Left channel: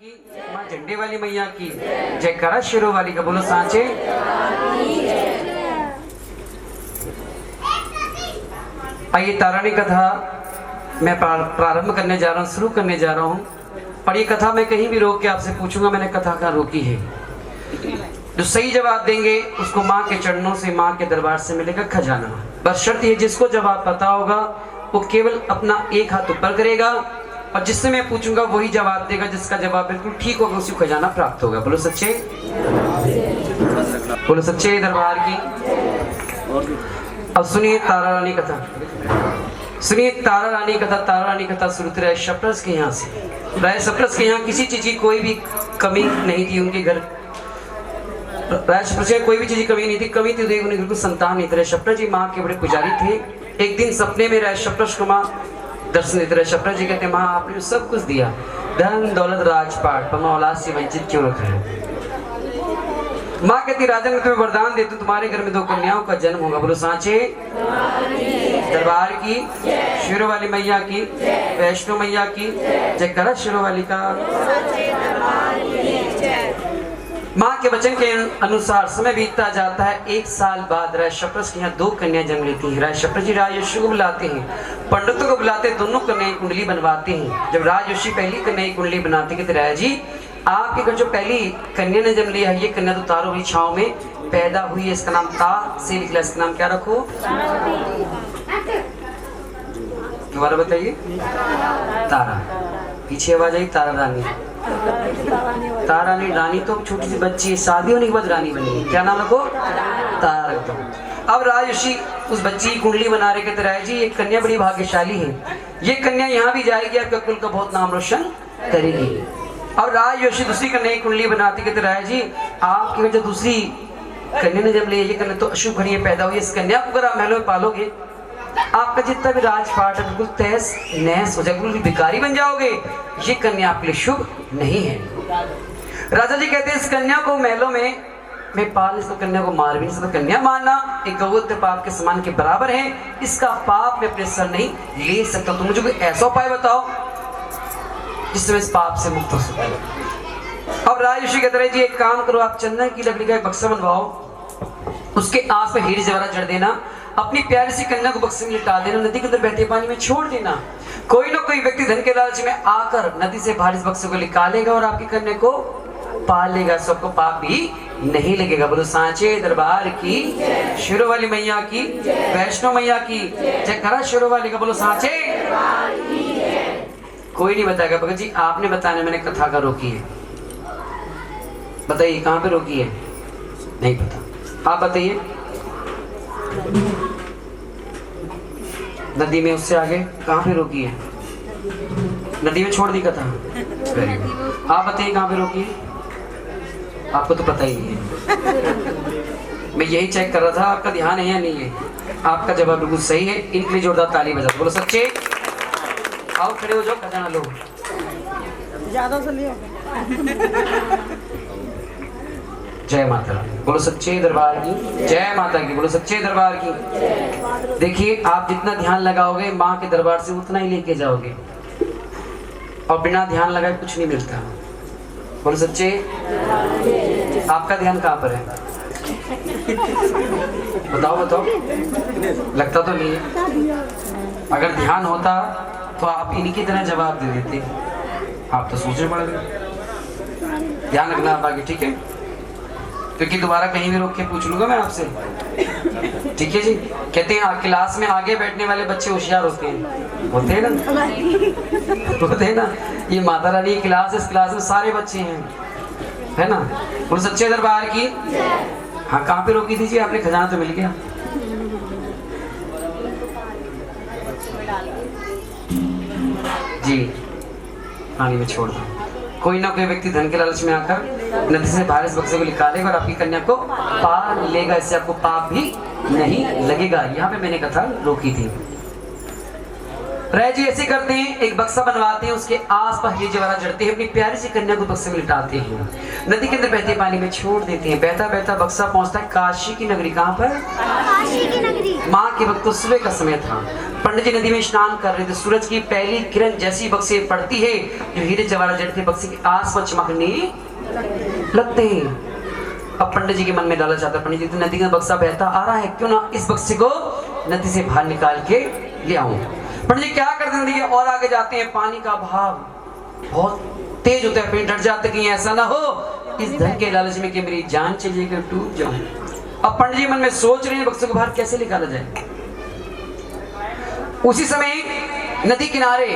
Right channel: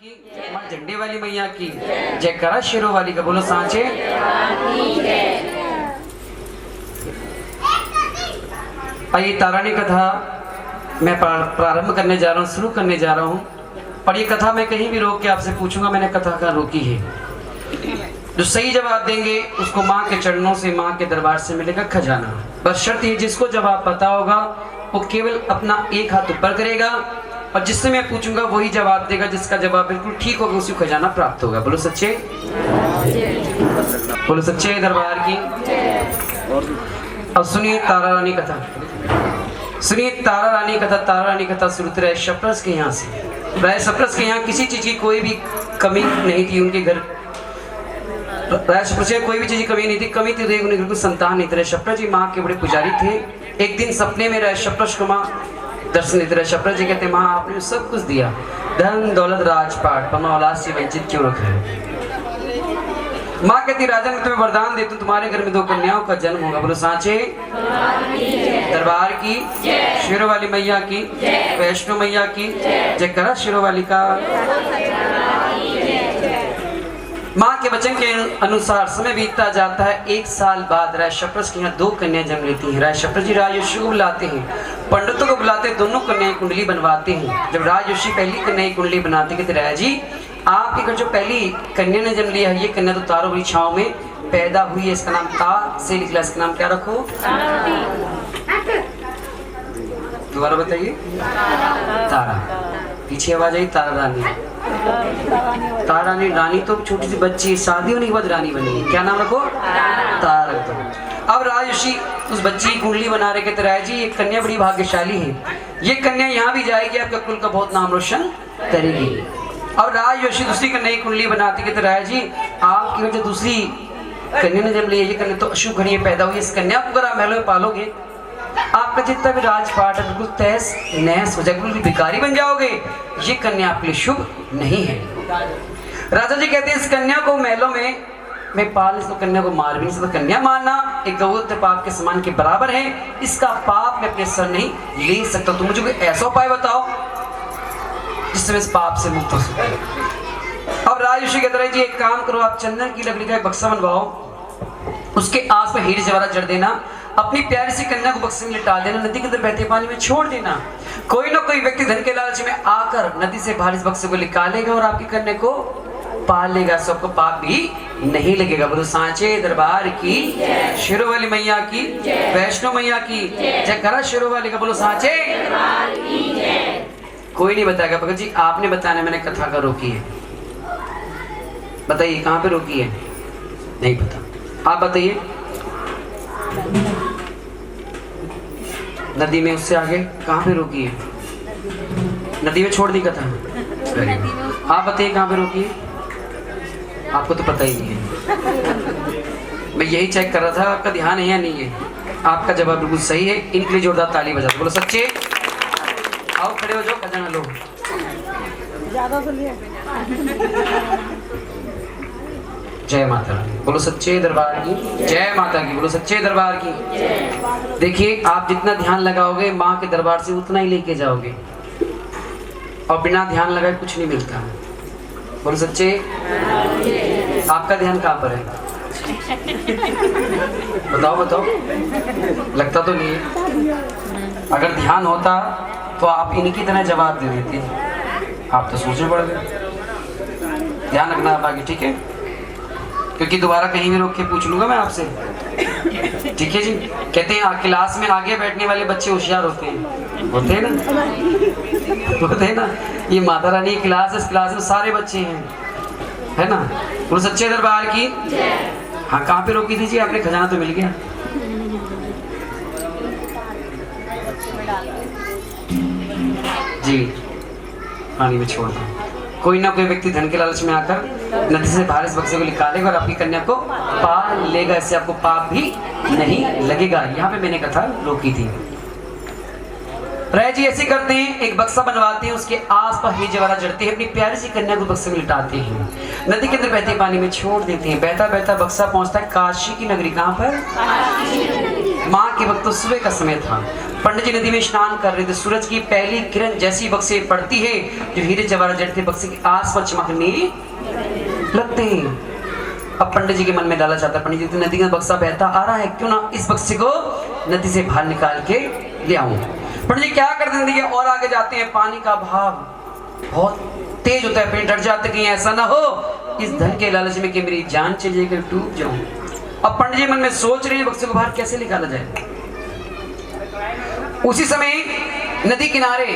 की, माँ झंडे वाली मैया की जयकारा, शेरों वाली का बोलो सांचे। आइए तारानी कथा मैं प्रारंभ करने जा रहा हूँ, शुरू करने जा रहा हूँ। और ये कथा मैं कहीं भी रोक के आपसे पूछूंगा मैंने कथा कहाँ रोकी है। जो सही जवाब देंगे उसको माँ के चरणों से, माँ के दरबार से मिलेगा खजाना। बस शर्त ये, जिसको जवाब पता होगा वो केवल अपना एक हाथ ऊपर करेगा और जिससे मैं पूछूंगा वही जवाब देगा। जिसका जवाब बिल्कुल ठीक होगा उसी को खजाना प्राप्त होगा। बोलो सच्चे, बोलो सच्चे दरबार की। अब सुनिए तारा रानी कथा, सुनिए तारा रानी कथा। तारा रानी कथा शुरू रहे शप्रस के यहाँ से। राय शप्रस के यहाँ किसी चीज की कोई भी कमी नहीं थी। उनके घर राय शप्रस की कोई भी चीज की कमी नहीं थी। कमी थी उन्हें बिल्कुल संतान नहीं थे। शप्रस जी माँ के बड़े पुजारी थे। एक दिन सपने में राय शप्रस को माँ दर्शन देते रहे। शप्रस जी कहते माँ आपने सब कुछ दिया, धन दौलत राजपाट, पर औलाद से वंचित क्यों रख रहे हो। माँ कहती राजा मैं तुम्हें वरदान देती हूँ, तुम्हारे घर में 2 कन्याओं का जन्म होगा। बोलो सांचे दरबार की, शेरों वाली मैया की, वैष्णो मैया की जयकारा, शेरों वाली का। माँ के वचन के अनुसार समय बीतता जाता है। 1 साल बाद राय शप्रस के यहाँ 2 कन्या जन्म लेती हैं। राय शप्रस जी राजयोशी को बुलाते हैं, पंडितों को बुलाते, दोनों कन्याएं कुंडली बनवाते हैं। जब राजयोशी पहली कन्या की कुंडली बनाते कहते राय जी आपके घर जो पहली कन्या ने जन्म लिया है, ये कन्या तो तारों की छांव में पैदा हुई है, इसका नाम ता से निकला, इसका नाम क्या रखो। दोबारा बताइए। तारा। पीछे आवाज आई तारा रानी। तारा रानी, रानी तो छोटी सी बच्ची है, शादी होने के बाद रानी बनी है। क्या नाम रखो। तारा रख दो। अब राजयोशी उस बच्ची की कुंडली बना रहे कहते राय जी ये कन्या बड़ी भाग्यशाली है, ये कन्या यहाँ भी जाएगी आपके कुल का बहुत नाम रोशन करेगी। और राजयोशी दूसरी कन्या की कुंडली बनाती कहते राय जी आपके घर जो दूसरी कन्या ने जब लिया, ये कन्या तो अशुभ घड़ी पैदा हुई, इस कन्या को अगर आप महलों में पालोगे आपका जितना भी राजपाट है बिल्कुल तहस नहस हो जाएगा, बिल्कुल भिखारी बन जाओगे। ये कन्या आपके लिए शुभ नहीं है। राजा जी कहते हैं इस कन्या को महलों में मैं पाल, इसको कन्या को मार भी नहीं सकता। कन्या मारना एक गौत्र पाप के समान के बराबर है, इसका पाप मैं अपने सर नहीं ले सकता। तुम मुझे कोई ऐसा उपाय बताओ जिससे मैं इस पाप से मुक्त हो सकूं। अब राजयोशी कहते रहे जी एक काम करो, आप चंदन की लकड़ी का एक बक्सा बनवाओ, उसके आस में हीरे जवाहरात जड़ देना, अपनी प्यारी सी कन्या को बक्से में लिटा देना, नदी के अंदर बहते पानी में छोड़ देना। कोई ना कोई व्यक्ति धन के लालच में आकर नदी से बाहर इस बक्से को निकालेगा और आपकी कन्या को पाल लेगा, सबको पाप भी नहीं लगेगा। बोलो सांचे दरबार की, शेरों वाली मैया की, वैष्णो मैया की जयकारा, शेरों वाली का। बोलो सांचे। कोई नहीं बताएगा भगत जी आपने बताना, मैंने कथा का रोकी है। बताइए कहाँ पे रोकी है। नहीं पता, आप बताइए। नदी में उससे आगे कहाँ पे रोकी है। नदी में छोड़ दी कथा। Very good. आप बताइए कहाँ पे रोकी है। आपको तो पता ही नहीं है। मैं यही चेक कर रहा था आपका ध्यान है या नहीं है। आपका जवाब बिल्कुल सही है, इनके लिए जोरदार ताली बजा दो। बोलो सच्चे। आओ खड़े हो जाओ, खजाना लो। जय माता रानी। बोलो सच्चे दरबार की जय माता की। बोलो सच्चे दरबार की। देखिए आप जितना ध्यान लगाओगे माँ के दरबार से उतना ही लेके जाओगे, और बिना ध्यान लगाए कुछ नहीं मिलता। बोलो सच्चे। आपका ध्यान कहाँ पर है। बताओ बताओ। लगता तो नहीं है। अगर ध्यान होता तो आप इनकी तरह जवाब दे देते। आप तो सोचने पड़ गए। ध्यान रखना आप आगे, ठीक है, क्योंकि दोबारा कहीं भी रोक के पूछ लूंगा मैं आपसे, ठीक है जी। कहते हैं क्लास में आगे बैठने वाले बच्चे होशियार होते हैं, होते हैं ना, होते हैं ना। ये माता रानी की क्लास है, इस क्लास में सारे बच्चे हैं, है ना। बोलो सच्चे दरबार की। हाँ कहाँ पे रोकी थी जी आपने। खजाना तो मिल गया। जी पानी में छोड़ दो। कोई ना कोई व्यक्ति धन के लालच में आकर नदी से बाहर इस बक्से को निकालेगा और आपकी कन्या को पाल लेगा, इससे आपको पाप भी नहीं लगेगा। यहाँ पे मैंने कथा रोकी थी। राय जी ऐसे करते हैं, एक बक्सा बनवाते हैं, उसके आसपास हीरे जवाहरात जड़ते हैं, अपनी प्यारी सी कन्या को बक्से में लिटाते हैं, नदी के अंदर बहते पानी में छोड़ देते हैं। बहता बहता बक्सा पहुंचता है काशी की नगरी। कहाँ पर। माँ के वक्त तो सुबह का समय था। पंडित जी नदी में स्नान कर रहे थे। सूरज की पहली किरण जैसी बक्से पड़ती है, जो हीरे जवाहरात जड़े थे बक्से के आसपास चमकने लगते हैं। अब पंडित जी के मन में डाला चाहता, पंडित जी नदी का बक्सा बहता आ रहा है, क्यों ना इस बक्से को नदी से बाहर निकाल के ले आऊं। पंडित जी क्या करते हैं, देखिए और आगे जाते हैं। पानी का भाव बहुत तेज होता है, डर जाते कि ऐसा ना हो इस धन के लालच में कि मेरी जान चली जाएगी, डूब जाऊं। अब पंडित जी मन में सोच रहे हैं बक्से को बाहर कैसे निकाला जाए। उसी समय नदी किनारे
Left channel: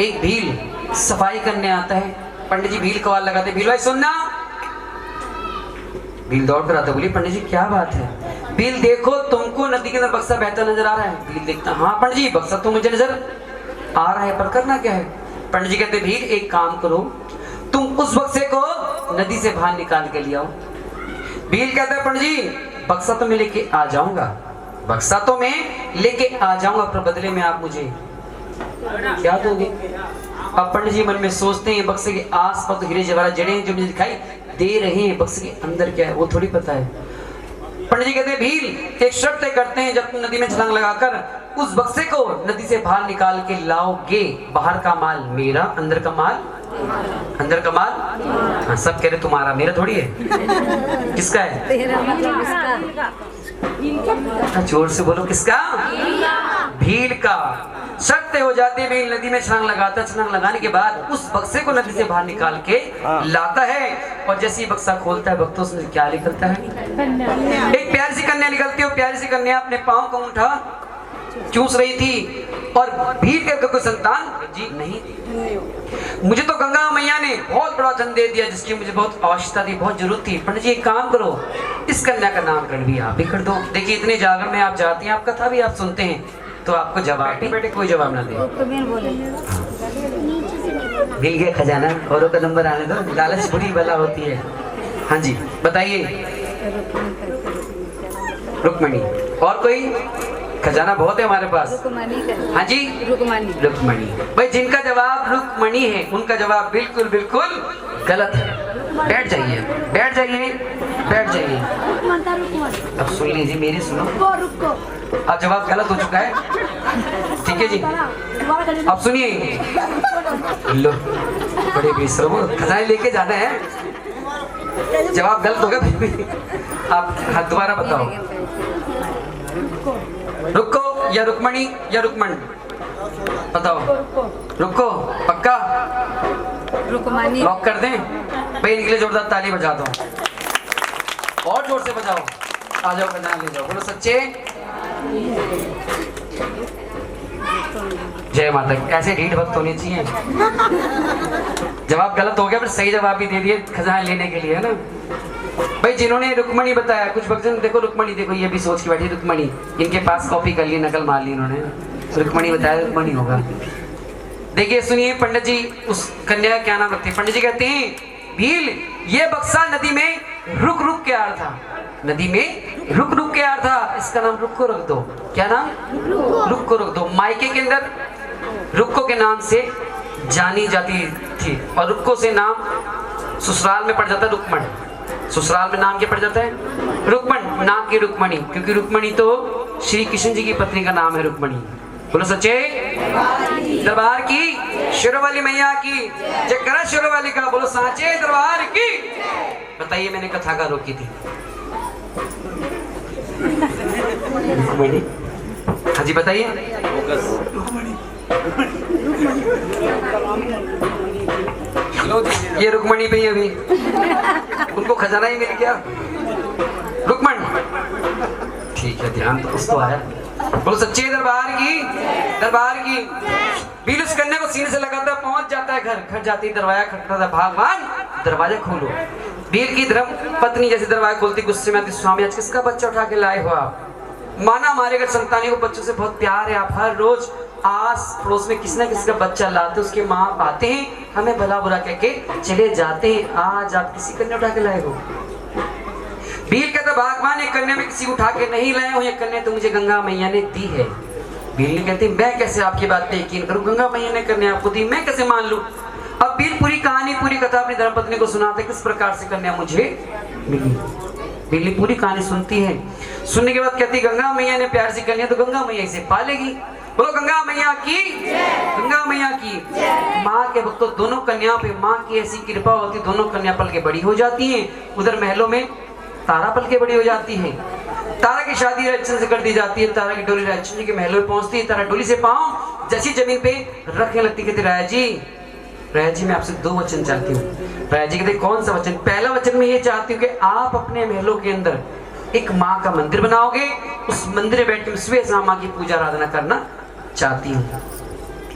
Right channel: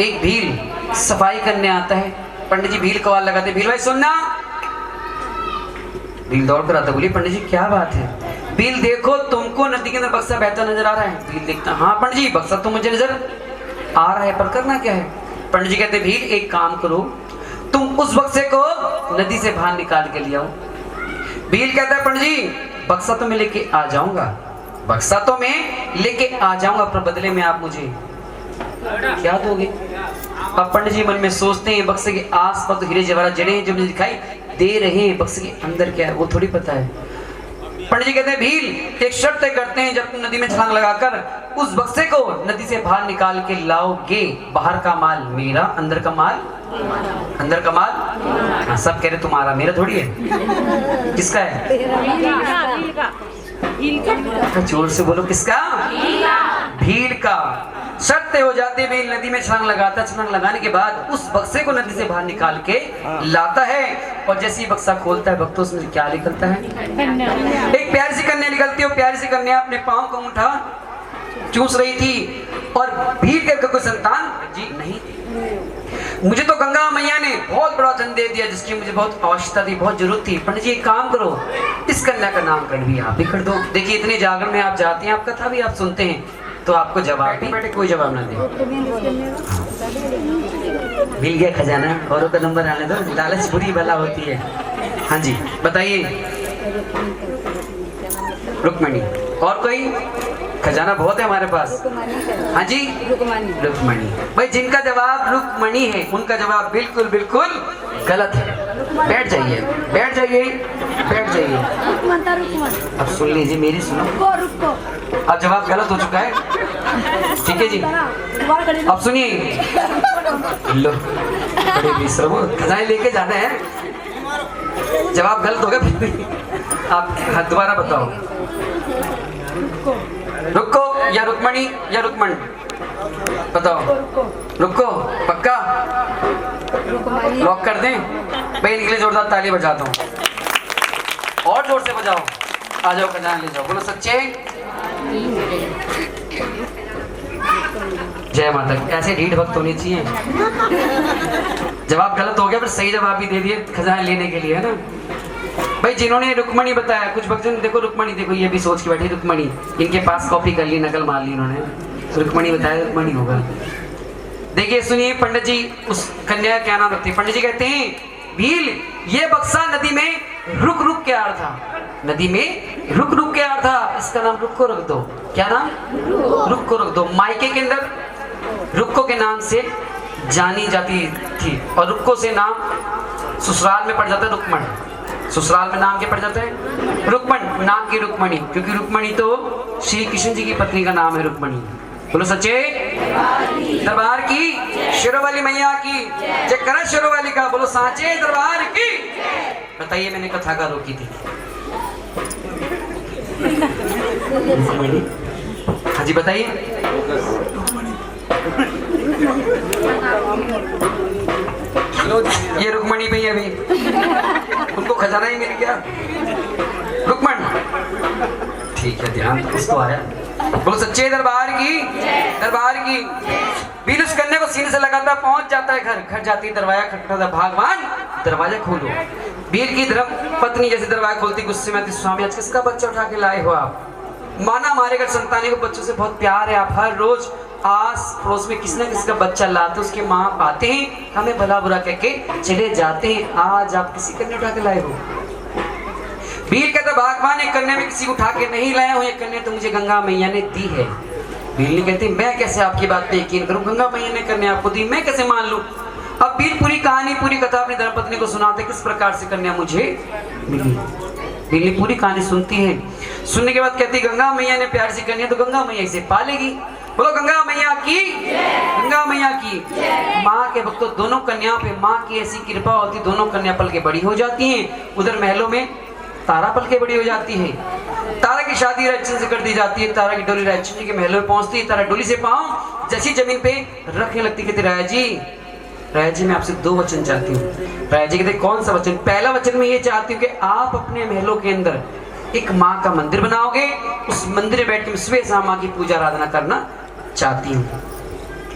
एक भील सफाई करने आता है। पंडित जी भील को आवाज लगाते, भील भाई सुनना। भील दौड़ कर आता, बोली पंडित जी क्या बात है। भील देखो तुमको नदी के अंदर बक्सा बहता नजर आ रहा है। भील देखता, हाँ पंडित जी बक्सा तो मुझे नजर आ रहा है, पर करना क्या है। पंडित जी कहते, भील एक काम करो, तुम उस बक्से को नदी से बाहर निकाल के ले आओ। भील कहता है, पंडित जी बक्सा तो मैं लेके आ जाऊंगा, बक्सा तो मैं लेके आ जाऊंगा, पर बदले में आप मुझे क्या दोगे। अब पंडित जी मन में सोचते हैं, बक्से के आसपास तो हीरे जवाहरात जड़े हैं जो मुझे दिखाई दे रहे हैं, बक्से के अंदर क्या है वो थोड़ी पता है। पंडित जी कहते हैं, भील एक शर्त तय करते हैं, जब तुम नदी में छलांग लगाकर उस बक्से को नदी से बाहर निकाल के लाओगे, बाहर का माल मेरा, अंदर का माल हाँ, सब कह रहे तुम्हारा, मेरा थोड़ी है। किसका है? जोर से बोलो, किसका? भील का। शर्त हो जाती है, भील नदी में छलांग लगाता है। छलांग लगाने के बाद उस बक्से को नदी से बाहर निकाल के लाता है, और जैसे ही बक्सा खोलता है भक्तों से क्या निकलता है? एक प्यारी सी कन्या निकलती है। प्यारी सी कन्या अपने पाँव का अंगूठा चूस रही थी, और भील के कोई संतान जी नहीं थी। मुझे तो गंगा मैया ने बहुत बड़ा धन दे दिया, जिसकी मुझे बहुत आवश्यकता थी, बहुत जरूरत थी। पंडित जी एक काम करो, इस कन्या का नामकरण भी आप ही कर दो। देखिए इतने जागरण में आप जाते हैं, आप कथा भी आप सुनते हैं, तो आपको जवाब ही बैठे कोई जवाब ना दे। मिल गया खजाना, औरों का नंबर आने दो, लालच बुरी बला होती है। हाँ जी बताइए। रुक्मणी। और कोई? खजाना बहुत है हमारे पास। हाँ जी रुक्मणी। भाई जिनका जवाब रुक्मणी है उनका जवाब बिल्कुल बिल्कुल गलत है। बैठ जाइए बैठ जाइए बैठ जाइए। अब सुन लीजिए, मेरी सुनो। अब जवाब गलत हो चुका है, ठीक है जी। अब सुनिए, लो बड़े बेशर्म, खजाने लेके जाना है, जवाब गलत हो गया। आप दोबारा बताओ, रुको या रुक्मणी या रुक्मण? बताओ। रुको पक्का? लॉक कर दें? भाई इनके लिए जोरदार ताली बजा दो, और जोर से बजाओ। आ जाओ खजाना ले जाओ, बोलो सच्चे जय माता की। ऐसे ढीठ भक्त होने चाहिए। जवाब गलत हो गया, फिर सही जवाब भी दे दिए खजाना लेने के लिए, है ना भाई। जिन्होंने रुक्मणी बताया, कुछ भक्तजन देखो रुक्मणी, देखो ये भी सोच के बैठी रुक्मणी, इनके पास कॉपी कर ली, नकल मार ली इन्होंने, रुक्मणी बताया, रुक्मणी होगा। देखिए सुनिए, पंडित जी उस कन्या का क्या नाम रखते हैं? पंडित जी कहते हैं, भील ये बक्सा नदी में रुक रुक के आ रहा था, नदी में रुक रुक के आ रहा था, इसका नाम रुक को रख दो। क्या नाम? रुक को रख दो। मायके के अंदर रुक्को के नाम से जानी जाती थी, और रुक्को से नाम ससुराल में पड़ जाता है रुक्मण। ससुराल में नाम क्या पड़ जाता है? रुक्मण। नाम की रुक्मणी, क्योंकि रुक्मणी तो श्री कृष्ण जी की पत्नी का नाम है रुक्मणी। बोलो सच्चे दरबार की, शेरों वाली मैया की जय। करा शेरों वाली का, बोलो साचे दरबार की। बताइए मैंने कथा का रोकी थी रुक्मणी। हाँ जी बताइए। ये रुक्मणी भी अभी उनको खजाना ही मिल गया। रुक्मण ठीक है, ध्यान तो कुछ तो आया। बोलो सच्चे दरबार की, दरबार की। भील उस कन्या को सीने से लगाता, पहुंच जाता है घर। घर जाती दरवाजा खटखटाता, भगवान दरवाजा खोलो। भील की धर्म पत्नी जैसे दरवाजा खोलती, गुस्से में आती, स्वामी आज किसका बच्चा उठा के लाए हो आप? माना हमारे घर संतानी को बच्चों से बहुत प्यार है, आप हर रोज आस पड़ोस में किसी न किसी का बच्चा लाते, उसके माँ आते हैं, हमें भला बुरा कह के चले जाते हैं, आज आप किसी कन्या उठा के लाए हो? भील कहता, भगवान एक कन्या में किसी को उठा के नहीं लाए हो, ये कन्या तो मुझे गंगा मैया ने दी है। भील ने कहती, मैं कैसे आपकी बात पे यकीन करूं, गंगा मैया ने कन्या आपको दी, मैं कैसे मान लूं? अब भील पूरी कहानी पूरी कथा अपनी धर्मपत्नी को सुनाते, किस प्रकार से कन्या मुझे मिली। बिल्ली पूरी कहानी सुनती है। सुनने के बाद कहती गंगा मैया ने प्यार से करनी तो गंगा मैया इसे पालेगी। बोलो गंगा मैया की, गंगा मैया की। माँ के भक्तों दोनों कन्याओं पे माँ की ऐसी कृपा होती, दोनों कन्या पल के बड़ी हो जाती हैं। उधर महलों में तारा पल के बड़ी हो जाती है। तारा की शादी राजचंद्र से कर दी जाती है। तारा की डोली राजचंद्र जी के महलों में पहुंचती है। तारा डोली से पांव जैसी जमीन पे रखने लगती, कहती राजा जी मैं आपसे 2 वचन चाहती हूँ। राजा जी कहते कौन सा वचन? पहला वचन मैं ये चाहती हूँ कि आप अपने महलों के अंदर एक माँ का मंदिर बनाओगे, उस मंदिर में बैठ के सुबह शाम माँ की पूजा आराधना करना चाहती हूँ।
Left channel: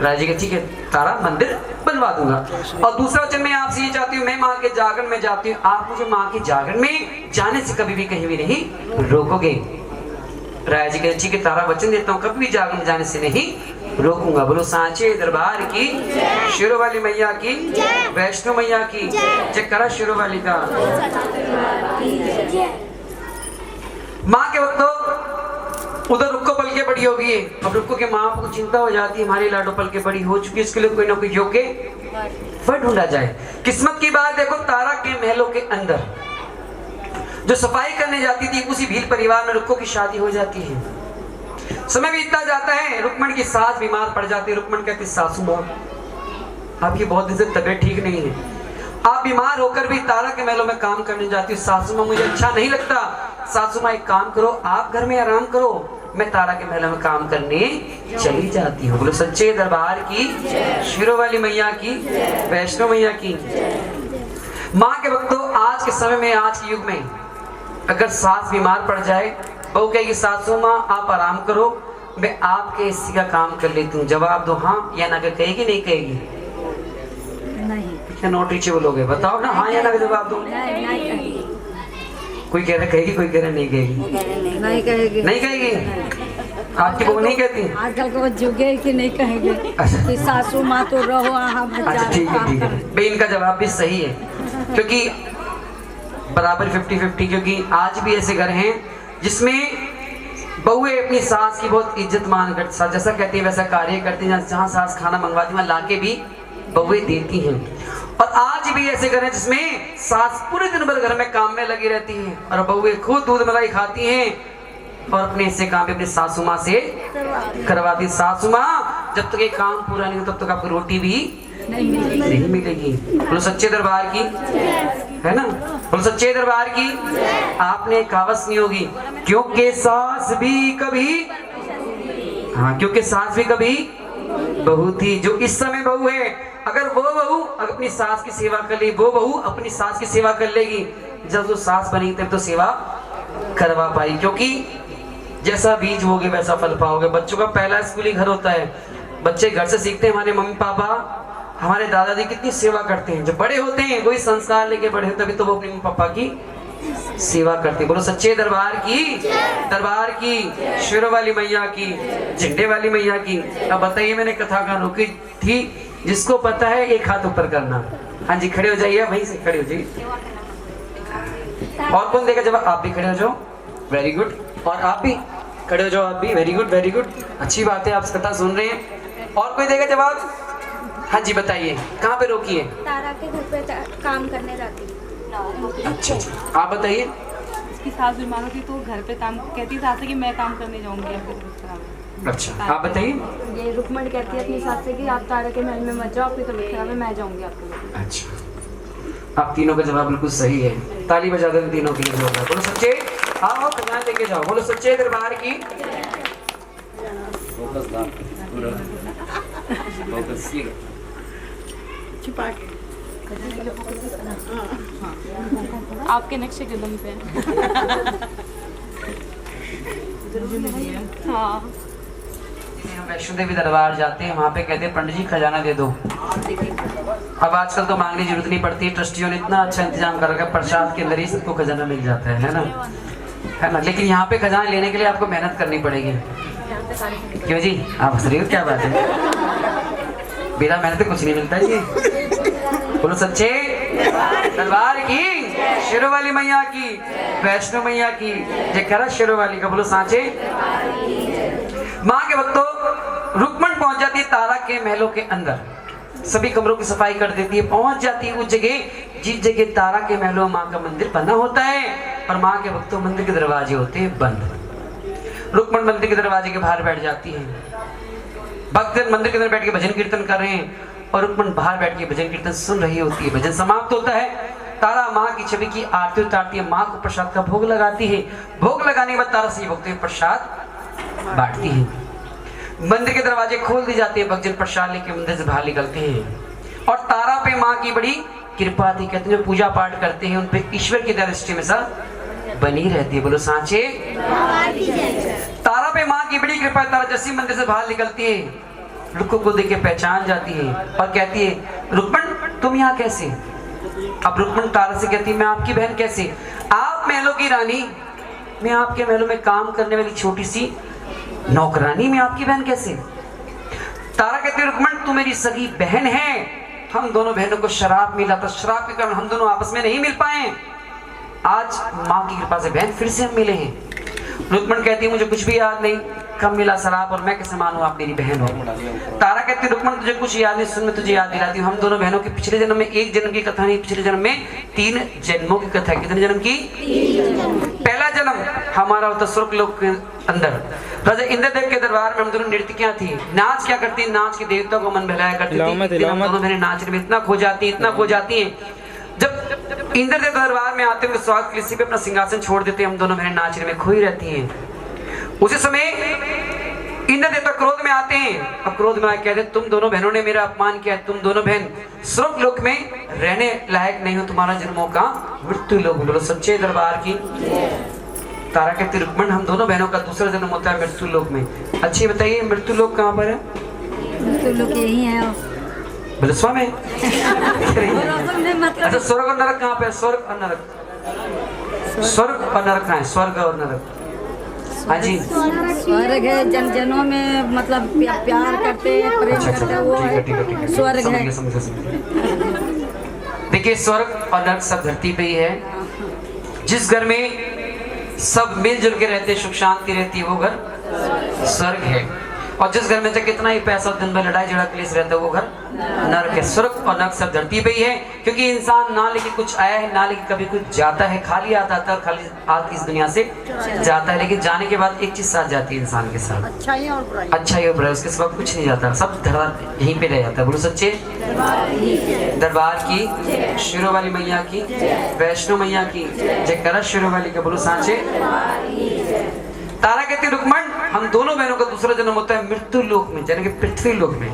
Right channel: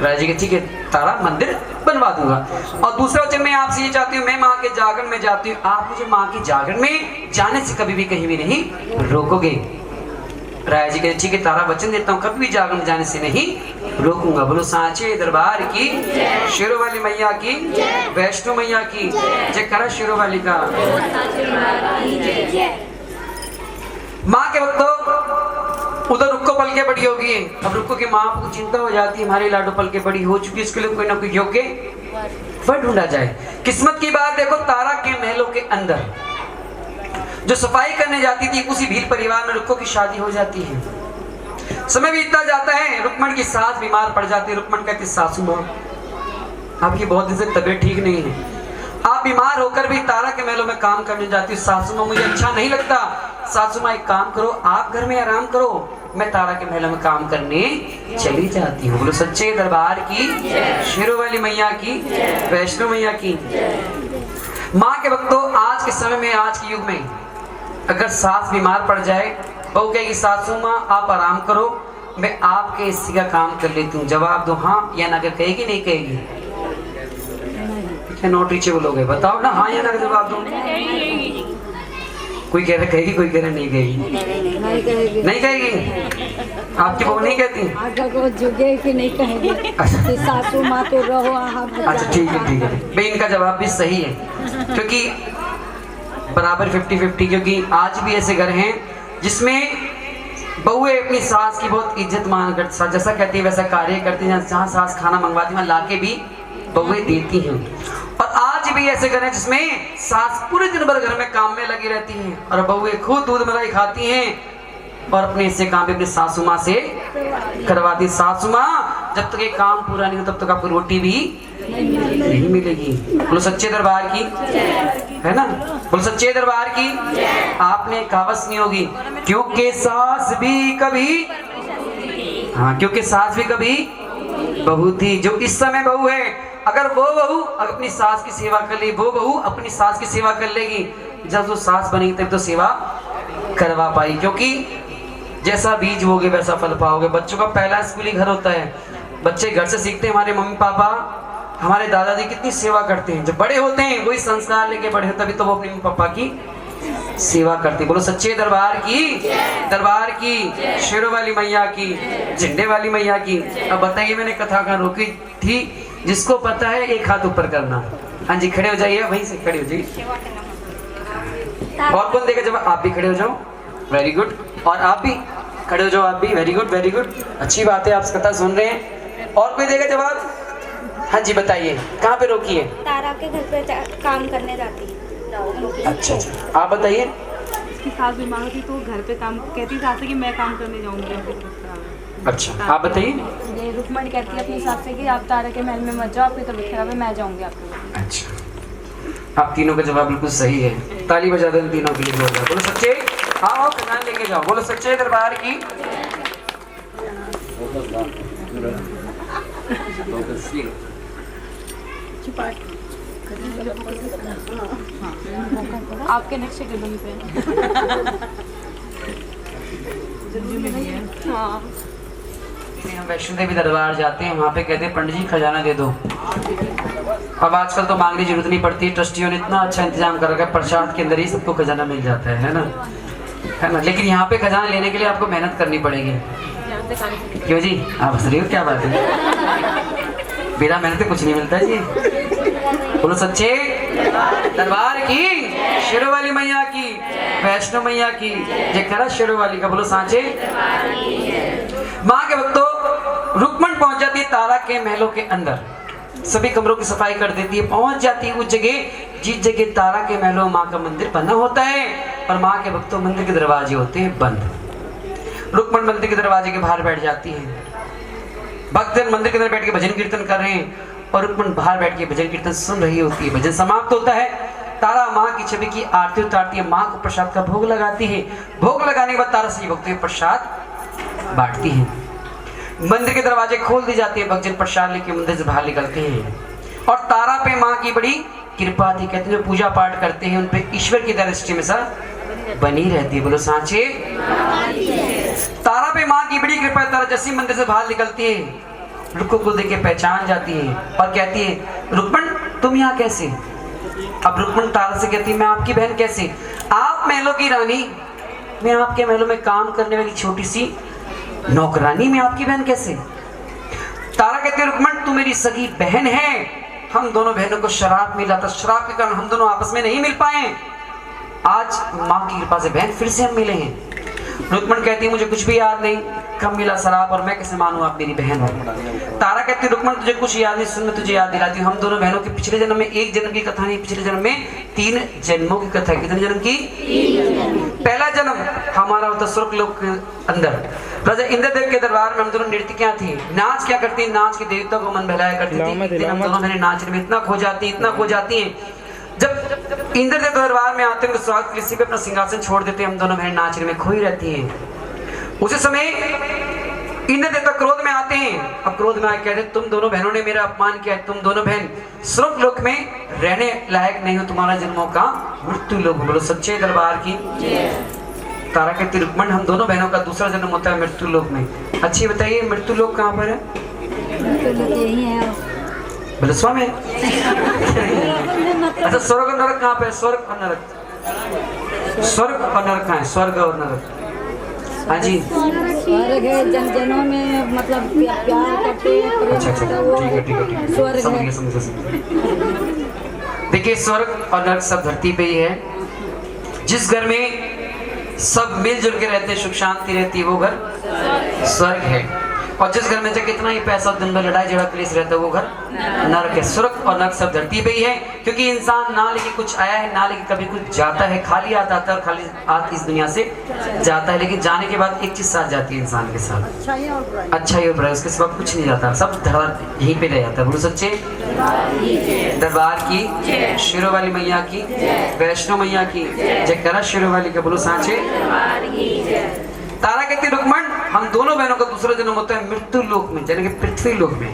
राजा जी कहते ठीक है तारा मंदिर बनवा दूंगा। और दूसरा वचन मैं आपसे ये चाहती हूँ, मैं माँ के जागरण में जाती हूँ, आप मुझे माँ के जागरण में जाने से कभी भी कहीं भी नहीं रोकोगे। राजा जी कहते ठीक है तारा वचन देता हूँ, कभी भी जागरण में जाने से नहीं रोकूंगा। बोलो सांचे दरबार की, शेरों वाली मैया की, वैष्णो मैया की जय करा, शेरों वाली का। माँ के वक्त उधर रुक्को पल के बड़ी हो गई है। अब रुक्को के माँ को चिंता हो जाती है, हमारी लाडो पल के बड़ी हो चुकी है, इसके लिए कोई ना कोई योग्य वर ढूंढा जाए। किस्मत की बात देखो, तारा के महलों के अंदर जो सफाई करने जाती थी उसी भील परिवार में रुक्को की शादी हो जाती है। समय बीतता जाता है, रुक्मण की सास बीमार पड़ जाती है। रुक्मण कहती सासू माँ आपकी बहुत दिन से तबीयत ठीक नहीं है, आप बीमार होकर भी तारा के महलों में काम करने जाती हो। सासू माँ मुझे अच्छा नहीं लगता, सासू माँ एक काम करो आप घर में आराम करो, मैं तारा के महलों में काम करने चली जाती हूँ। बोलो सच्चे दरबार की, शेरों वाली मैया की, वैष्णो मैया की। माँ के भक्तों आज के समय में, आज के युग में अगर सास बीमार पड़ जाए, बहू कहेगी सासू माँ आप आराम करो, मैं आपके हिस्से का काम कर लेती हूँ, जवाब दो हाँ या ना। कहेगी नहीं कहेगी? नॉट रीचेबल हो गए, बताओ ना हाँ या ना का जवाब दो। कोई कह रहा कहेगी, कोई कह रहा नहीं कहेगी। नहीं कहेगी, नहीं कहेगी। आपकी बहू नहीं कहती? आजकल को जुगे कि नहीं कहेगी कि सासू माँ तो रहो। अच्छा ठीक है ठीक है भाई, इनका जवाब भी सही है क्योंकि बराबर 50-50। क्योंकि आज भी ऐसे घर हैं जिसमें बहुएं अपनी सास की बहुत इज्जत मान कर, जैसा कहती है वैसा कार्य करती हैं। जहाँ सास खाना मंगवाती है लाके भी बहुएं देती हैं। और आज भी ऐसे घर हैं जिसमें सास पूरे दिन भर घर में काम में लगी रहती हैं और बहुएं खुद दूध मलाई खाती हैं और अपने हिस्से काम भी अपनी सासू माँ से करवाती। सासू माँ जब तक ये काम पूरा नहीं हो तब तक आपको रोटी भी नहीं मिलेगी। बोलो सच्चे दरबार की, है ना? बोलो सच्चे दरबार की। आपने कहावत सुनी होगी, क्योंकि सास भी कभी, हाँ क्योंकि सास भी कभी बहू थी। जो इस समय बहू है, अगर वो बहू अपनी सास की सेवा कर ली, वो बहू अपनी सास की सेवा कर लेगी, जब वो सास बनेगी तब तो सेवा करवा पाई। क्योंकि जैसा बीज बोगे वैसा फल पाओगे। बच्चों का पहला स्कूली घर होता है, बच्चे घर से सीखते हैं हमारे मम्मी पापा, हमारे दादाजी कितनी सेवा करते हैं। जब बड़े होते हैं वही संस्कार लेके बड़े होते, तभी तो वो अपने मम्मी पापा की सेवा करते। बोलो सच्चे दरबार की, दरबार की, शेरों वाली मैया की, झंडे वाली मैया की। अब बताइए मैंने कथा कहाँ रोकी थी? जिसको पता है एक हाथ ऊपर करना। हाँ जी खड़े हो जाइए, वहीं से खड़े हो जाइए। और कौन देगा जवाब? आप भी खड़े हो जाओ, वेरी गुड। और आप भी खड़े हो जाओ, आप भी, वेरी गुड वेरी गुड, अच्छी बात है, आप कथा सुन रहे हैं। और कोई देगा जवाब? हाँ जी बताइए, कहाँ पे रोकी है? तारा के घर पे काम करने जाती है। अच्छा अच्छा, आप बताइए। इसकी सास बीमार होती तो घर पे काम कहती सास से कि मैं काम करने जाऊंगी आपकी तबीयत खराब है। अच्छा आप बताइए। ये रुक्मणी कहती है अपनी सास से कि आप तारा के महल में मत जाओ, आपकी तबीयत खराब है, मैं जाऊंगी आपके। अच्छा आप तीनों का जवाब बिल्कुल सही है, ताली बजा दो तीनों के लिए। बोलो सच्चे, आओ कन्या लेके जाओ। बोलो सच्चे दरबार की। आपके नक्शे कदम पे। हाँ वैष्णो देवी दरबार जाते हैं, वहाँ पे कहते हैं पंडित जी खजाना दे दो। अब आजकल तो मांगने की जरूरत नहीं पड़ती, ट्रस्टियों ने इतना अच्छा इंतजाम कर रखा है, प्रसाद के अंदर ही सबको खजाना मिल जाता है ना, है ना। लेकिन यहाँ पे खजाना लेने के लिए आपको मेहनत करनी पड़ेगी। क्यों जी आप हंस रही हो, क्या बात है? बिना मेहनत कुछ नहीं मिलता जी। बोलो सच्चे दरबार की, शेरों वाली मैया की, वैष्णो मैया की जय करा, शेरों वाली का। बोलो सांचे। माँ के भक्तों रुक्मण पहुंच जाती है तारा के महलों के अंदर, सभी कमरों की सफाई कर देती है, पहुंच जाती है उस जगह जिस जगह तारा के महलों माँ का मंदिर बना होता है। और माँ के भक्तों मंदिर के दरवाजे होते हैं बंद। रुक्मण मंदिर के दरवाजे के बाहर बैठ जाती है। भक्तजन मंदिर के अंदर बैठ के भजन कीर्तन कर रहे हैं और रुक्मण बाहर बैठ के भजन कीर्तन सुन रही होती है। भजन समाप्त होता है, तारा माँ की छवि की आरती उतारती है, माँ को प्रसाद का भोग लगाती है। भोग लगाने के बाद तारा से भक्तों को प्रसाद बांटती है। मंदिर के दरवाजे खोल दिए जाते हैं, भक्तजन प्रसाद लेके मंदिर से बाहर निकलते हैं और तारा पे माँ की बड़ी कृपा थी। कहते हैं पूजा पाठ करते हैं उन पे ईश्वर की दृष्टि में सा बनी रहती है। बोलो सांचे। तारा पे माँ की बड़ी कृपा। तारा जैसी मंदिर से बाहर निकलती है, रुक्मण को देख के पहचान जाती है और कहती है रुक्मण तुम यहाँ कैसे? अब रुक्मण तारा से कहती है मैं आपकी बहन कैसे? आप महलों की रानी, मैं आपके महलों में काम करने वाली छोटी सी नौकरानी, मैं आपकी बहन कैसे? तारा कहती है रुक्मण तू मेरी सगी बहन है, हम दोनों बहनों को शराब मिला था, शराब के कारण हम दोनों आपस में नहीं मिल पाए, आज माँ की कृपा से बहन फिर से हम मिले हैं। रुक्मण कहती है मुझे कुछ भी याद नहीं, कब मिला शराब और मैं कैसे मानूं आप मेरी बहन हो? तारा कहती है रुक्मण तुझे कुछ याद नहीं, सुन मैं तुझे याद दिलाती हूँ। हम दोनों बहनों की पिछले जन्म में एक जन्म की कथा नहीं, पिछले जन्म में 3 जन्मों की कथा है। कितने जन्म की? पहला जन्म हमारा होता स्वर्ग लोक के अंदर राजा इंद्रदेव के दरबार में हम दोनों नर्तकियां थी। नाच क्या करती है? नाच के देवता को मन बहलाया करती थी। हम दोनों बहनें नाचने में इतना खो जाती हैं। जब इंद्रदेव के दरबार में आते हैं स्वागत के लिए पे अपना सिंहासन छोड़ देते हैं, हम दोनों बहनें नाचने में खोई रहती हैं। उसी समय इंद्र देवता क्रोध में आते हैं और क्रोध में आके कहते हैं तुम दोनों बहनों ने मेरा अपमान किया है, तुम दोनों बहन स्वर्ग लोक में रहने लायक नहीं हो, तुम्हारा जन्मों का मृत्यु लोक। बोलो सच्चे दरबार की। तारा कहती रुक्मण हम दोनों बहनों का दूसरा जन्म होता है मृत्यु लोक में। अच्छी बताइए मृत्यु लोक कहाँ पर है? मृत्यु लोक यही है। बोले स्वामी अच्छा स्वर्ग और नरक कहाँ पे? स्वर्ग और नरक, स्वर्ग और नरक कहाँ है? स्वर्ग और नरक, हाँ जी स्वर्ग है जन जनों में मतलब प्यार करते हैं, प्रेम करते हैं, वो है स्वर्ग है। देखिए स्वर्ग और नरक सब धरती पे ही है। जिस घर में सब मिलजुल के रहते हैं, सुख शांति रहती है, वो घर स्वर्ग है। और जिस घर में चाहे कितना ही पैसा दिन भर लड़ाई झगड़ा क्लेश रहता है, वो घर नरक है। स्वर्ग और नरक सब धरती पे ही है, क्योंकि इंसान ना लेके कुछ आया है, ना लेके कभी कुछ जाता है, खाली आता है, खाली हाथ इस दुनिया से जाता है। लेकिन जाने के बाद एक चीज साथ जाती है इंसान के साथ, अच्छाई और बुराई, उसके सिवा कुछ नहीं जाता, सब धरा यहीं पे रह जाता है। बोलो सच्चे दरबार की, शेरों वाली मैया की, वैष्णो मैया की जय करा, शेरों वाली का बोलो सांचे। तारा कहती रुक्मण हम दोनों बहनों का दूसरा जन्म होता है मृत्यु लोक में, यानी कि पृथ्वी लोक में।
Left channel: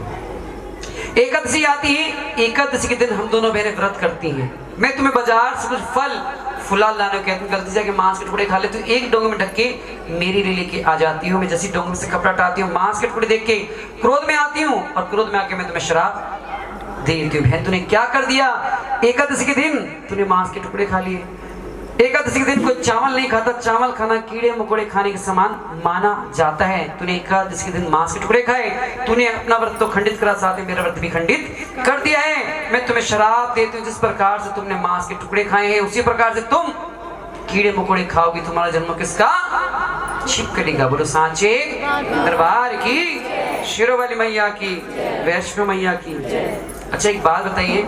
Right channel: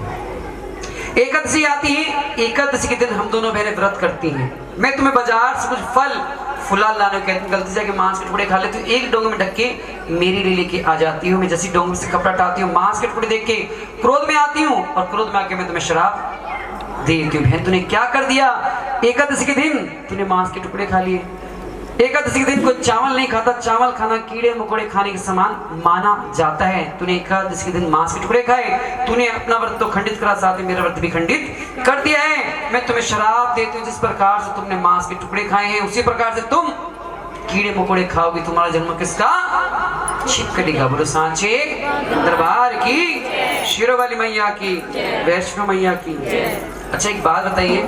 एकादशी आती है, एकादशी के दिन हम दोनों बहनें व्रत करती हैं। मैं तुम्हें बाजार से कुछ फल फुलाल लाने को कहती हूँ, गलती से जाके मांस के टुकड़े खा लेती हूँ, एक डोंगे में ढक के मेरी लिए लेके आ जाती हूँ। मैं जैसी डोंगे से कपड़ा हटाती हूँ, मांस के टुकड़े देख के क्रोध में आती हूँ और क्रोध में आके मैं तुम्हें शराब देती हूँ। बहन तूने क्या कर दिया? एकादशी के दिन तूने मांस के टुकड़े खा लिए। एकादशी के दिन कोई चावल नहीं खाता, चावल खाना कीड़े मकोड़े खाने के समान माना जाता है। तूने एकादशी के दिन मांस के टुकड़े खाए, तूने अपना व्रत तो खंडित करा, साथ में मेरा व्रत भी खंडित कर दिया है। मैं तुम्हें शराब देती हूँ, जिस प्रकार से तुमने मांस के टुकड़े खाए हैं उसी प्रकार से तुम कीड़े मकोड़े खाओगी, तुम्हारा जन्म किसका? छिपकली। बोलो सांचे दरबार की, शेरों वाली मैया की, वैष्णो मैया की। अच्छा एक बात बताइए,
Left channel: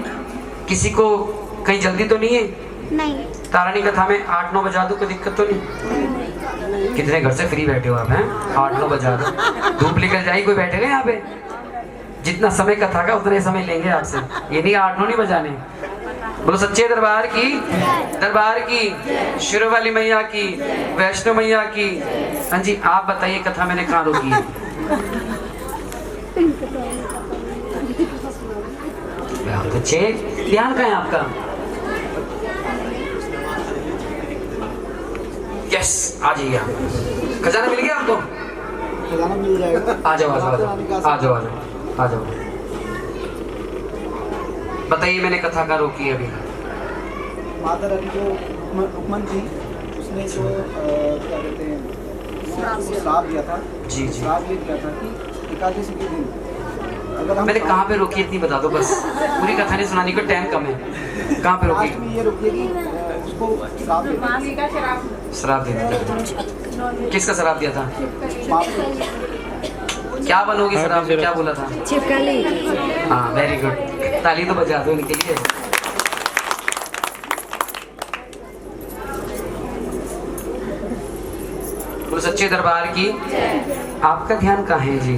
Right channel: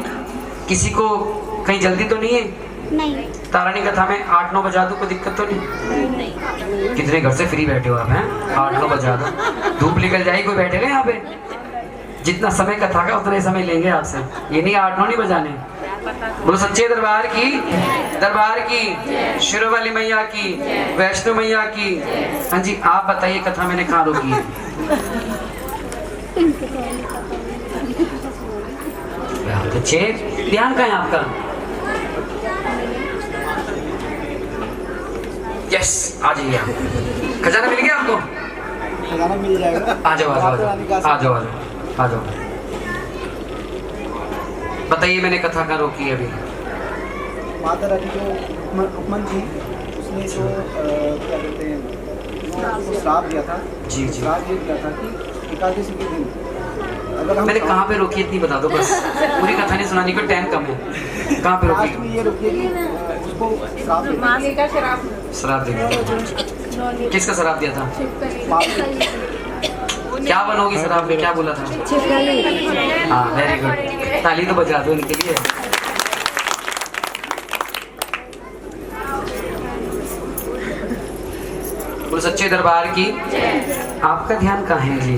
किसी को कहीं जल्दी तो नहीं है? नहीं। तारानी कथा में 8-9 बजा दो, कोई दिक्कत तो नहीं? कितने घर से फ्री बैठे हो आप हैं? 8-9 बजा दो, धूप निकल जाएगी, कोई बैठेगा यहाँ पे? जितना समय कथा का उतना ही समय लेंगे आपसे, ये नहीं 8-9 नहीं बजाने। बोलो सच्चे दरबार की, दरबार की, शेरों वाली मैया की, वैष्णो मैया की। हाँ जी आप बताइए कथा मैंने कहाँ रोकी है? अच्छे ध्यान कहाँ है आपका? यस आ जाइए आप। खजाना मिल गया आपको? खजाना मिल जाएगा। आ जाओ आ जाओ। बताइए मैंने कथा का रोकी अभी। माता रानी जो रुक्मण थी, उसने जो क्या कहते हैं उसको श्राप दिया था। जी। श्राप ये दिया था कि एकादशी के दिन अगर हम मैंने कहाँ पे रोकी इतनी बता दो बस, पूरी कथा नहीं सुनानी को टाइम कम है। कहाँ पे रोकी? लास्ट में ये रोकी कि उसको श्राप दिया। शराब दिया? किसका शराब दिया था? क्या बनोगी शराब में? क्या बोला था? छिपकली। हाँ वेरी गुड, ताली तो बजा दो इनके लिए। सच्चे दरबार की। आपका ध्यान कहाँ है जी?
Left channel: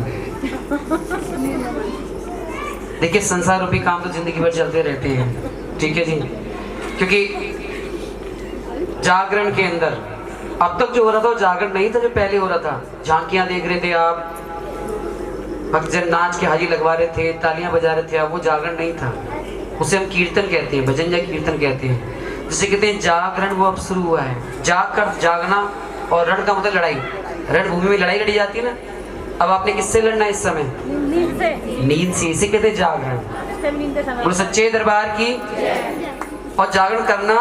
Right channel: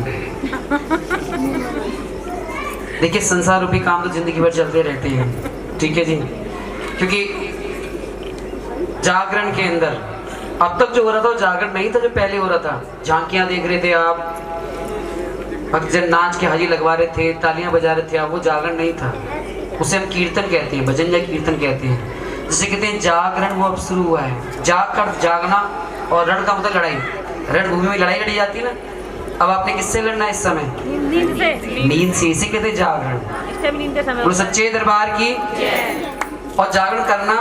देखिए संसार रूपी काम तो जिंदगी भर चलते रहते हैं, ठीक है जी, क्योंकि जागरण के अंदर अब तक जो हो रहा था वो जागरण नहीं था जो पहले हो रहा था। झांकियां देख रहे थे आप, भक्तजन नाच के हाजी लगवा रहे थे, तालियां बजा रहे थे आप, वो जागरण नहीं था। उसे हम कीर्तन कहते हैं, भजन या कीर्तन कहते हैं। जिसे कहते हैं जागरण, वो अब शुरू हुआ है। जाग कर जागना, और रण का मतलब लड़ाई। रणभूमि में लड़ाई लड़ी जाती है ना, अब आपने किससे लड़ना है इस समय? नींद से। इसे कहते हैं जागरण। बोलो सच्चे दरबार की। और जागरण करना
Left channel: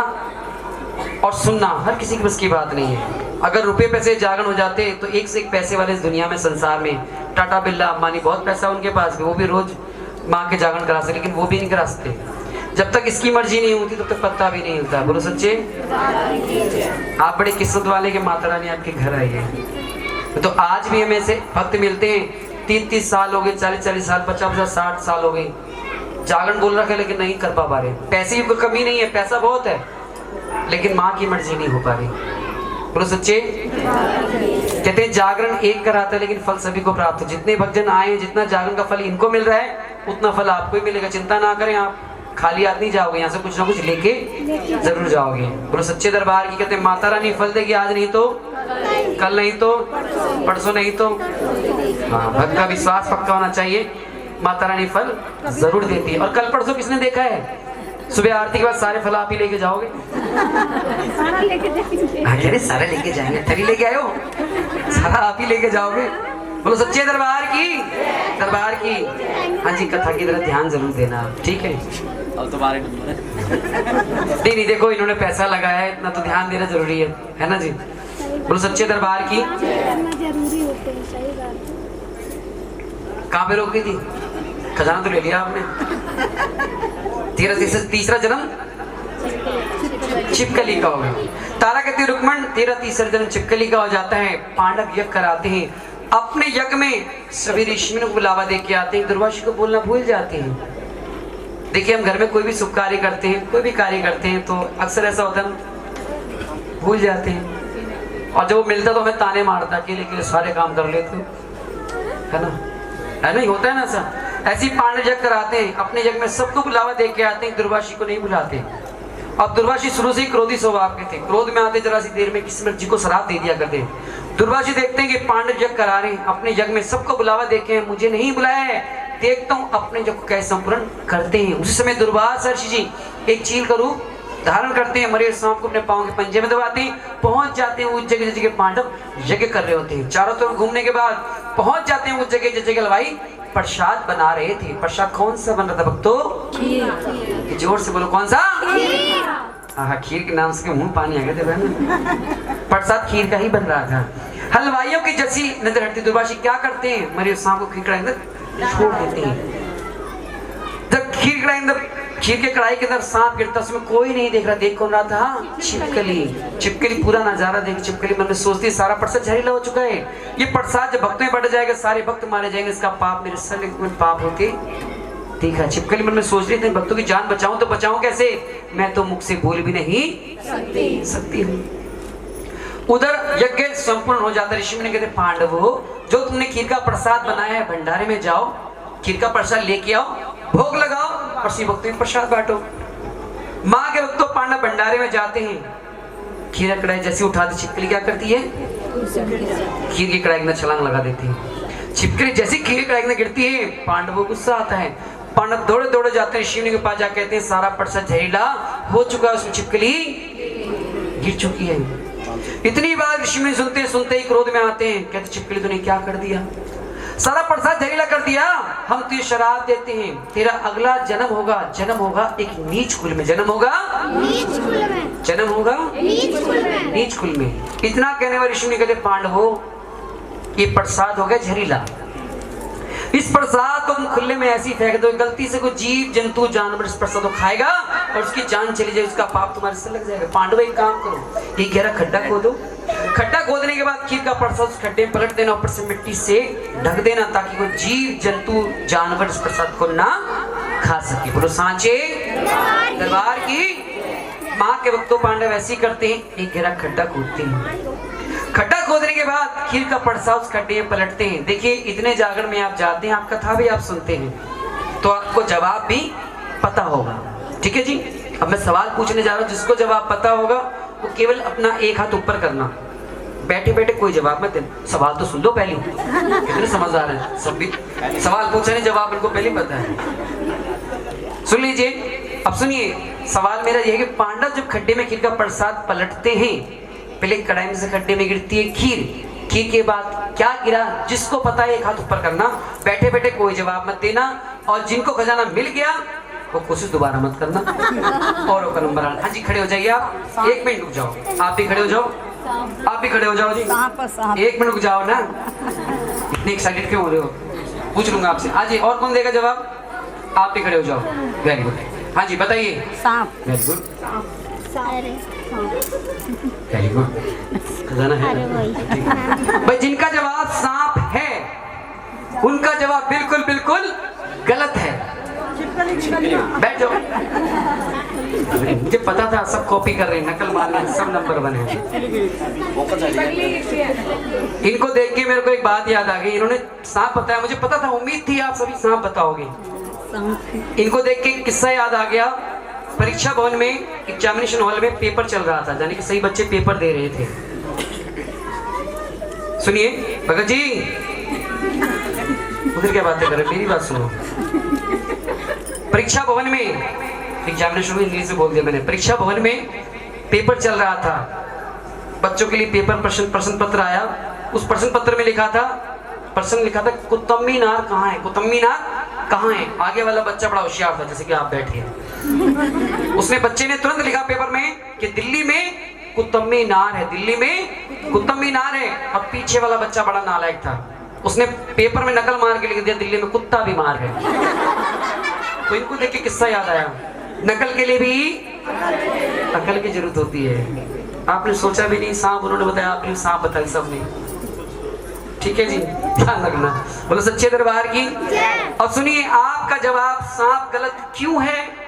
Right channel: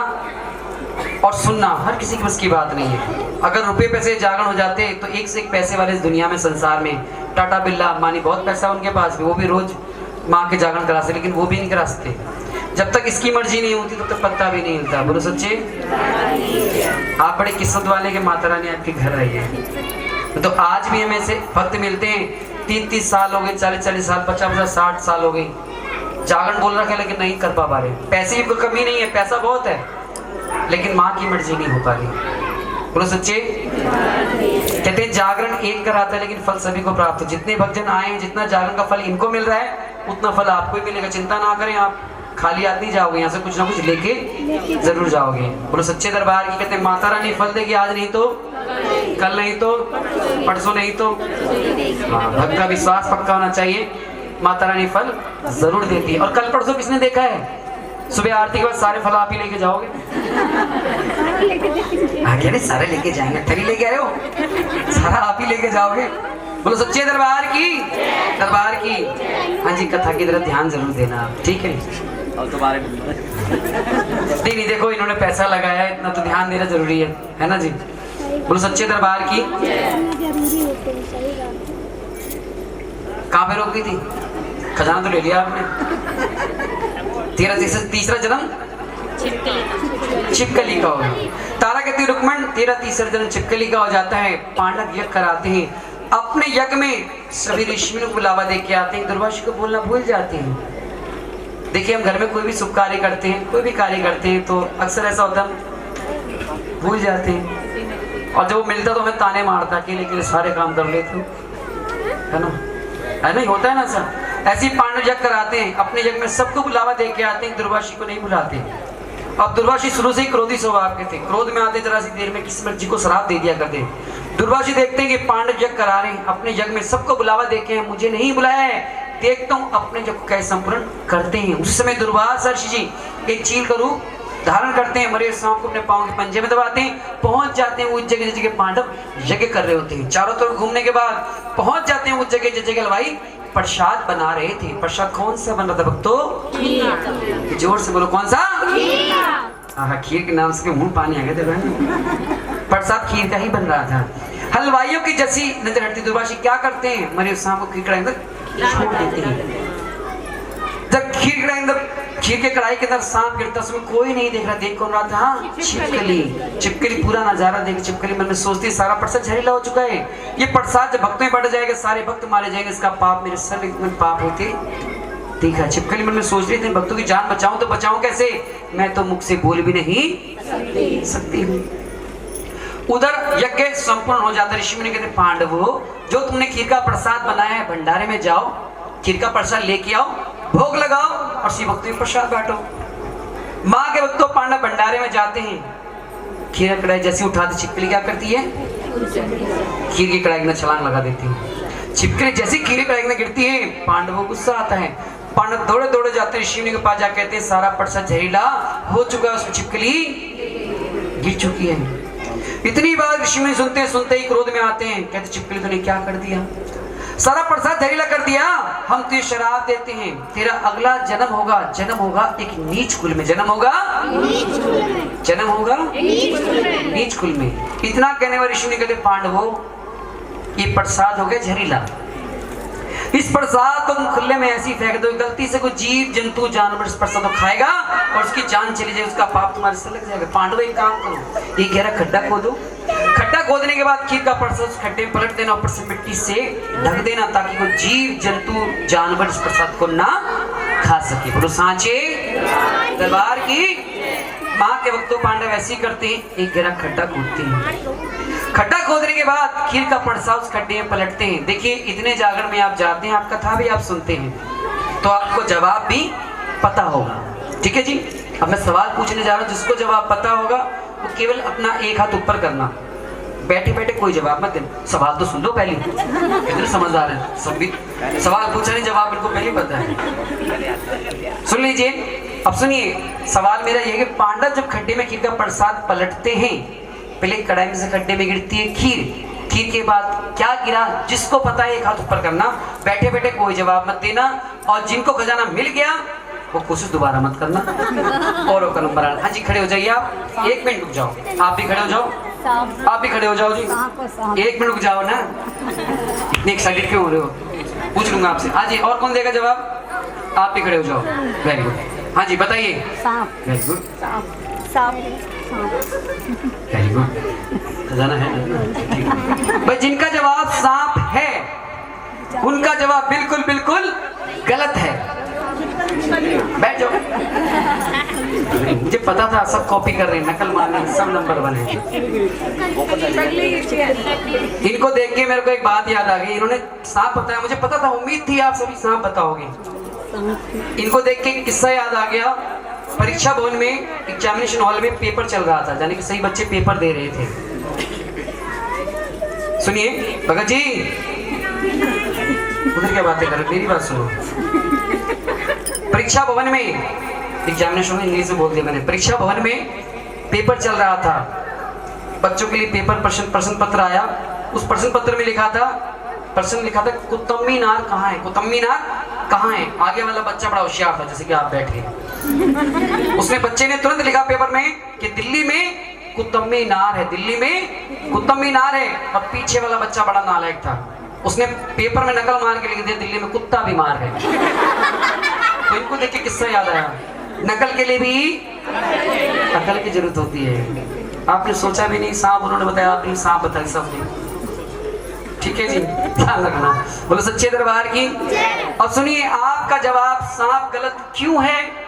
और सुनना हर किसी की बस की बात नहीं है। अगर रुपए पैसे जागरण हो जाते तो एक से एक पैसे वाले इस दुनिया में, संसार में, टाटा बिरला अंबानी, बहुत पैसा उनके पास भी, वो भी रोज माँ के जागरण करा सकते, लेकिन वो भी नहीं करा सकते। जब तक इसकी मर्जी नहीं होती तब तक पत्ता भी नहीं होता। बोलो सच्चे। आप बड़े किस्मत वाले के माता रानी आपके घर आई है। तो आज भी हमें से भक्त मिलते हैं, 30-30 साल हो गए, 40-40 साल, 50-50, 60 साल हो गए, जागरण बोल रखा है लेकिन नहीं कर पा रहे। पैसे की कोई कमी नहीं है, पैसा बहुत है, लेकिन माँ की मर्जी नहीं हो पा रही। बोलो सच्चे। कहते हैं जागरण एक कराता है लेकिन फल सभी को प्राप्त हो। जितने भक्तजन आए, जितना जागरण का फल इनको मिल रहा है उतना फल आपको ही मिलेगा। चिंता ना करें, आप खाली हाथ नहीं जाओगे, यहाँ से कुछ ना कुछ लेके जरूर जाओगे। बोलो सच्चे दरबार की। कहते हैं माता रानी फल देगी, आज नहीं तो कल, नहीं तो परसों, नहीं तो। हाँ, भक्त का विश्वास पक्का होना चाहिए, माता रानी फल जरूर देती है। और कल परसों किसने देखा है? सुबह आरती के बाद सारे फल आप ही लेके जाओगे। अरे सारे लेके जाएंगे, थरी लेके आए हो, सारा आप ही लेके जाओगे। बोलो सच्चे दरबार की। दरबार की। हाँ जी, कथा की तरफ ध्यान जरूर देना आप, ठीक है? और तुम्हारे नहीं, देखो इन्होंने पैसा लगाया है, इतना तो ध्यान देना जरूरी है ना जी। बोलो सच्चे दरबार की। कहाँ पे रोक गई थी? खजाना तो ले लिया आपने। तेरा तीसरा जन्म छिपकली का होगा। तारा कहती है रुक्मण, तेरा तीसरा जन्म छिपकली का हो जाता है। पांडव यज्ञ कराते हैं, अपने यज्ञ में सभी ऋषियों को बुलावा दे के आते हैं, दुर्वासा को बोलना भूल जाते हैं। देखिए हम घर में कोई भी शुभ कार्य करते हैं, कोई भी कार्य करते हैं, तो अक्सर ऐसा होता है भूल जाते हैं, और जब वो मिलता तो हमें ताने मारता, अकेले सारे काम कर लेते है ना, नहीं होता है ना सर। ऐसी पांडव यज्ञ कराते हैं, अपने यज्ञ में सबको बुलावा दे के आते हैं, दुर्वासी को नहीं बुलाते। अब दुर्वासी शुरू से ही क्रोधी स्वभाव के थे, क्रोध में आते जरा सी देर में किसी मर्जी को श्राप दे दिया करते। दुर्वासी देखते हैं कि पांडव यज्ञ करा रहे हैं, अपने यज्ञ में सबको बुलावा देके हैं, मुझे नहीं बुलाया है, देखता हूँ अपने यज्ञ को कैसे संपूर्ण करते हैं। उसी समय दुर्वासा ऋषि जी एक चील का रूप धारण करते हैं, मरे सांप को अपने पांव के पंजे में दबाते हैं, पहुंच जाते हैं उस जगह जगह पांडव यज्ञ कर रहे होते हैं। चारों तरफ घूमने के बाद पहुंच जाते हैं उस जगह जगह हलवाई प्रसाद बना रहे थे। प्रसाद कौन सा बन रहा था भक्तों? जोर से बोलो, कौन सा? हाँ, खीर के नाम से मुंह पानी आ गए थे बहन। प्रसाद खीर का ही बन रहा था। हलवाइयों की जैसी नजर हटती, दुर्वासी क्या करते हैं? मरे सांप को खीर कढ़ाई अंदर छोड़ देते हैं। जब खीर के कढ़ाई के अंदर सांप गिरता, उसमें कोई नहीं देख रहा, देख कौन रहा था? छिपकली। छिपकली पूरा नजारा देख छिपकली मन में सोचती सारा प्रसाद जहरीला हो चुका है, ये प्रसाद जब भक्तों में बढ़ जाएगा सारे भक्त मारे जाएंगे, इसका पाप मेरे सर में पाप होते। देखा छिपकली मन में सोच रही थी भक्तों की जान बचाऊं तो बचाऊं कैसे, मैं तो मुख से बोल भी नहीं सकती हूँ। उधर यज्ञ संपूर्ण हो जाता। ऋषि मुनि कहते पांडवों, जो तुमने खीर का प्रसाद बनाया है भंडारे में जाओ, खीर का प्रसाद लेके आओ, भोग लगाओ और श्री भक्तों में प्रसाद बांटो। माँ के भक्तों पांडव भंडारे में जाते हैं, खीर की कढ़ाई जैसी उठाते, छिपकली क्या करती है? खीर की कढ़ाई में छलांग लगा देती है। छिपकली जैसी खीर की कढ़ाई में गिरती है, पांडवों को गुस्सा आता है। पांडव दौड़े दौड़े जाते हैं ऋषि मुनि के पास, जा कहते हैं सारा प्रसाद जहरीला हो चुका है, उसमें छिपकली गिर चुकी है। इतनी बार ऋषि मुनि सुनते ही क्रोध में आते हैं, कहते छिपकली तूने क्या कर दिया? सारा प्रसाद जहरीला कर दिया। हम तुझे शराब देते हैं, तेरा अगला जन्म होगा एक नीच कुल में, जन्म होगा नीच कुल में। इतना कहने वाले ऋषि मुनि कहते पांडवों, ये प्रसाद हो गया जहरीला, इस प्रसाद को तुम खुले में ऐसी फेंक दो, गलती से कोई जीव जंतु जानवर इस प्रसाद को खाएगा और उसकी जान चली जाएगी, उसका पाप तुम्हारे से लग जाएगा। पांडव एक काम करो, ये गहरा खड्डा खोदो, खड्डा खोदने के बाद खीर का प्रसाद उस खड्डे में पलट देना, ऊपर से मिट्टी से ढक देना, ताकि कोई जीव जंतु जानवर इस प्रसाद को ना खा सके। बोलो सांचे दरबार की। माँ के भक्तों पांडव ऐसे ही करते हैं, एक गहरा खड्डा खोदते हैं, खड्डा खोदने के बाद खीर का परसा उस खड्डे में पलटते हैं। देखिए इतने जागरण में आप जाते हैं, आप कथा भी आप सुनते हैं, तो आपको जवाब भी पता होगा। ठीक है जी, अब मैं सवाल पूछने जा रहा हूँ, जिसको जवाब पता होगा वो केवल अपना एक हाथ ऊपर करना, बैठे बैठे कोई जवाब मत देना। सवाल तो सुन लो पहले, कितने समझदार हैं सब भी, सवाल पूछा नहीं जवाब इनको पहले पता है। सुन लीजिए, अब सुनिए सवाल मेरा यह है कि पांडव जब खड्डे में खीर का प्रसाद पलटते हैं, पहले कढ़ाई में से खड्डे में गिरती है खीर, खीर के बाद क्या गिरा, जिसको पता है एक हाथ ऊपर करना, बैठे बैठे कोई जवाब मत देना, और जिनको खजाना मिल गया वो कोशिश दोबारा मत करना। और का नंबर आना। हाँ जी खड़े हो जाइए आप, 1 मिनट रुक जाओ, आप भी खड़े हो जाओ, आप भी खड़े हो जाओ जी, 1 मिनट रुक जाओ ना, इतने एक्साइटेड क्यों हो रहे हो, पूछ लूंगा आपसे। हाँ जी, और कौन देगा जवाब, आप भी खड़े हो जाओ, वेरी गुड। हाँ जी बताइए, वेरी गुड, वेरी गुड, खजाना है भाई। जिनका जवाब सांप है उनका जवाब बिल्कुल बिल्कुल गलत है। बैठ जाओ, मुझे पता था सब कॉपी कर रहे हैं, नकल मारने सब नंबर 1 है। इनको देख के मेरे को एक बात याद आ गई, इन्होंने सांप बताया, मुझे पता था, उम्मीद थी आप सभी सांप बताओगे। इनको देख के किस्सा याद आ गया। परीक्षा भवन में एग्जामिनेशन हॉल में पेपर चल रहा था, यानी कि सही बच्चे पेपर दे रहे थे। सुनिए भगत जी, उधर क्या बातें कर रहे, मेरी बात सुनो। परीक्षा भवन में एग्जामिनेशन में इंग्लिश में बोल दिया मैंने, परीक्षा भवन में पेपर चल रहा था, बच्चों के लिए पेपर प्रश्न पत्र आया। उस प्रश्न पत्र में लिखा था, प्रश्न लिखा था कुतुब मीनार कहाँ है, कुतुब मीनार कहाँ है। आगे वाला बच्चा बड़ा होशियार था, जैसे कि आप बैठे, उसने बच्चे ने तुरंत लिखा पेपर में कि दिल्ली में कुतुब मीनार है, दिल्ली में कुतुब मीनार है। और पीछे वाला बच्चा बड़ा नालायक था, उसने पेपर में नकल मार के लिख दिया दिल्ली में कुत्ता बीमार है। तो इनको देख के किस्सा याद आया, नकल के लिए भी अकल की जरूरत होती है। आपने सोचा भी नहीं, सांप उन्होंने बताया, आपने सांप बताया सबने। ठीक है जी, ध्यान रखना, बोलो सच्चे दरबार की। अब सुनिए, आपका जवाब सांप गलत क्यों है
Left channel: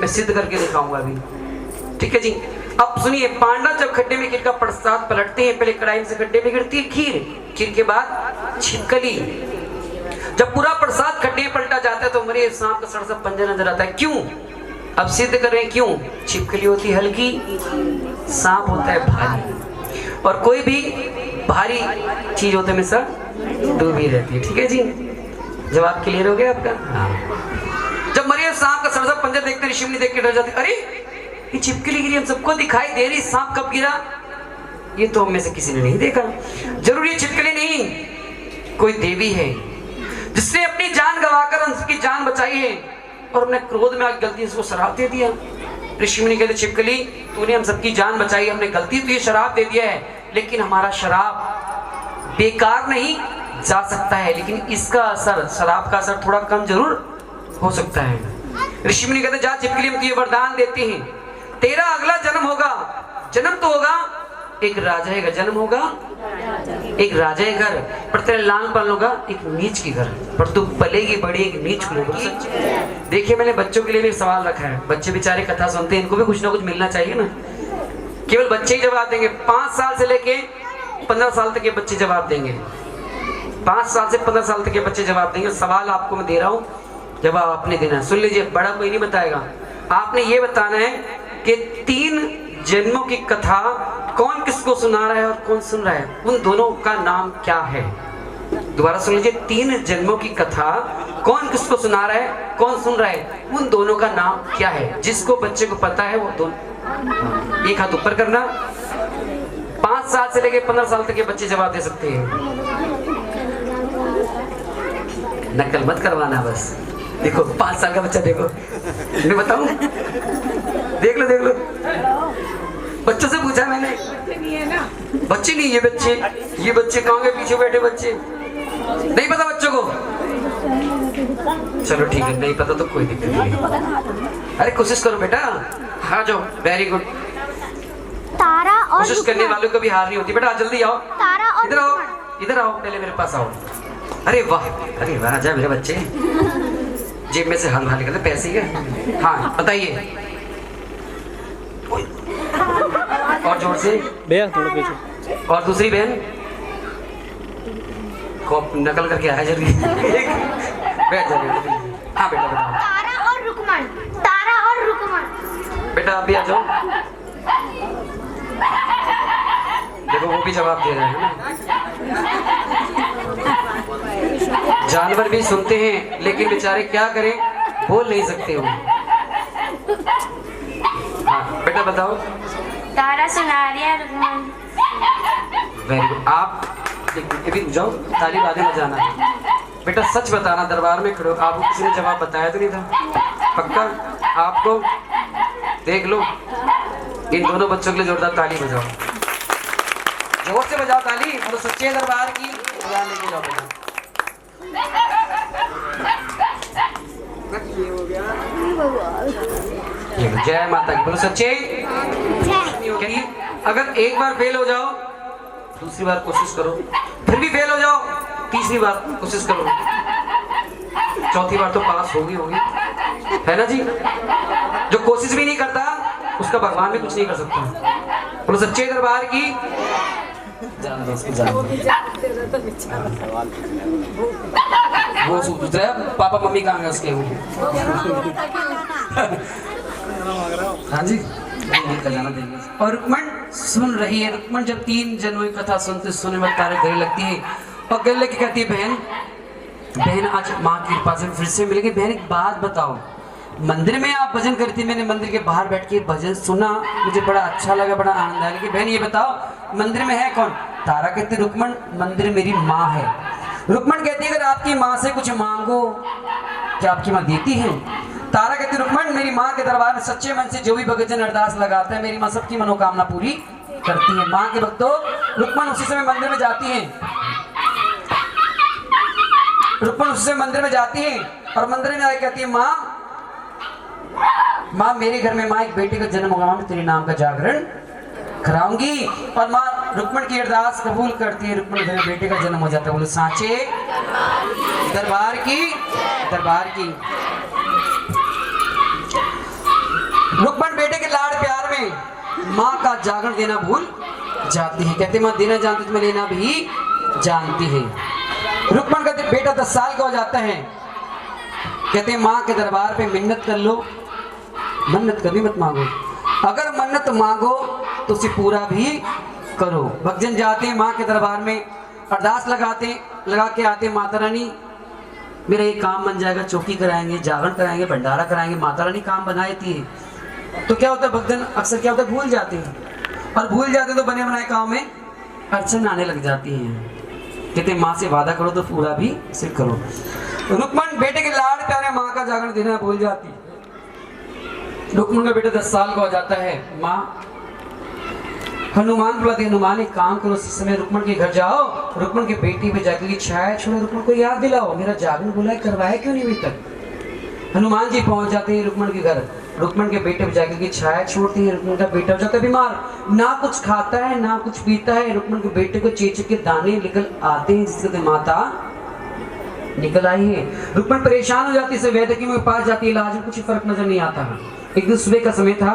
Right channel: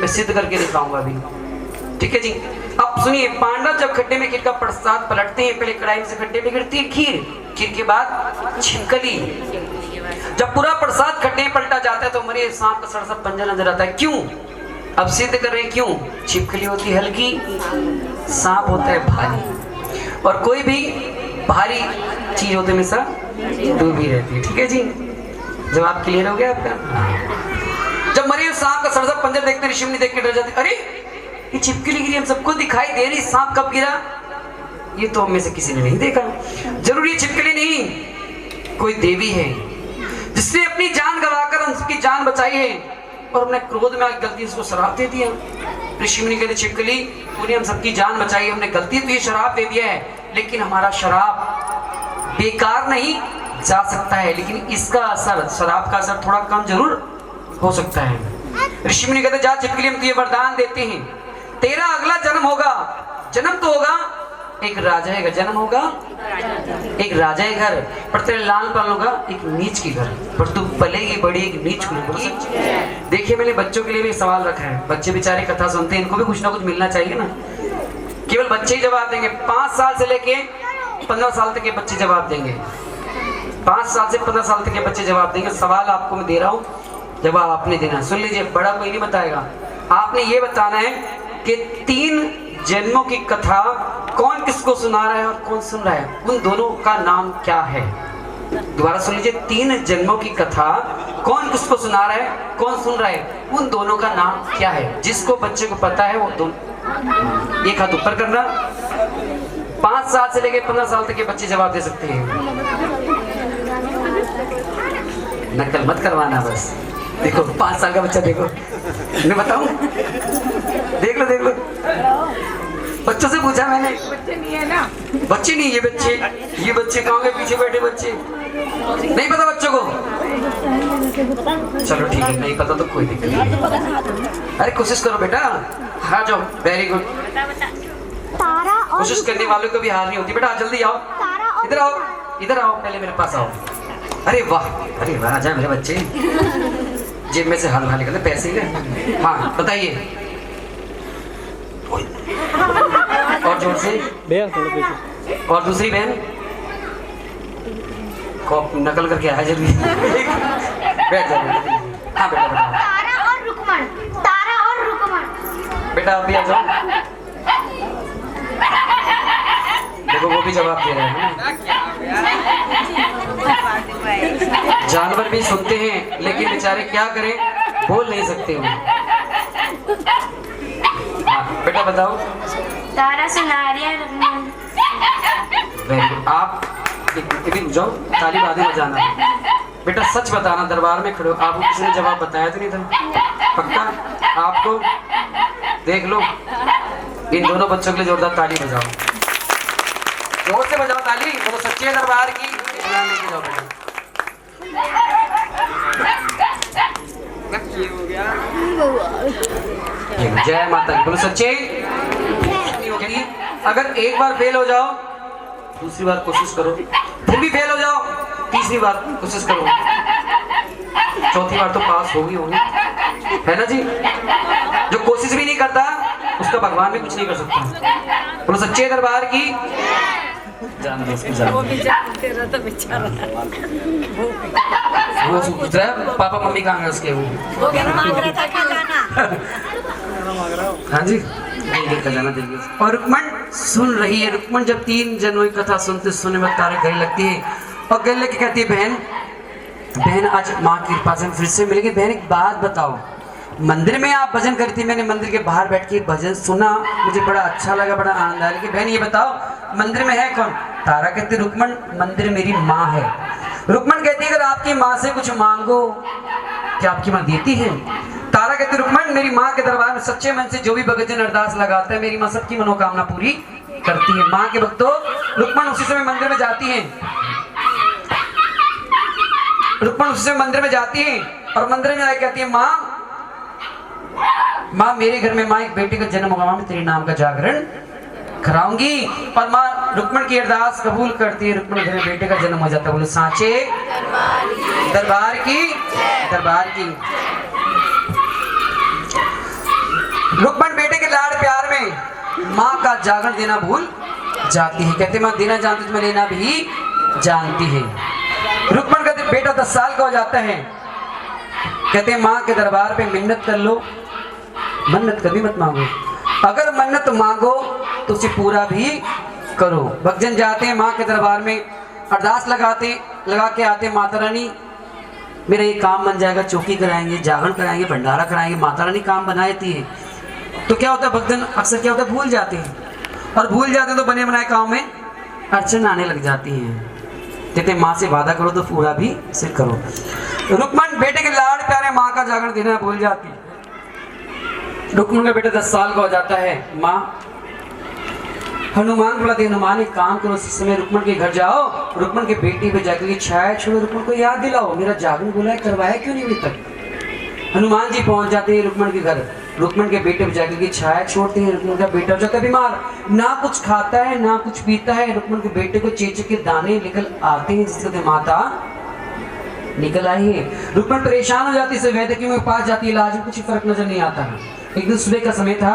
मैं सिद्ध करके दिखाऊंगा अभी। ठीक है जी, अब सुनिए, पांडव जब खड्डे में खीर का प्रसाद पलटते हैं, पहले कढ़ाई में से खड्डे में गिरती है खीर, खीर के बाद छिपकली। जब पूरा प्रसाद खड्डे में पलटा जाता है तो मरे सांप का सड़ा सा पंजा नजर आता है। क्यों? अब सिद्ध कर रहे हैं क्यों। छिपकली होती हल्की, सांप होता है भारी, और कोई भी भारी चीज होते में सब डूबी रहती है। ठीक है जी, जवाब क्लियर हो गया आपका। जब मरियम सांप का सड़ा सा पंजा देखते, ऋषि मुनि देख के डर जाते, अरे ये छिपकली गिरी, हम सबको दिखाई दे रही, सांप कब गिरा, ये तो हम में से किसी ने नहीं देखा। जरूरी छिपकली नहीं, कोई देवी है जिसने अपनी जान गंवाकर हम सबकी जान बचाई है, और हमने क्रोध में आकर गलती से उसको शराब दे दिया। ऋषि मुनि कहते, छिपकली तूने हम सबकी जान बचाई, हमने गलती तो ये शराब दे दिया है, लेकिन हमारा शराब बेकार नहीं जा सकता है, लेकिन इसका असर, शराब का असर थोड़ा कम जरूर हो सकता है। ऋषि मुनि कहते, जा छिपकली, हम तुझे वरदान देते हैं, तेरा अगला जन्म होगा, जन्म तो होगा एक राजा का जन्म होगा, एक राजा के घर, पर तेरे लाल पाल होगा एक नीच के घर, पर तू पलेगी बड़ी एक नीच होगी। देखिए, मैंने बच्चों के लिए भी सवाल रखा है, बच्चे बेचारे कथा सुनते हैं, इनको भी कुछ ना कुछ मिलना चाहिए ना। केवल बच्चे ही जवाब देंगे, 5 साल से लेके 15 साल तक के बच्चे जवाब देंगे, 5 साल से 15 साल तक के बच्चे जवाब देंगे। सवाल आपको मैं दे रहा हूँ, जवाब आपने देना। सुन लीजिए, बड़ा कोई नहीं बताएगा, आपने ये बताना है कि 3 जन्मों की कथा कौन किसको सुना रहा है और कौन सुन रहा है, उन दोनों का नाम क्या है। दोबारा सुन लीजिए, 3 जन्मों की कथा कौन किसको सुना रहा है, कौन सुन रहा है, उन दोनों का नाम क्या है। जिसको बच्चे को पता है वो दोनों, एक हाथ ऊपर करना। 5 साल से लेकर 15 साल तक के बच्चे जवाब दे सकते हैं, नकल मत करवाना बस। देखो 5 साल का बच्चा, देखो मैं बताऊं, देख लो देख लो, बच्चों से पूछा मैंने, बच्चे नहीं है ना, बच्चे नहीं, ये बच्चे कहाँ गए, पीछे बैठे बच्चे, नहीं पता बच्चों को। चलो ठीक है, नहीं पता तो कोई दिक्कत नहीं, अरे कोशिश करो बेटा, हाँ जाओ, वेरी गुड। कोशिश करने वालों को भी हार नहीं होती। बेटा जल्दी आओ, इधर आओ, इधर आओ, पहले मेरे पास आओ। अरे वाह, अरे वाह, जा मेरे बच्चे, जेब में से हाल निकले पैसे के। हाँ बताइए, और जोर से, भैया थोड़ा पीछे। और दूसरी बहन को नकल करके आया जल्दी। बैठ जाओ। हाँ बेटा बताओ। तारा और रुकमन। तारा और रुकमन। बेटा आप भी आ जाओ। देखो वो भी जवाब दे रहे हैं ना। जानवर भी सुनते हैं लेकिन बेचारे क्या करें, बोल नहीं सकते हो। हाँ बेटा बताओ। तारा सुनारिया रुकमन। Very good. आप भी रुक जाओ, ताली बादे बजाना। बेटा सच बताना, दरबार में खड़े हो, आपको किसी ने जवाब बताया तो नहीं था? पक्का? आपको देख लो। इन दोनों बच्चों के लिए जोरदार ताली बजाओ, जोर से बजाओ ताली। बोलो सच्चे दरबार की इकराम लेके जाओ बेटा। जय माता की। बोलो सच्चे। अगर एक बार फेल हो जाओ दूसरी बार कोशिश करो, फिर भी फेल हो जाओ तीसरी बार कोशिश करो, चौथी बार तो पास होगी है ना जी। जो कोशिश भी नहीं करता उसका भगवान भी कुछ नहीं कर सकता। बोलो सच्चे दरबार की। जान दो उसको, जान वो पापा मम्मी कहाँ गए उसके? हाँ जी खजाना देंगे। और रुक्मण सुन रही है। रुक्मण जब 3 जनों की कथा सुनने में तारे गले लगती है और गले लेके कहती है बहन आज माँ की कृपा से फिर से मिलेगी। बहन एक बात बताओ, मंदिर में आप भजन करती, मैंने मंदिर के बाहर बैठ के भजन सुना, मुझे बड़ा अच्छा लगा, बड़ा आनंद आया। लेकिन बहन ये बताओ मंदिर में है कौन? तारा कहती है रुक्मण मंदिर मेरी माँ है। रुक्मण कहती है अगर आपकी माँ से कुछ मांगो क्या आपकी माँ देती है? तारा कहती है रुक्मण मेरी माँ के दरबार में सच्चे मन से जो भी भगतजन अरदास लगाते हैं मेरी माँ सबकी मनोकामना पूरी करती है। माँ के भक्तों रुक्मण उसी समय मंदिर में जाती है, रुक्मण उसी समय मंदिर में जाती है और मंदिर में आके कहती है माँ मेरे घर में माँ एक बेटे का जन्म होगा, मैं तेरे नाम का जागरण कराऊंगी। और माँ रुक्मण की अरदास कबूल करती है, रुक्मण घर में बेटे का जन्म हो जाता है। बोलो सांचे दरबार की। दरबार की रुक्मण बेटे के लाड़ प्यार में माँ का जागरण देना भूल जाती है। कहते माँ देना जानती तो मैं लेना भी जानती है। रुक्मण कहते बेटा 10 साल का हो जाता है, कहते हैं माँ के दरबार पे मिन्नत कर लो, मन्नत कभी मत मांगो, अगर मन्नत मांगो तो उसे पूरा भी करो। भक्तजन जाते हैं माँ के दरबार में अरदास लगा के आते, माता रानी मेरा ये काम बन जाएगा, चौकी कराएंगे, जागरण कराएंगे, भंडारा कराएंगे। माता रानी काम बना देती है तो क्या होता है भक्तजन अक्सर क्या होता है भूल जाते हैं, और भूल जाते हैं तो बने बनाए काम में अड़चन आने लग जाती है। कहते माँ से वादा करो तो पूरा भी से करो। रुक्मण बेटे के लाड़ प्यारे माँ का जागरण देना भूल जाती है। रुक्मण का बेटा 10 साल का हो जाता है, माँ हनुमान बुलाते, हनुमान एक काम करो इस समय रुक्मण के घर जाओ, रुक्मण के बेटे पे जाके छाया छोड़ो, रुक्मण को याद दिलाओ मेरा जागरण बोला है करवाया क्यों नहीं अभी तक। हनुमान जी पहुंच जाते हैं रुक्मण के घर, रुक्मण के बेटे पे जाके छाया छोड़ते हैं। रुक्मण का बेटा हो जाता है बीमार, ना कुछ खाता है ना कुछ पीता है। रुक्मण के बेटे को चेचू के दाने निकल आते हैं जिससे माता निकल आई है। रुक्मण परेशान हो जाती है, वैद्य के पास जाती है, इलाज में कुछ फर्क नजर नहीं आता है। एक दिन सुबह का समय था,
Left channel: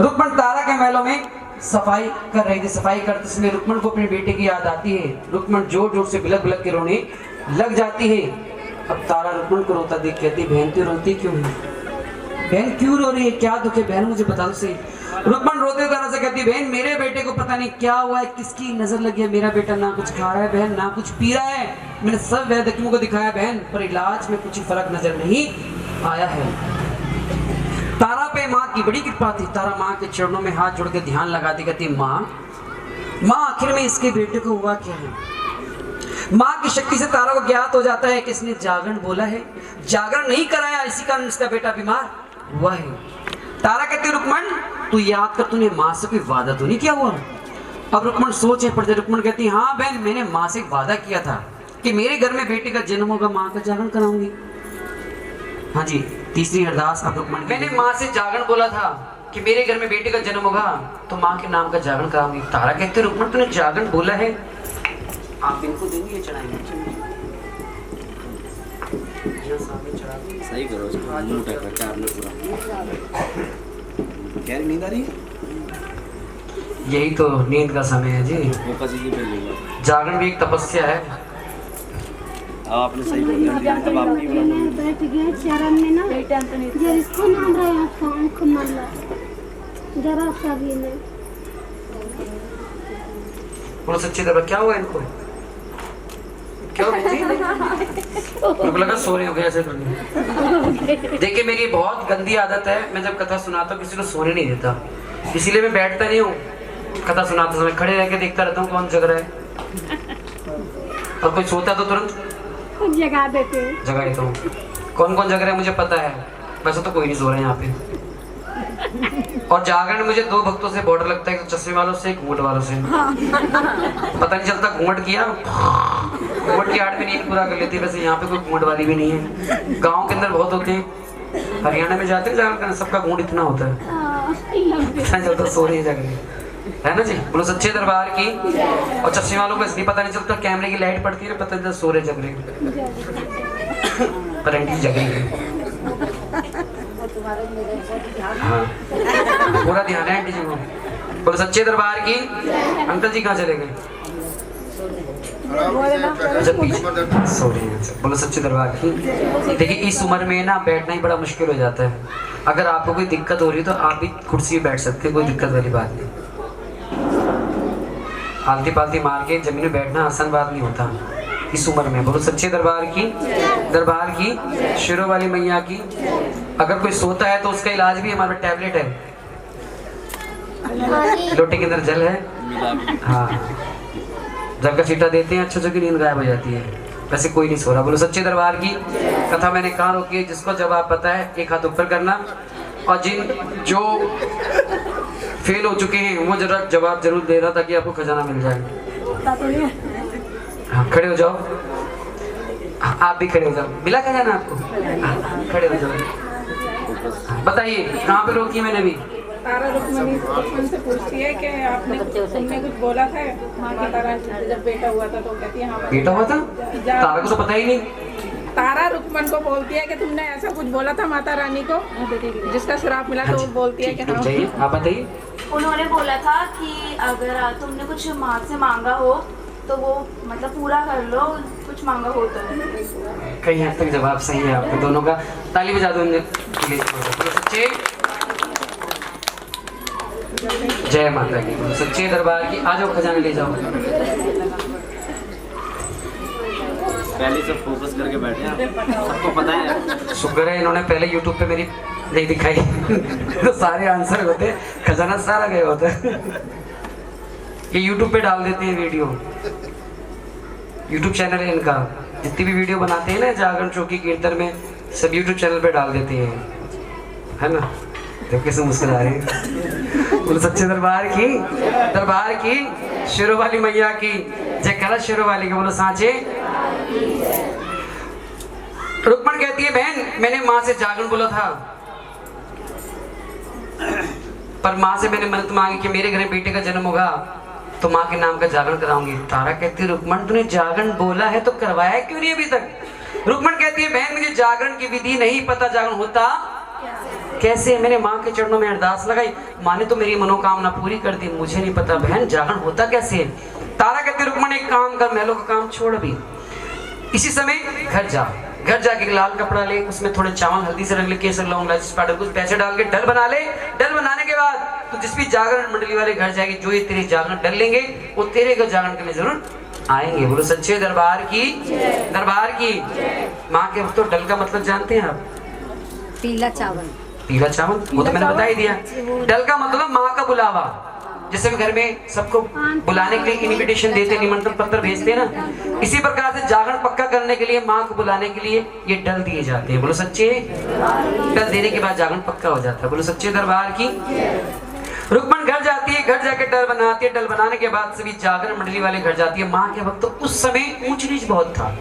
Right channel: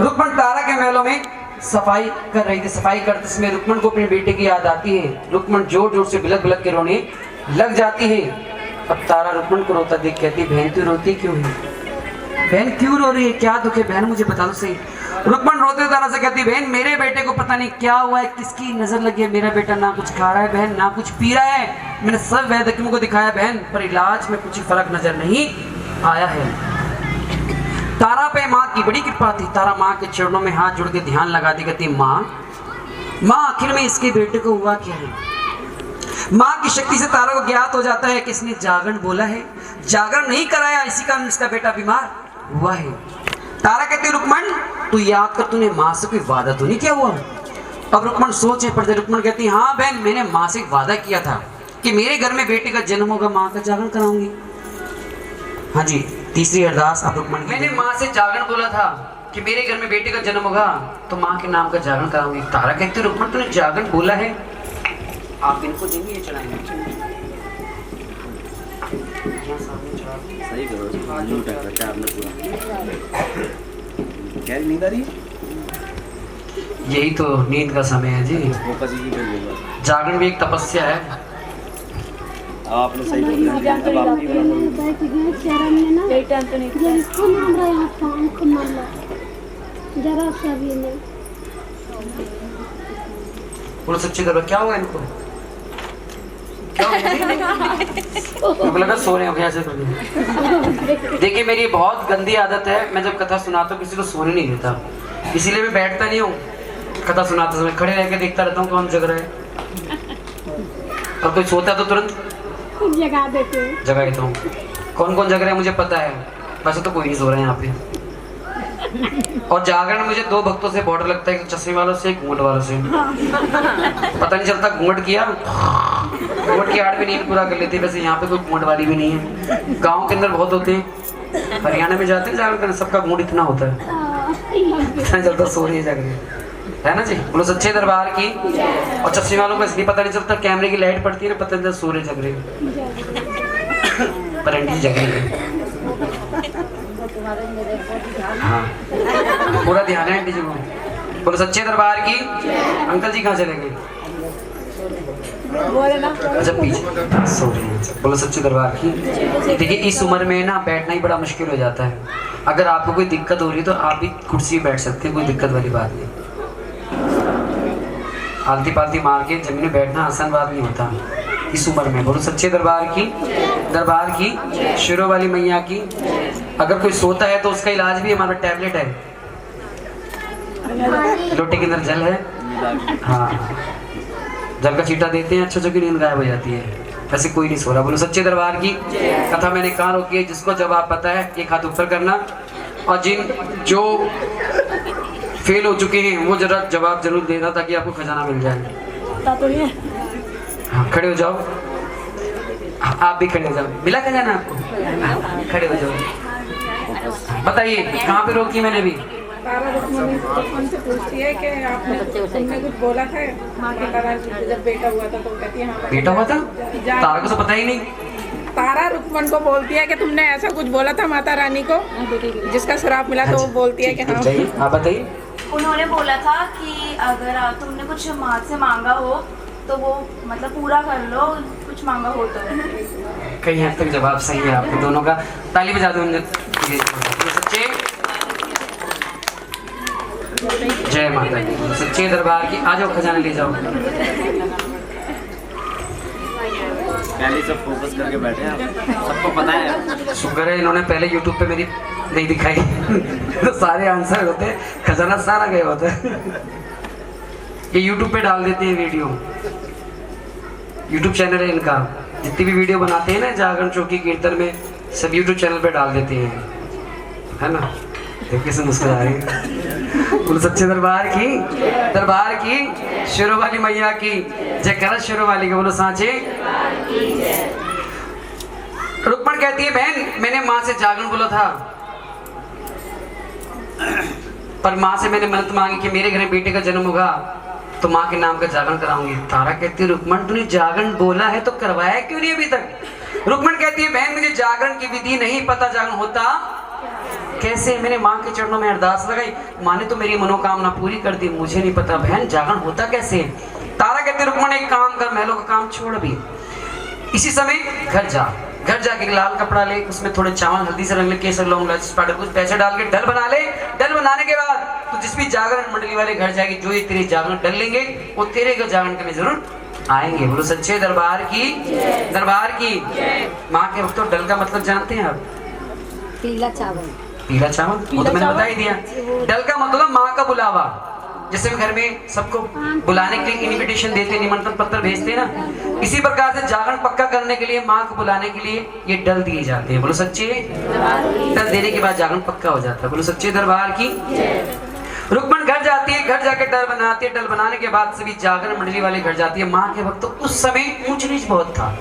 रुक्मण तारा के महलों में सफाई कर रही थी। सफाई करते समय रुक्मण को अपने बेटे की याद आती है। रुक्मण जोर जोर से बिलक बिलक के रोने लग जाती है। अब तारा रुक्मण को रोता देख कहती बहन तू रोती क्यों है? बहन क्यों रो रही है, क्या दुख है बहन मुझे बता दो सही। रुक्मण रोते तारा से कहती बहन मेरे बेटे को पता नहीं क्या हुआ है, किसकी नजर लगी है, मेरा बेटा ना कुछ खा रहा है बहन ना कुछ पी रहा है, मैंने सब वैद्यों को दिखाया बहन पर इलाज में कुछ फर्क नजर नहीं आया है। तारा पे माँ की बड़ी कृपा थी। तारा माँ के चरणों में हाथ जोड़ के ध्यान लगाती कहती माँ आखिर में इसके बेटे को हुआ क्या है। माँ की शक्ति से तारा को ज्ञात हो जाता है कि इसने जागरण बोला है, जागरण नहीं कराया, इसी कारण इसका बेटा बीमार हुआ है। तारा कहती रुक्मण तू याद कर तूने माँ से कोई वादा तो नहीं किया हुआ। अब रुक्मण सोचे पड़ते, रुक्मण कहती हाँ बहन मैंने माँ से वादा किया था कि मेरे घर में बेटे का जन्म होगा, माँ का जागरण कराऊंगी। हाँ जी तीसरी अरदास आप रुक्मण की। मैंने माँ से जागरण बोला था कि मेरे घर में बेटे का जन्म होगा तो माँ के नाम का जागरण कराऊंगी। तारा कहते रुक्मण तूने जागरण बोला है, आप इनको देंगे ये चढ़ाएंगे। सही करो झूठ है आपने पूरा क्या नींद आ रही है? यही तो नींद का समय है जी। फूफा जी की भेजिएगा। जागरण भी एक तपस्या है। आपने सही बोला। अब आपकी बैठ गया शरण में ना ये इसको नाम रहा फोन को मारला जरा सा भी नहीं। बोलो सच्ची दरबार क्या हुआ इनको? क्या हुआ? उनको लगा सो रहे हो क्या ऐसे? देखिए मेरी बहुत गंदी आदत है, मैं जब कथा सुनाता हूँ किसी को सोने नहीं देता, इसीलिए मैं बैठता नहीं हूँ। कथा सुनाते समय खड़े रह के देखता रहता हूँ कौन जग रहा है, और कोई सोता है तो तुरंत जगा देते हैं। जगा देता हूँ। कौन कौन जग रहा है मुझे पता है, वैसे तो कोई नहीं सो रहा है यहाँ पे। और जागरण मुझे दो भक्तों से बॉर्डर लगता है, एक चश्मे वालों से, एक घूंघट वालों से। पता नहीं चलता घूंघट किया, घूंघट की आड़ में नींद पूरा कर लेती। वैसे यहाँ पे कोई घूंघट वाली भी नहीं है, गांव के अंदर बहुत होते हैं। हरियाणा में जाते हैं जागरण करने, सबका घूंघट इतना होता है, पता नहीं चलता सो रही है जागरण, है ना जी। बोलो सच्चे दरबार की। और चश्मे वालों को इसलिए पता नहीं चलता, कैमरे की लाइट पड़ती है ना, पता नहीं चलता सो रहे जग रहे, पर एंटी जग रही है। हाँ पूरा ध्यान है आंटी जी को। बोलो सच्चे दरबार की। अंकल जी कहाँ चले गए? अच्छा पीछे सो रही है। बोलो सच्चे दरबार की। देखिए इस उम्र में ना बैठना ही बड़ा मुश्किल हो जाता है। अगर आपको कोई दिक्कत हो रही है तो आप भी कुर्सी बैठ सकते हैं, कोई दिक्कत वाली बात नहीं। आलती पालती मार के जमीन में बैठना आसान बात नहीं होता इस उम्र में। बोलो सच्चे दरबार की। दरबार की शेरों वाली मैया की। अगर कोई सोता है तो उसका इलाज भी हमारा टैबलेट है, लोटे के अंदर जल है, हाँ जल का छींटा देते हैं, अच्छे की नींद गायब हो जाती है। वैसे कोई नहीं सो रहा। बोलो सच्चे दरबार की। कथा मैंने कहाँ रोकी है, जिसको जवाब पता है एक हाथ ऊपर करना, और जो फेल हो चुके हैं वो जरा जवाब जरूर देना ताकि आपको खजाना मिल जाए। हाँ खड़े हो जाओ, आप भी खड़े हो जाओ, मिला खजाना आपको? हाँ, खड़े हो जाओ। बताइए कहाँ पे रोकी मैंने भी? तारा रुक्मणी से पूछती है कि आपने तुमने कुछ बोला था माता रानी से जब बेटा हुआ था, तो कहती है हाँ बेटा हुआ था। तारा को तो पता ही नहीं। तारा रुक्मण को बोलती है कि तुमने ऐसा कुछ बोला था माता रानी को जिसका श्राप मिला, तो वो बोलती है कि हाँ। आप बताइए। उन्होंने बोला था कि अगर तुमने कुछ माँ से मांगा हो तो वो मतलब पूरा कर लो, कुछ मांगा हो तो। कहीं हद तक जवाब सही है आपके दोनों का, ताली बजा दो। सच्चे जय माता दी। सच्चे दरबार की। आ जाओ खजाना ले जाओ। पहले सब फोकस करके बैठे हैं, सबको पता है। शुक्र है इन्होंने पहले YouTube पे मेरी नहीं दिखाई तो सारे आंसर होते, खजाना सारा गया होता है। ये YouTube पे डाल देते हैं वीडियो, YouTube चैनल है इनका। जितनी भी वीडियो बनाते हैं ना जागरण चौकी कीर्तन में, सब YouTube चैनल पे डाल देते हैं, है ना। देखिए कैसे मुस्कुरा रहे हैं। बोलो सच्चे दरबार की। दरबार की शेरों वाली मैया की जय। कर शेरों वाली की। बोलो सांचे। रुक्मण कहती है बहन मैंने माँ से जागरण बोला था, पर माँ से मैंने मन्नत मांगी कि मेरे घर में बेटे का जन्म होगा तो माँ के नाम का जागरण कराऊंगी। तारा कहती है रुक्मण तूने जागरण बोला है तो करवाया क्यों नहीं अभी तक? रुक्मण कहती है बहन मुझे जागरण की विधि नहीं पता, जागरण होता कैसे? मैंने माँ के चरणों में अरदास लगाई, माँ ने तो मेरी मनोकामना पूरी कर दी, मुझे नहीं पता बहन जागरण होता कैसे? तारा कहती है रुक्मण एक काम कर, महलों का काम छोड़ अभी, इसी समय घर जाके लाल कपड़ा ले, उसमें थोड़े चावल हल्दी से रंग ले, केसर लौंग इलायची पाउडर कुछ पैसे डाल के डल बना ले। डल बनाने के बाद तो जिस भी जागरण मंडली वाले घर जाएंगे, जो ये तेरे जागरण डल लेंगे वो तेरे घर जागरण के लिए जरूर आएंगे। बोलो सच्चे दरबार की। दरबार की। माँ के भक्तों डल का मतलब जानते हैं आप? पीला चावल। पीला चावल वो तो मैंने बता ही दिया। डल का मतलब माँ का बुलावा। जैसे भी घर में सबको बुलाने के लिए इनविटेशन देते, निमंत्रण पत्र भेजते हैं ना, इसी प्रकार से जागरण पक्का करने के लिए माँ को बुलाने के लिए ये डल दिए जाते हैं। बोलो सच्चे। डल देने के बाद जागरण पक्का हो जाता है। बोलो सच्चे दरबार की। रुक्मण घर जाती है, घर जाके डल बनाती है, डल बनाने के बाद सभी जागरण मंडली वाले घर जाती है। माँ के वक्त तो उस समय ऊंच नीच बहुत था।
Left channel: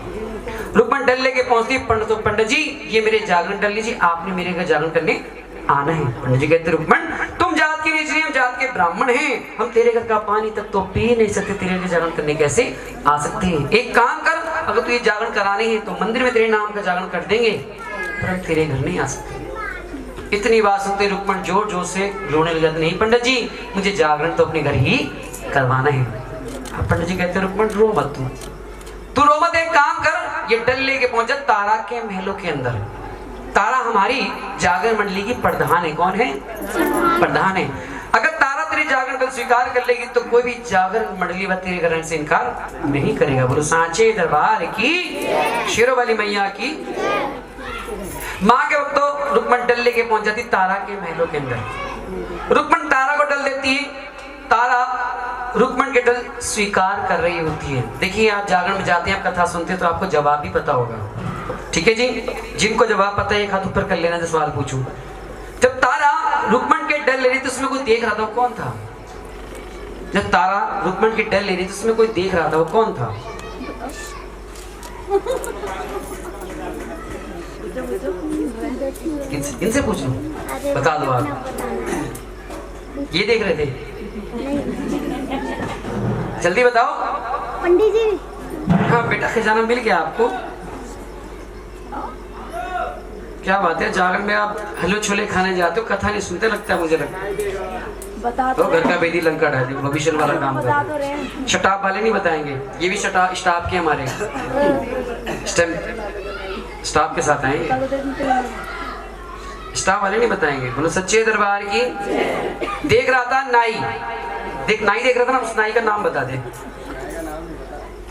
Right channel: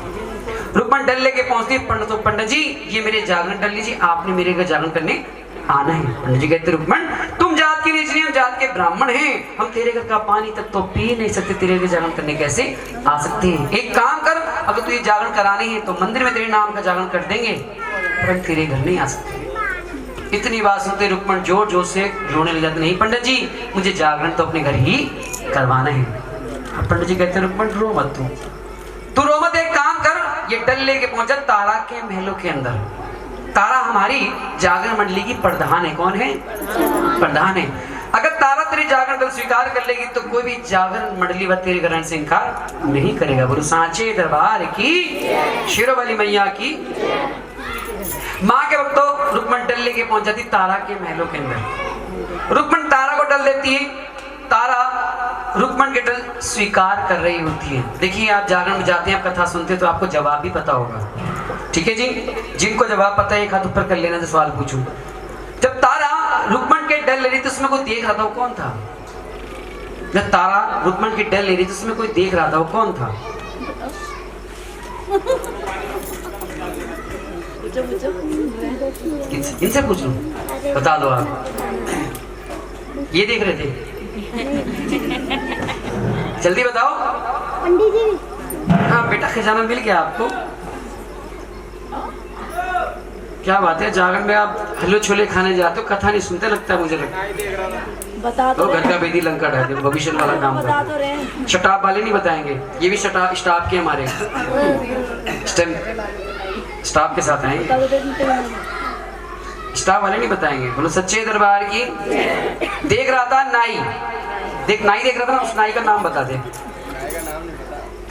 रुक्मण डल लेके पहुंचती है, पंडित जी ये मेरे जागरण डल लीजिए, आपने मेरे घर जागरण करने आना है। पंडित जी कहते रुक्मण तुम जात की नहीं, हम जात के ब्राह्मण हैं, हम तेरे घर का पानी तक तो पी नहीं सकते, तेरे घर जागरण करने कैसे आ सकते हैं? एक काम कर, अगर तू ये जागरण करानी है तो मंदिर में तेरे नाम का जागरण कर देंगे, पर हम तेरे घर नहीं आ सकते। इतनी बात सुनते रुक्मण जोर जोर से रोने लग जाते, नहीं पंडित जी मुझे जागरण तो अपने घर ही करवाना है। पंडित जी कहते रुक्मण रो मत, तू रो मत, एक काम कर, ये डल लेके पहुंचा तारा के महलों के अंदर। तारा हमारी जागरण मंडली की प्रधान है। कौन है? प्रधान है। अगर तारा तेरी जागरण कल स्वीकार कर लेगी तो कोई भी जागरण मंडली व तेरे ग्रहण से इनकार नहीं करेगा। बोलो सांचे दरबार की, शेरों वाली मैया की। माँ के वक्त तो रुक्मण डल लेके पहुंच जाती तारा के महलों के अंदर। रुक्मण तारा को डल देती है, तारा रुक्मण के डल स्वीकार कर रही होती है। देखिए आप जागरण में जाते हैं, आप कथा सुनते हैं तो आपको जवाब भी पता होगा, ठीक है जी। जिनको जवाब पता है एक हाथ ऊपर कर लेना तो सवाल पूछूं। जब तारा रुक्मण के डल ले रही थी उसमें कोई देख रहा था, वो कौन था? जब तारा रुक्मण की डल ले रही थी उसमें कोई देख रहा था, वो कौन था? इनसे पूछ लूं, बता दो आप। ये देख रहे थे? जल्दी बताओ। पंडित जी। हाँ बेटा, खजाना मिल गया आपको? क्या बात है, जागरण में आप हलवे छोले खाने जाते हो, कथा नहीं सुनते लगता है मुझे। बता तो घर का बेदी लंका डाल दे, भविष्य वाला नाम बता तो रहे हैं। शटाप वाले नहीं बताएंगे, ये भी स्टाफ के हमारे स्टाफ के साथ आएंगे, स्टाफ वाले नहीं बताएंगे। बोलो सच्चे दरबार की। देख रहा था नाई, नाई देख रहा था ना, उस नाई का नाम बता दे।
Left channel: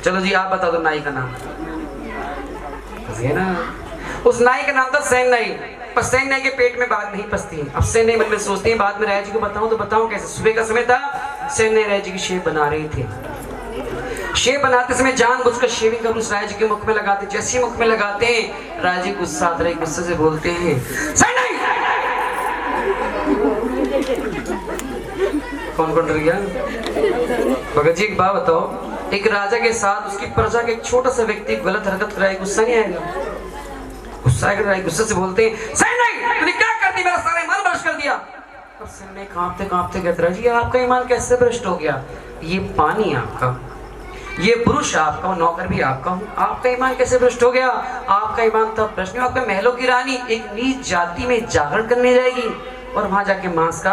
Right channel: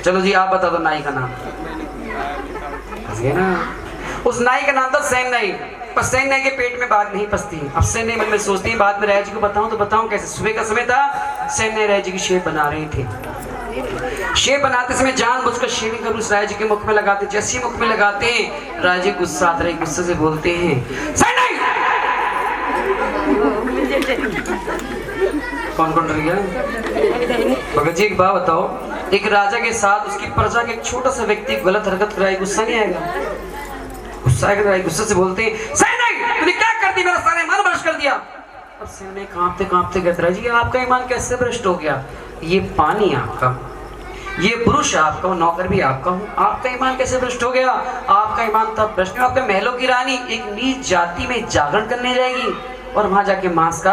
चलो जी आप बता दो नाई का नाम। ना उस नाई का नाम था सैन नाई, पर सैन नाई के पेट में बात नहीं पसती है। अब सैन नाई मन में सोचती है बाद में राय जी को बताऊं तो बताऊं कैसे। सुबह का समय था, सैन नाई राय जी की शेव बना रहे थे। शेव बनाते समय जानबूझकर शेविंग कर उस राय जी के मुख में लगाते। जैसे मुख में लगाते हैं राय जी गुस्सा आता है, गुस्से से बोलते हैं सैन नाई। कौन कौन डर गया? भगत जी एक बात बताओ, एक राजा के साथ उसकी प्रजा के एक छोटा सा व्यक्ति गलत हरकत कराए, गुस्सा नहीं आएगा? गुस्सा आएगा। गुस्से से बोलते हैं सैन नाई तूने क्या कर दी, मेरा सारा ईमान भ्रष्ट कर दिया। अब सैन नाई कांपते कांपते कहते राजा जी आपका ईमान कैसे भ्रष्ट हो गया? ये पानी आपका, ये पुरुष आपका, नौकर भी आपका हूँ, आपका ईमान कैसे भ्रष्ट हो गया? आपका ईमान तब भ्रष्ट नहीं, आपका महलों की रानी एक नीच जाति में जागरण करने जाएगी और वहां जाके मांस का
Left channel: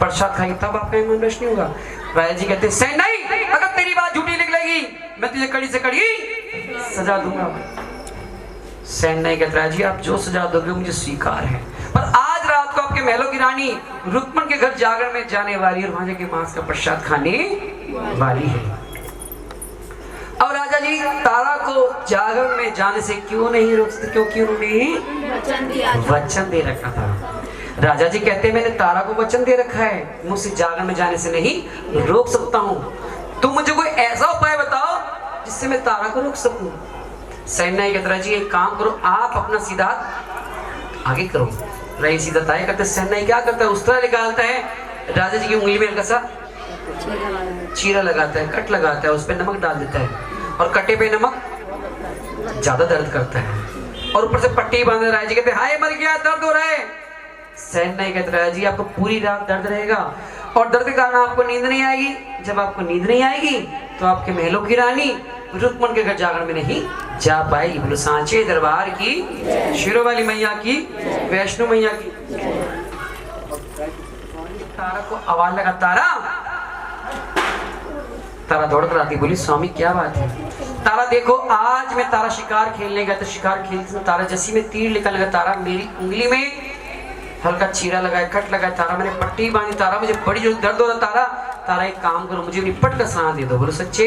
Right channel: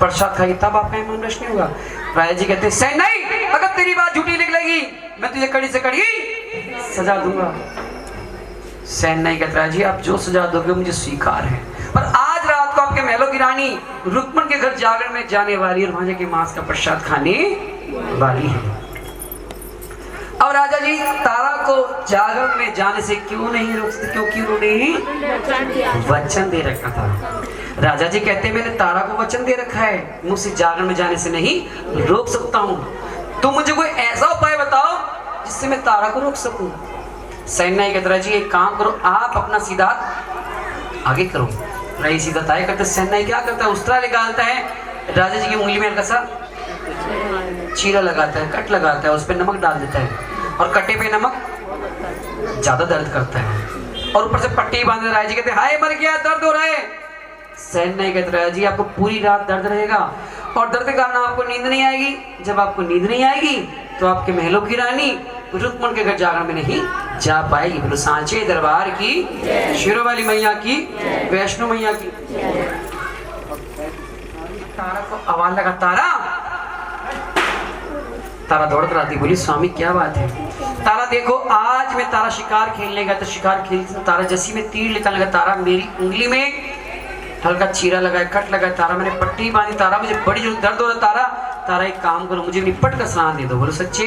प्रसाद खाएगी, तब आपका ईमान भ्रष्ट नहीं होगा। राजा जी कहते हैं सैन नाई अगर तेरी बात झूठी निकलेगी मैं तुझे कड़ी से कड़ी सजा दूंगा। सैन नाई कहता है जी आप जो सजा दोगे मुझे स्वीकार है, पर आज रात को आपके महलों की रानी रुक्मण के घर जागरण में जाने वाली और वहां जाके मांस का प्रसाद खाने वाली है। अब राजा जी तारा को जागरण में जाने से क्यों नहीं रोक सकते? क्योंकि उन्होंने वचन दे रखा था। राजा जी कहते हैं मैंने तारा को वचन दे रखा है, मुझसे जागरण में जाने से नहीं रोक सकता हूँ। तुम मुझे कोई ऐसा उपाय बताओ जिससे मैं तारा को रोक सकूं। सैन नाई कहता है जी एक काम करो, आप अपना सीधा आगे करो। रही सीधा ताय करता है। सैन नाई क्या करता है, उस्तरा निकालता है, राजा जी की उंगली में हल्का सा चीरा लगाता है, कट लगाता है, उस पर नमक डाल देता है और कटे पे नमक ज्यादा दर्द करता है और ऊपर से पट्टी बांध रहा है। जी कहते हाय मर गया, दर्द हो रहा है। सैन नाई कहता है जी आपको पूरी रात दर्द रहेगा और दर्द के कारण आपको नींद नहीं आएगी। जब आपको नींद नहीं आएगी तो आपके महलों की रानी रुक्मण के घर जागरण में नहीं जा पाएगी। बोलो सांचे दरबार की, शेरों वाली मैया की, वैष्णो मैया की। तारा को आवाज लगा, तारा। तारा दौड़ कर आती, बोली स्वामी क्या बात है? तारा देखो आज मैं तारा शिकार खेलने गया, तो शिकार खेलते तारा जैसी में तीर निकल गया। तारा मेरी उंगली में हल्का चीरा लगा, कट लगा। तारा मैंने पट्टी बांधी। तारा मुझे बड़ी जो दर्द हो रहा। तारा एक काम करो, मुझे निपट कर स्नान दे दो। बोलो सच्चे।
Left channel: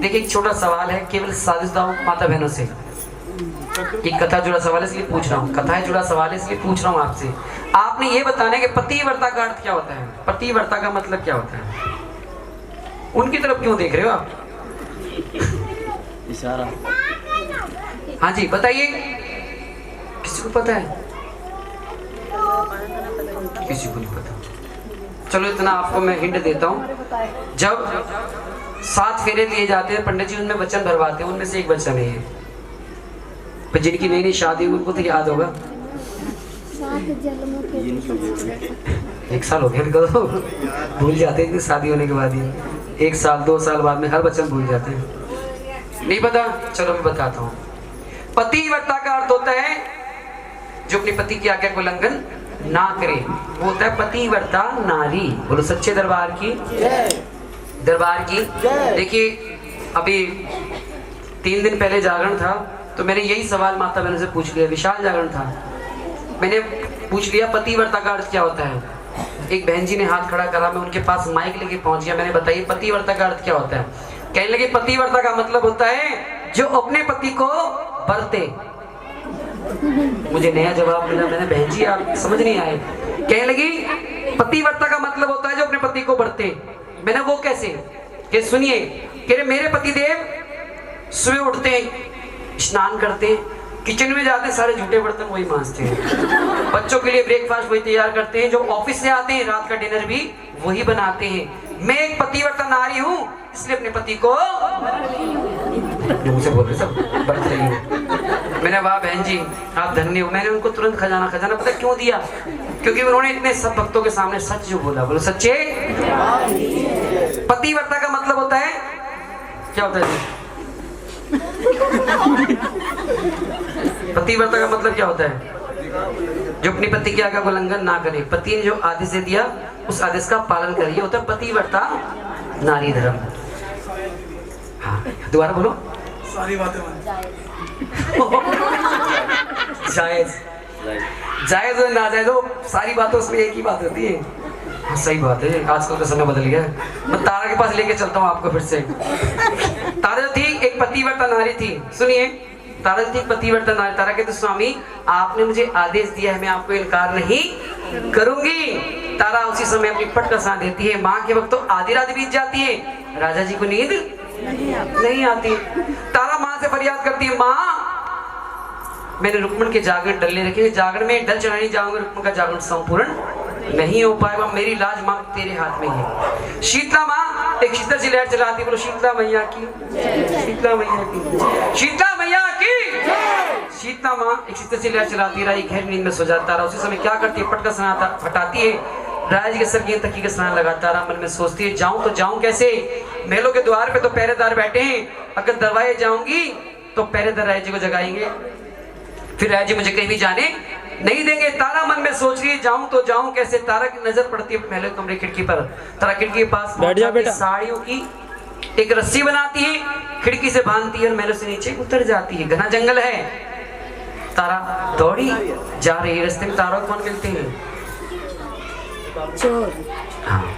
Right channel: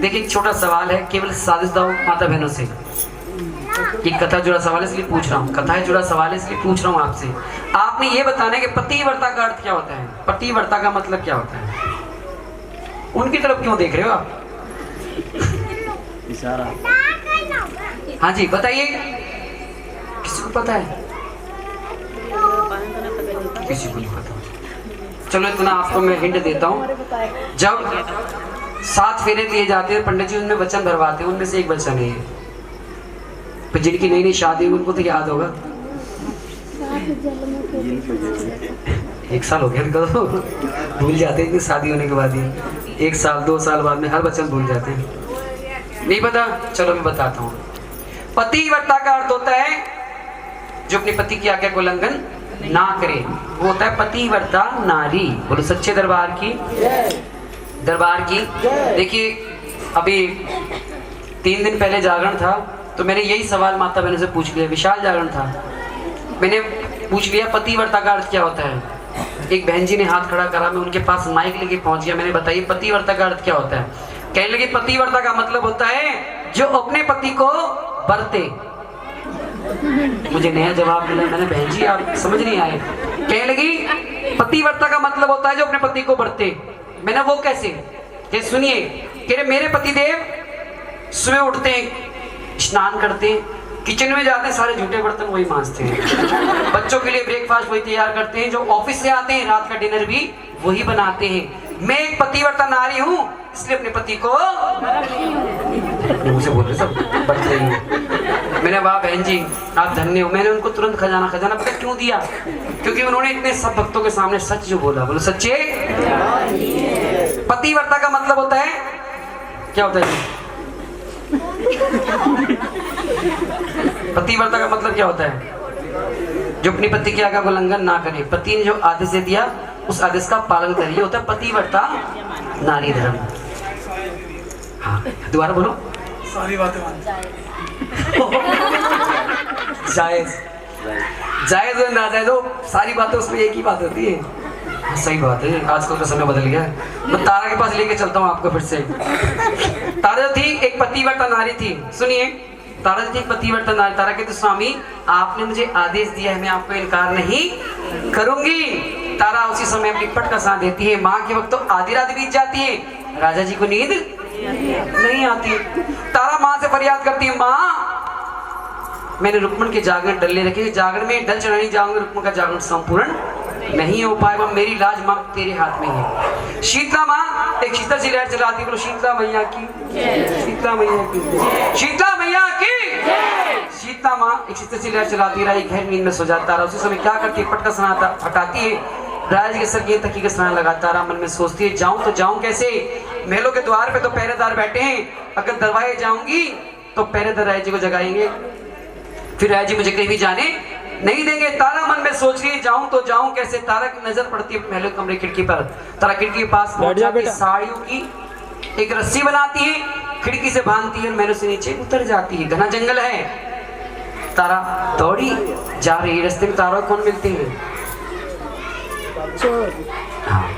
देखिए एक छोटा सवाल है, केवल साजिशदार माता बहनों से। ये कथा जुड़ा सवाल है इसलिए पूछ रहा हूँ, कथा है जुड़ा सवाल है इसलिए पूछ रहा हूँ आपसे। आपने ये बताना कि पतिव्रता का अर्थ क्या होता है? पतिव्रता का मतलब क्या होता है? उनकी तरफ क्यों देख रहे हो आप? इशारा। हाँ जी बताइए, किसी को पता है? किसी को नहीं पता। चलो इतना आपको मैं हिंट देता हूँ। जब 7 फेरे दिए जाते हैं पंडित जी उनमें वचन भरवाते हैं, उनमें से एक वचन है पर जिनकी नई नई शादी उनको तो याद होगा। 1 साल हो गया उनको, भूल जाते हैं शादी होने के बाद ही। 1 साल 2 साल बाद में हर वचन भूल जाते हैं। नहीं पता? चलो मैं बताता हूँ। पतिव्रता का अर्थ होता है जो अपने पति की आज्ञा को उल्लंघन ना करे, वो होता है पतिव्रता नारी। बोलो सच्चे दरबार की, दरबार की। देखिए अभी 3 दिन पहले जागरण था, तो मैंने यही सवाल माता बहनों से पूछ लिया। विशाल जागरण था, मैंने पूछ लिया पतिव्रता का अर्थ क्या होता है। एक बहन जी ने हाथ खड़ा करा, मैं उनके पास माइक लेके पहुंच गया। मैंने बताइए पतिव्रता का अर्थ क्या होता है। कहने लगे पतिव्रता का मतलब होता है जो अपने पति को बरते। मुझे नया जवाब मिला, मैंने बहन जी आप समझ नहीं आए। कहने लगी पतिव्रता का मतलब होता है जो अपने पति को बरते। मैंने वो कैसे, कि सुनिए, कह रहे मेरे पति देव सुबह उठते हैं, स्नान करते हैं, किचन में जाते हैं, सारे झूठे बर्तन वही मांजते हैं, बच्चों के लिए ब्रेकफास्ट वही तैयार करते हैं, जो ऑफिस से आते हैं रात का डिनर भी वही बनाते हैं। मैं एक पतिव्रता नारी हूँ, इसलिए अपने पति को मुझे बोल रहे सब बच रही हूँ। मैंने वाह बहन जी आप धन्य हो। मैंने उनको तुरंत खजाना पता क्यों दिया, क्योंकि उन्होंने इतने सब भक्तों के सामने सच जो बोला। बोलो सच्चे। पतिव्रता का मतलब होता है क्या होता है? पतिव्रता का मतलब क्या होता है? जो अपनी पति की आज्ञा को उल्लंघन ना करे, पति ने जो आदेश दे दिया उस आदेश का पालन करिए, होता है पतिव्रता नारी धर्म। हाँ दोबारा बोलो। सारी बातें जायज जायज और नाजायज हो, सारी बातें उसमें एक ही बात होती है। हाँ, सही बात है, आजकल का समय बदल गया। मैं तारा के पास लेके चलता हूँ आपको फिर से। तारा थी एक पतिव्रता नारी थी। सुनिए, तारा थी पतिव्रता नारी। तारा कहते स्वामी आपने मुझे आदेश दिया है, मैं आपको इनकार नहीं करूंगी। तारा उसी समय अपनी पट का साथ देती है। माँ के वक्त तो आधी रात बीत जाती है, राजा जी को नींद नहीं आती। तारा माँ से फरियाद करती है, माँ मैंने रुक्मण के जागरण डलने रखे, जागरण में डल चढ़ाने जाऊंगा, रुक्मण का जागरण संपूर्ण नहीं हो पाएगा, मेरी लाज माँ तेरे हाथ में है। शीतला माँ एक शीतल सी लहर चलाती, बोलो शीतला मैया की, शीतला मैया की, शीतला मैया की। शीतला माँ एक शीतल सी लहर चलाती रही, गहरी नींद में सो जाता रहा। उसी समय क्या करती है, पट का स्नान हटाती है, राजा जी के सर के तकी का स्नान लगाता रहा। मन में सोचती है जाऊं तो जाऊं कैसे, महलों के द्वार पे तो पहरेदार बैठे हैं, अगर दरवाजे जाऊंगी तो पहरेदार राजा जी को जगाएंगे, फिर राजा जी मुझे कहीं भी जाने नहीं देंगे। तारा मन में सोच रही है जाऊं तो जाऊं कैसे। तारा की नजर पड़ती है पहले कमरे खिड़की पर। तारा खिड़की के पास पहुंचकर साड़ियों की एक रस्सी बनाती है, खिड़की से बांधती है और महलों से नीचे उतर जाती है। घना जंगल है, तारा दौड़ी जा रही है। रास्ते में तारा कौन मिलते हैं? चोर। हाँ,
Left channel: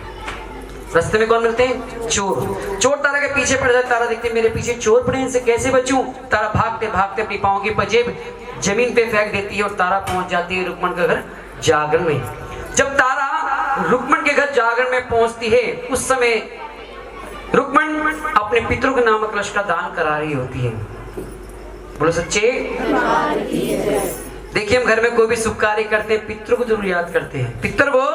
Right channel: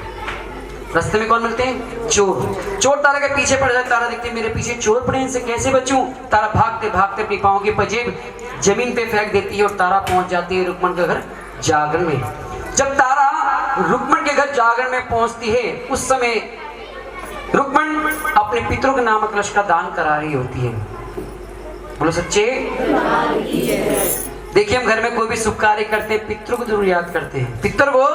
रास्ते में कौन मिलते हैं? चोर। चोर तारा के पीछे पड़ जाता। तारा देखते मेरे पीछे चोर पड़े, इनसे कैसे बचूं? तारा भागते भागते अपनी पाँव की पजेब जमीन पे फेंक देती है और तारा पहुंच जाती है रुक्मण के घर जागरण में। जब तारा रुक्मण के घर जागरण में पहुंचती है, उस समय रुक्मण अपने पितरों के नामक कलश का दान करा रही होती है। बोलो सच्चे। देखिए हम घर में कोई भी शुभ कार्य करते हैं, पितरों को जरूर याद करते हैं। पितर वो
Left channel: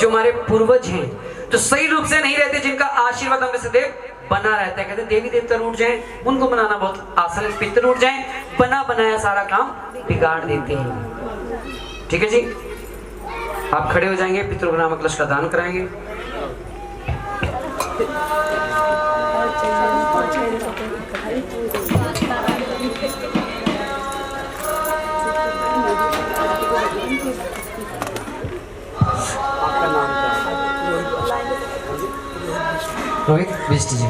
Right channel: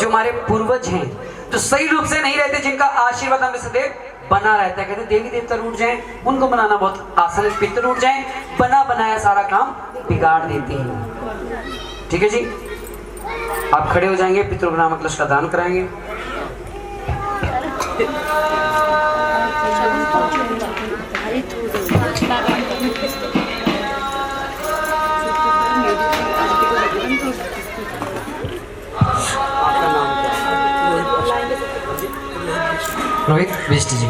जो हमारे पूर्वज हैं, जो सही रूप से नहीं रहते, जिनका आशीर्वाद हमें सदैव बना रहता है। कहते देवी देवता रूठ जाए उनको मनाना बहुत आसान है, पितर रूठ जाए बना बनाया सारा काम बिगाड़ देते हैं। ठीक है जी, आप खड़े हो जाएंगे, पितरों के नामक कलश का दान कराएंगे। आपका नाम क्या है? रोहित बिष्ट जी।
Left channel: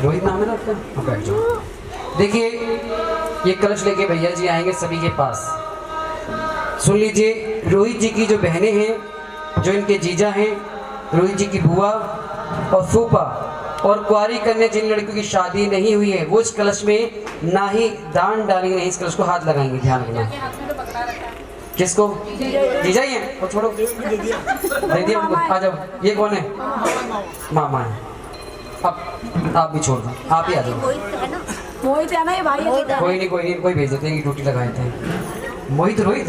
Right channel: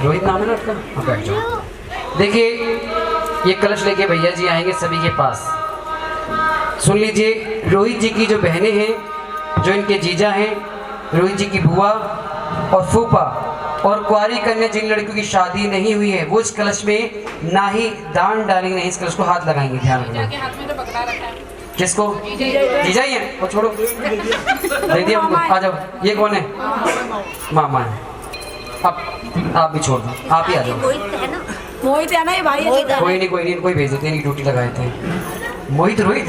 रोहित नाम है ना आपका? हाँ बैठ जाओ। देखिए ये कलश लेके भैया जी आएंगे सभी के पास। सुन लीजिए, रोहित जी की जो बहनें हैं, जो इनके जीजा हैं, रोहित जी की बुआ और फूफा और कुंवारी कन्या जिन लड़कियों की शादी नहीं हुई है, वो इस कलश में ना ही दान डालेंगे, नहीं इस कलश को हाथ लगाएंगे। ध्यान रखना। किसको? जीजा ही है, वो छोड़ो, दे दिया उनको। आ जाओ। ये कौन है? मामा है। अब आप भी छोड़ दो, आप ही आ जाओ। मोहित है ना ये भाई? कोई नहीं, कोई भेज दो, तेरी ड्यूटी लगाए थे। मोहित रोहित,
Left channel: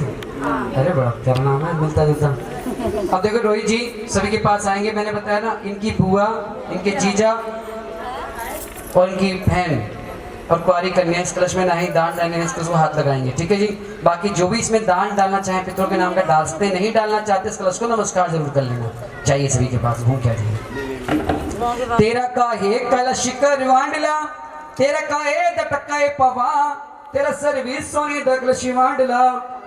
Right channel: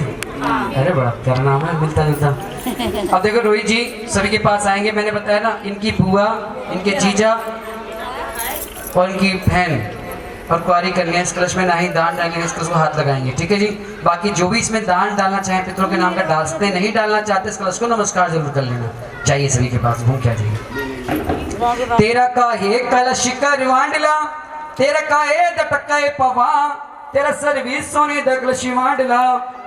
अरे बड़ा प्यारा नाम है, मिलता जुलता। अब देखो रोहित जी सभी के पास आएंगे। मैंने बताया ना, इनकी बुआ, इनके जीजा और इनकी बहन और कुंवारी कन्या इस कलश में ना ही दान डालेंगे, इस कलश को हाथ लगाएंगे। ठीक है जी। बाकी जो भी इसमें दान डालना चाहे पितरों के नाम का डाल सकते हैं, नहीं डालना चाहते इस कलश को नमस्कार जरूर कर लेना। जाइए सभी के पास, भूख क्या जाइए। तेरा काहे कलश करवांडला, तेरा काहे दटकाए पवा, तेरा सर्विस सोने दगल शिवांडला,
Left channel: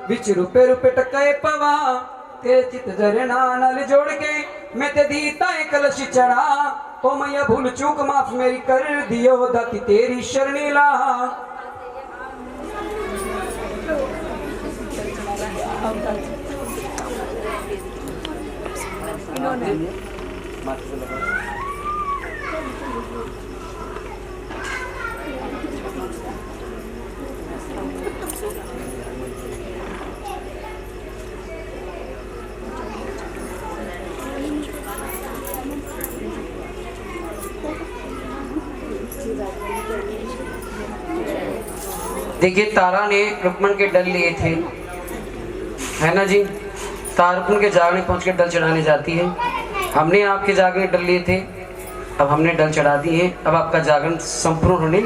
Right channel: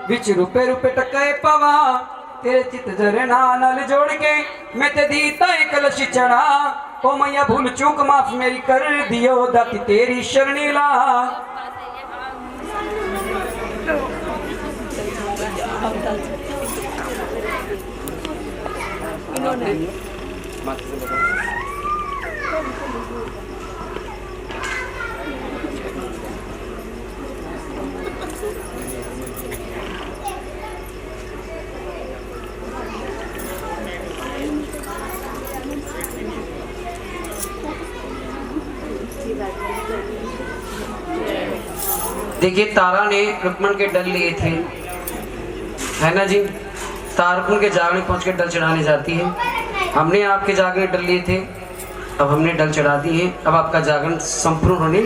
विच रुपए रुपए टकाए पवा, तेरे चित झरना नल जोड़ के मैं ते दीता है कलश चढ़ा, ओ मैया भूल चूक माफ मेरी कर दियो, दाती तेरी शरणी ला। देखिए तारा ने रुक्मण के डल लिए थे, है ना जी। तारा रुक्मण के जागने पहुंच के डल चढ़ाने जाती है। हमने आपके जागने डल लिए थे, अब हमने डल चढ़ा दी है, अब आपका जागरण संपूर्ण होने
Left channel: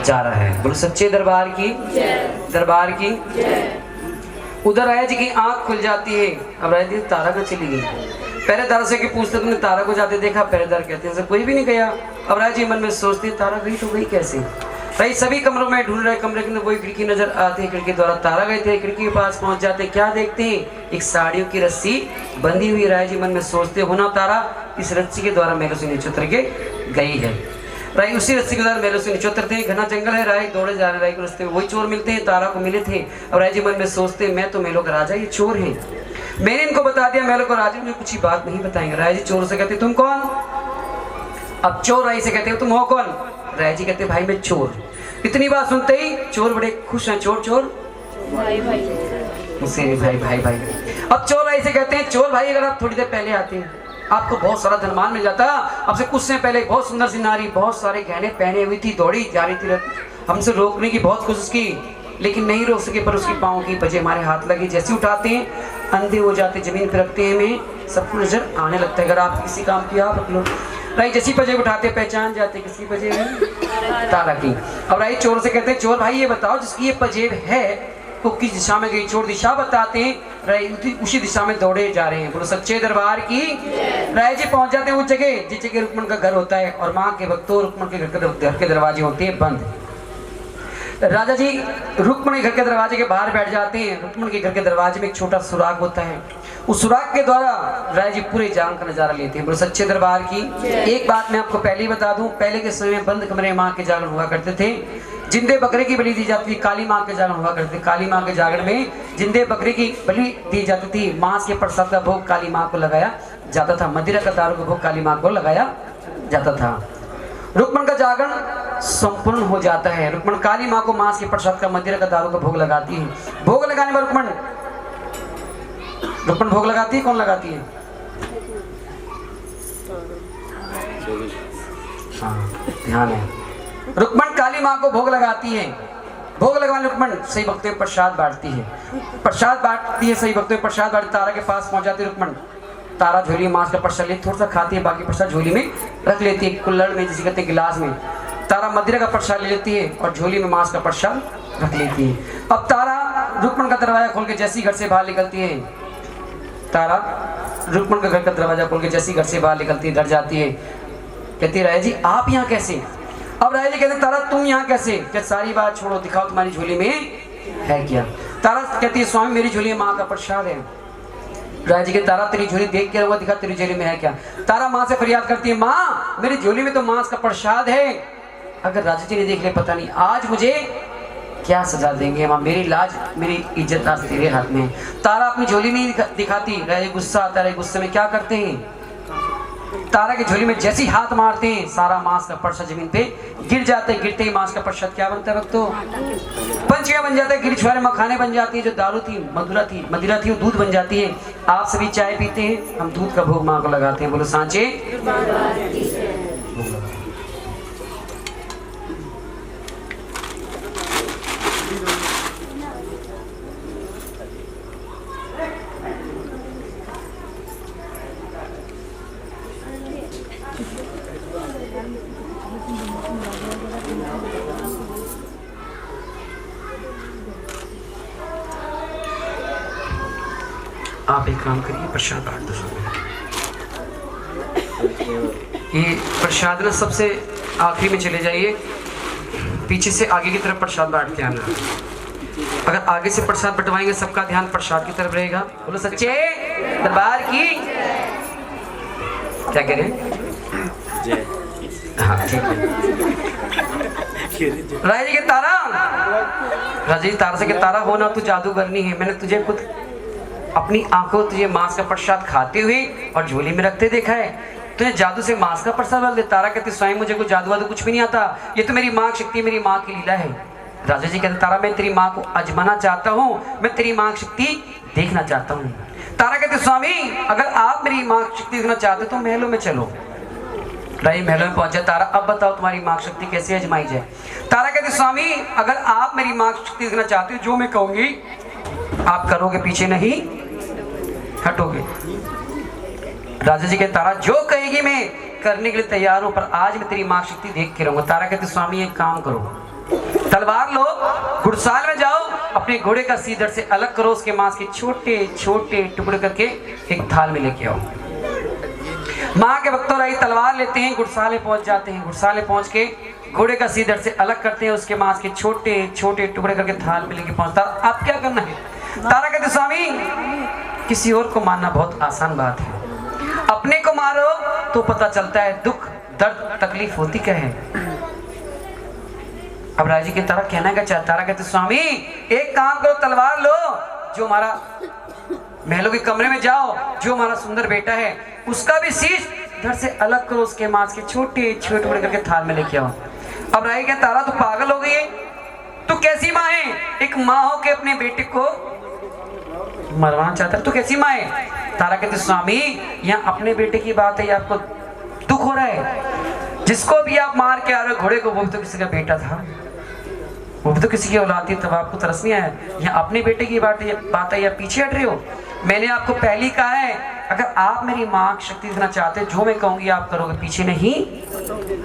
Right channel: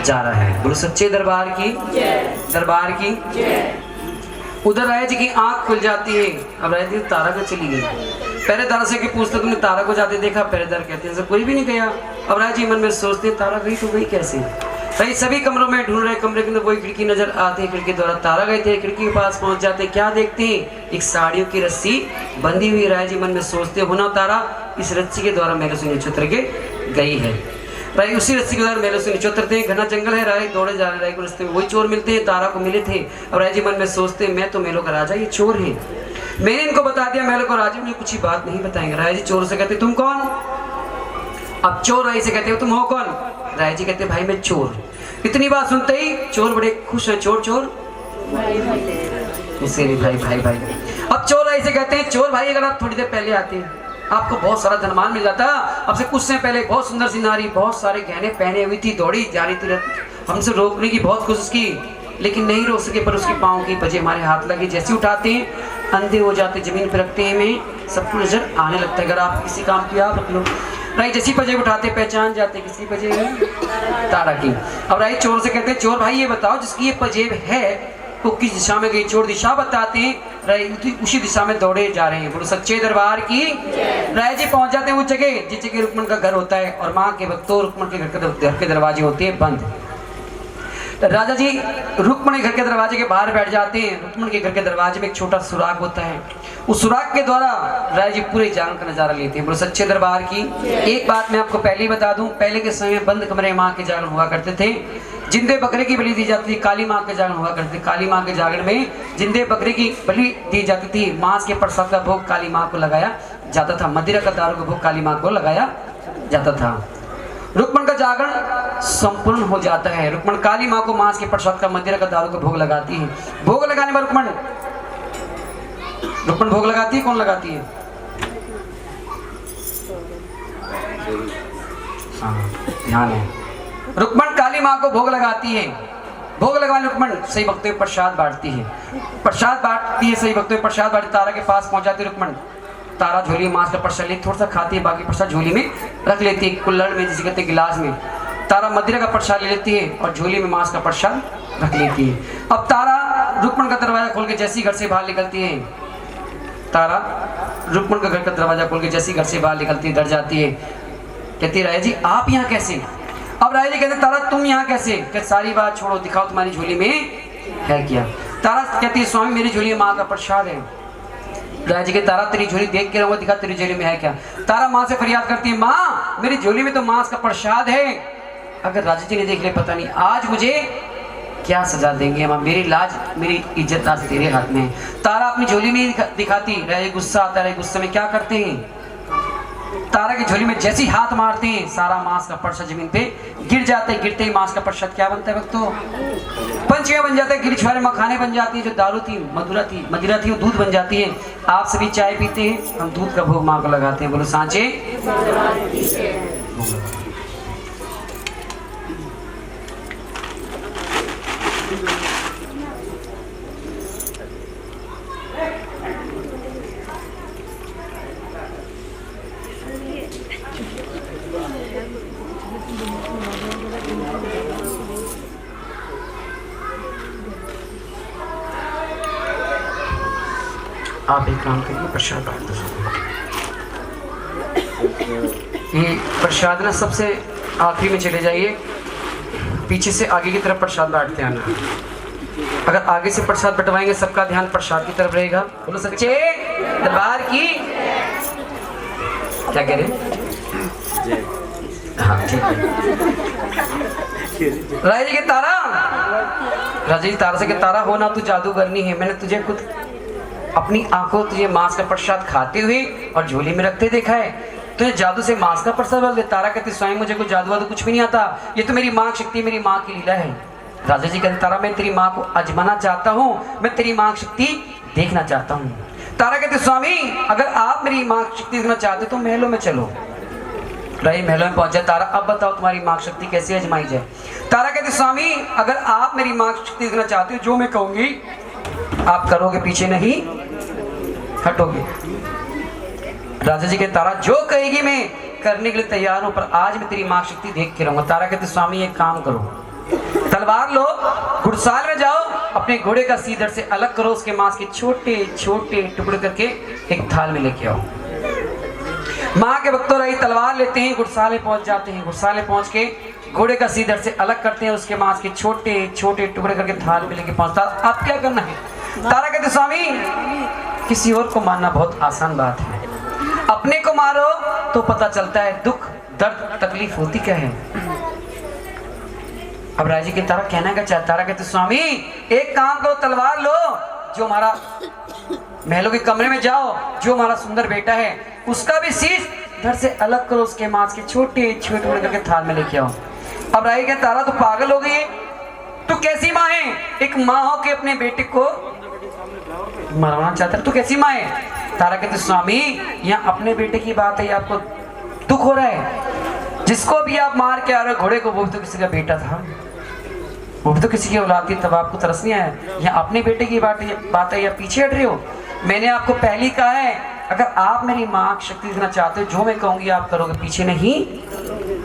जा रहा है। बोलो सच्चे दरबार की, दरबार की। उधर राय जी की आंख खुल जाती है। अब राय जी तारा को चली गई। पहरेदार से पूछते तुमने तारा को जाते देखा? पहरेदार कहते हैं कोई भी नहीं गया। अब राय जी मन में सोचते तारा गई तो गई कैसे? भाई सभी कमरों में ढूंढ रहे, कमरे के अंदर वही खिड़की नजर आती है, खिड़की द्वारा तारा गए थे। खिड़की के पास पहुंच जाते, क्या देखते हैं? एक साड़ियों की रस्सी बंधी हुई। राय जी मन में सोचते होना तारा इस रस्सी के द्वारा महलों से नीचे उतर के गई है। राय उसी रस्सी के द्वारा महलों से नीचे उतरते हैं। घना जंगल है, राय दौड़े जा रहे। राय को रास्ते में वही चोर मिलते हैं, तारा को मिले थे। और राय जी मन में सोचते मैं तो महलों का राजा, ये चोर है, मैंने इनको बता दिया महलों का राजा, मुझे कुछ ही बात नहीं बताएंगे। राय जी चोर से कहते तुम कौन? अब चोर राय से कहते हो तुम हो कौन? राय जी कहते भाई मैं चोर। इतनी बात सुनते ही चोर बड़े खुश हैं। चोर चोर भाई भाई भाई। अब चोर राय से कहते हैं चोर भाई अगर आप थोड़ी देर पहले आते आपको बहुत सारा धनमान मिल जाता। अब से कुछ समय पहले बहुत सुंदर सी नारी बहुत सारे गहने पहने हुई थी, दौड़ी जा रही थी, हमसे रोकने की बहुत कोशिश की लेकिन नहीं रोक सके, पर उसकी पाँव की बजे हमारे हाथ लगी। जैसे उठाते हैं अंधे हो जाते, जमीन पर रखते हैं, हमें सबको नजर आने लगता है। अगर आप किसी काम की आप रख लो, राय जैसी बजे उठाते पहचान जाते किसी बजे तारा की। अब राय चोर से कहते हैं चोर भाई ये बताओ जिसकी ये पजेब है वो किस दिशा में गई? चोर दिशा बताते हैं, राय उसी दिशा में दौड़े जा रहे हैं। बोलो सच्चे दरबार की। राय जी पहुंच जाते हैं उस जगह जिस जगह रुक्मण का घर होता है और माँ के भक्तों रुक्मण के घर के दरवाजे होते हैं बंद। राजा जी रुक्मण के घर के दरवाजे के बाहर बैठ जाते हैं। रुक्मण के घर के दरवाजे में एक छोटा सुराग होता है, उस सुराग के द्वारा राय जी पूरे जांग का नजारा लेते हैं। बोलो सच्चे दरबार की। एक बात मैं आपको पहले ही बता दूं, पहले के समय में बंद कमरे माँ के जागरण हुआ करते थे। जिंदे बकरे की बलि दी जाती थी, काली माँ के जागरण हुआ करते थे। काली माँ के जागरण में जिंदे बकरे की बलि दी जाती थी, मांस के प्रसाद का भोग काली माँ को लगाया जाता था, मदिरा का दारू का भोग काली माँ को लगाया जाता था। रुक्मण का जागरण संपूर्ण हो जाता है। रुक्मण काली माँ को मांस के प्रसाद का मदिरा का दारू का भोग लगाती है। भोग लगाने पर रुक्मण भोग लगाती है, कौन लगाती है? हाँ ध्यान है। रुक्मण काली माँ को भोग लगाती है। भोग लगाने रुक्मण सही वक्त में प्रसाद बांटती है, प्रसाद बांटती है सही वक्त में प्रसाद बांटती। तारा के पास पहुंच जाती है रुक्मण। तारा झोली में मांस का प्रसाद ले थोड़ा सा खाती है, बाकी प्रसाद झोली में रख लेती है, कुल्हड़ में जिसे कहते हैं गिलास में। तारा मदिरा का प्रसाद ले लेती है और झोली में मांस का प्रसाद रख लेती है। अब तारा रुक्मण का दरवाजा खोल के जैसी घर से बाहर निकलती है, तारा रुक्मण का घर का दरवाजा खोल के जैसी घर से बाहर निकलती है, डर जाती है, कहती राय जी आप यहाँ कैसे? अब राय जी कहते तारा तुम यहाँ कैसे? क्या सारी बात छोड़ो, दिखाओ तुम्हारी झोली में है क्या? तारा कहती है स्वामी मेरी झोली में माँ का प्रसाद है। राय जी के तारा तेरी झोली देख के रहूंगा, दिखा तेरी झोली में है क्या? तारा माँ से फरियाद करती है माँ मेरी झोली में तो मांस का प्रसाद है, अगर राजा जी ने देख ले पता नहीं आज मुझे क्या सजा देंगे माँ, मेरी लाज मेरी इज्जत आज तेरे हाथ में है। तारा अपनी झोली नहीं दिखाती। राय गुस्सा आता है, गुस्से में क्या करते हैं तारा की झोली में जैसी हाथ मारते हैं सारा मांस का प्रसाद जमीन पे गिर जाता है। गिरते ही मांस का प्रसाद क्या बनता है भक्तों? पंचिया बन जाता है, गिरछुआरे मखाने बन जाती है, जो दारू थी मदिरा थी वो दूध बन जाती है। आप सभी चाय पीते हैं, हम दूध का भोग माँ को लगाते हैं। बोलो सांचे। आप एक काम करिए, प्रसाद बांट दो। ये प्रसाद ना सबसे आखिरी में चले जाइए, पीछे से आगे की तरफ प्रसाद बांटते आना। अगर आगे से प्रसाद बंटवाएंगे सबका ध्यान प्रसाद की तरफ रहेगा। बोलो सच्चे दरबार की क्या करें? हाँ ठीक है। राजा जी के तारा, राजा जी तारा से के तारा होना तू जादूगरनी है। मैंने तुझे खुद अपनी आंखों तुझे मांस का प्रसाद खाते हुए और झोली में रखते देखा है। तुझे जादू से मांस का प्रसाद बोल दे। तारा कहती स्वयं मुझे कोई जादू वादू कुछ भी नहीं आता, ये तो मेरी माँ की शक्ति, मेरी माँ की लीला है। राजा जी कहते तारा मैं तेरी माँ को आजमाना चाहता हूँ, मैं तेरी माँ की शक्ति देखना चाहता हूँ। तारा कहते स्वामी अगर आप मेरी माँ की शक्ति देखना चाहते तो महलों में चलो। रानी महलों में पहुंचा। तारा अब बताओ तुम्हारी माँ की शक्ति कैसे आजमाई जाए? तारा कहते स्वामी अगर आप मेरी माँ की शक्ति देखना चाहते हो, जो मैं कहूंगी आप करोगे, पीछे नहीं हटोगे। राजा जी कहते तारा जो कहेगी मैं करने के लिए तैयार हूं, पर आज मैं तेरी माँ की शक्ति देख के रहूंगा। तारा कहते स्वामी एक काम करो, तलवार लो, घुड़साल में जाओ, अपने घोड़े का सीधर से अलग करो, उसके मांस के छोटे छोटे टुकड़े करके एक थाल में लेके आओ। माँ के भक्तों रही तलवार लेते हैं, घुड़साल में पहुंच जाते हैं। घुड़साल में पहुंच के घोड़े का सीधर से अलग करते हैं, उसके मांस के छोटे छोटे टुकड़े करके थाल में लेके पहुंचता। अब क्या करना है? तारा कहते स्वामी किसी और को मारना बहुत आसान बात है, अपने को मारो तो पता चलता है दुख दर्द तकलीफ होती क्या है। अब राजी के तारा कहना क्या चाहता? तारा कहते स्वामी एक काम करो, तलवार लो, जो हमारा महलों के कमरे में जाओ, जो हमारा सुंदर बेटा है उसका भी शीश घर से अलग करो, उसके मांस के छोटे छोटे टुकड़े करके थाल में लेके आओ। अब राजी के तारा तो पागल हो गई है, तू कैसी माँ है? एक माँ हो के अपने बेटे को मरवाना चाहता है, तू कैसी माँ है? तारा कहते स्वामी यहाँ अपने बेटे की बात है, आपको दुख हो रहा है? जिसको भी आप मार के आ रहे हो घोड़े को, वो भी तो किसी का बेटा था, वो भी तो किसी की औलाद थी, तब आपको तरस नहीं आया? यहाँ अपने बेटे की बात है या पीछे हट रहे हो? मैंने आपको पहले ही कहा है अगर आप मेरी माँ की शक्ति देना चाहते हो, जो मैं कहूंगी आप करोगे, पीछे नहीं